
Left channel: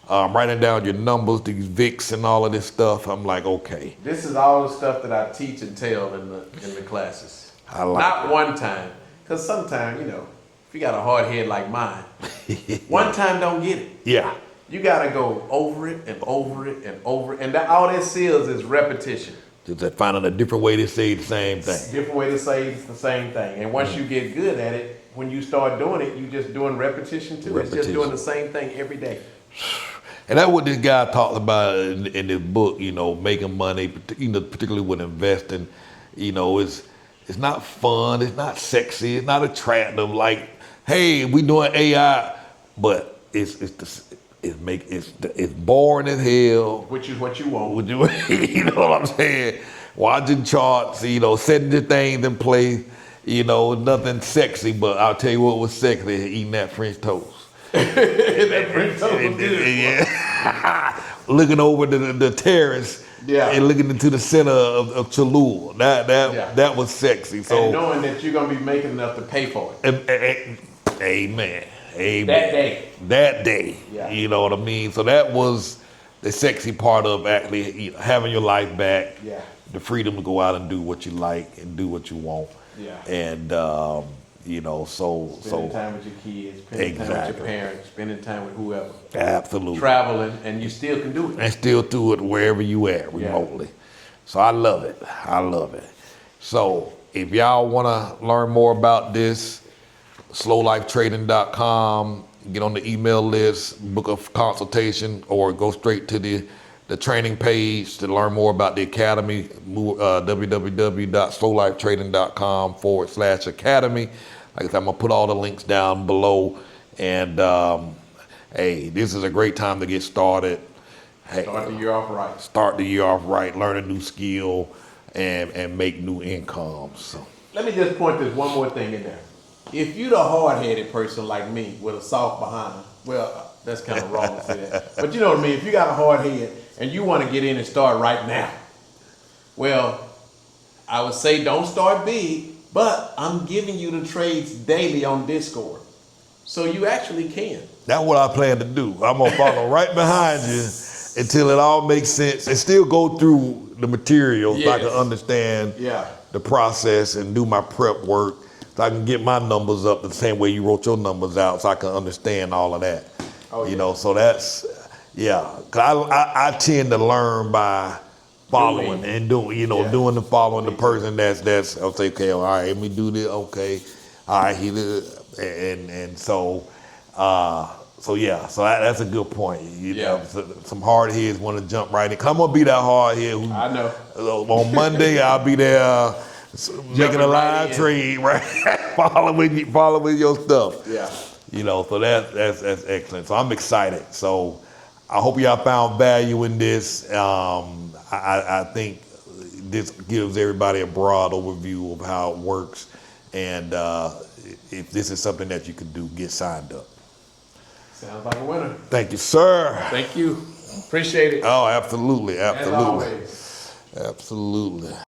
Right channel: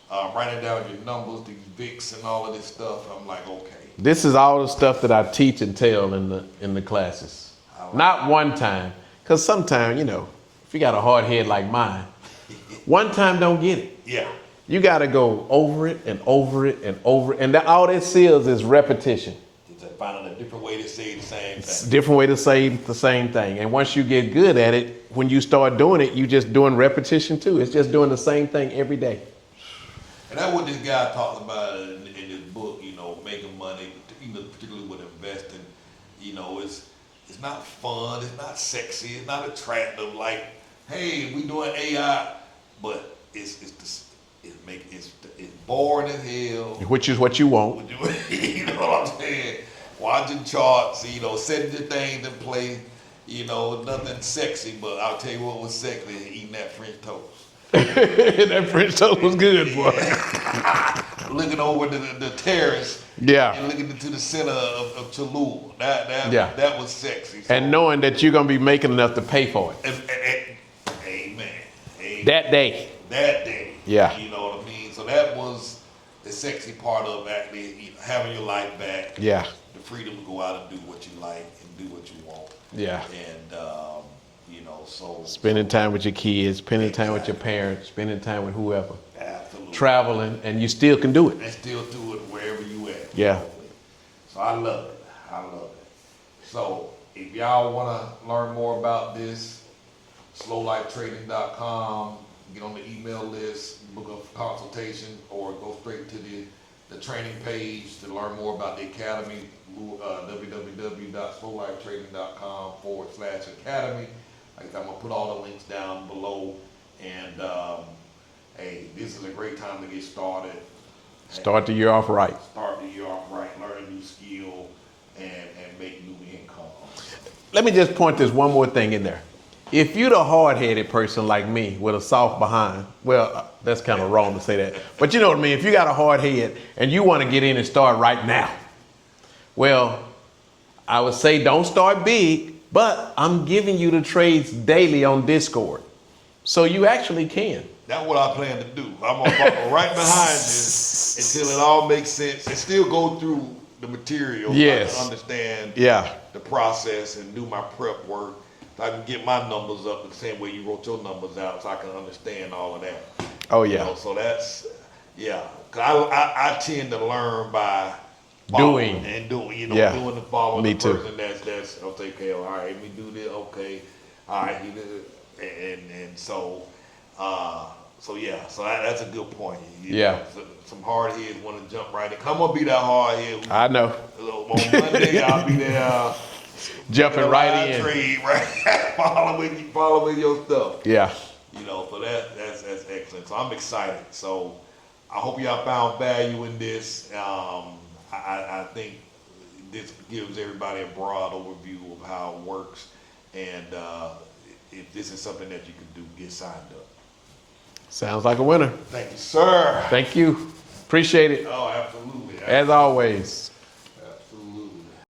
writing down your numbers, these VIX and all of this stuff. I'm like, okay, This is all the stuff that I teach and tell in the classes. I like Not one time, because sometimes, you know, if you got a hard head like mine, one time don't get it. yeah, You got to go over it and over it and over it, and all this is repetition. just finding a different way to say the same It's a thing. different way to say the same thing. And once you get good at it, when you start doing it, you just doing repetition too. It's just doing the same thing every day. And that's what this guy talks about in this book, you know, making money, you know, particularly with investing. You know, it's not fun, it's not sexy, it's not attractive. Like, hey, we doing AI, but it's boring as hell. Which is what you want. Would you, you know what I'm saying? Watching charts, you know, setting the things in place. You know, nothing sexy, but I'll tell you what was sexy: eating that French toast. That French toast was good. Boy. Looking over the terrace, Yeah. and looking into the center of Cholula. That was sexy. So, And knowing that you're gonna be making enough to pay for it. Amen. That day. That day. Yeah. You know what I mean? So that was the sexy part of actually, you know, having your life back. Yeah. The freedom to go out and do what you like and do what you want. Yeah. And you know, Spending time with your kids, spending time with your Exactly. parents, spending time with whoever. Absolutely. Traveling, and you still can do it. And still do it wherever you at Yeah. remotely. So I love it. I love it. So if y'all want to learn more about this, slowlifetrading.com, get on the email list, book a consultation, or go straight to the training page to learn more about the academy, www.slowlifetrading.com/academy. Like I said, I'm gonna put all the links down below. And hey, this is a great time to get started. Hey, Start the year off right. start the year off right, learn a new skill, and make new income. So. Let me just point this one more thing in there. If you're the hard-headed person like me with a soft behind, well, that's kind of wrong to say that. But you know what I mean? If you got a hard head and you want to get in and start right now, well, I would say don't start big, but I'm giving you the trades daily on Discord. So you actually can. That's what I plan to do. I'm gonna follow right behind you until it all makes sense and still go through the material so I can Yes. understand Yeah. the process and do my prep work so I can get my numbers up the same way you wrote your numbers out so I can understand all of that. Oh, You yeah. know, so that's, yeah. 'Cause I tend to learn by following Doing. and doing, you know, Yeah. doing the following Me the too. person that's, I'll say, okay, all right, let me do this, okay. All right, and so, yeah, so that's a good point. You Yeah. know, some hard heads want to jump right in. Come on, be that hard head. Who, I know. on Monday, I'll be there Jumping making a right live in. trade, right? following your stuff. Yeah. You know, so that's excellent. So I'm excited. So I hope y'all found value in this. I think this gives everybody a broad overview of how it works. And if this is something that you can do, get signed up. Sounds like a winner. Thank you, sir. Thank you. Appreciate it. Oh, absolutely. As always. Absolutely.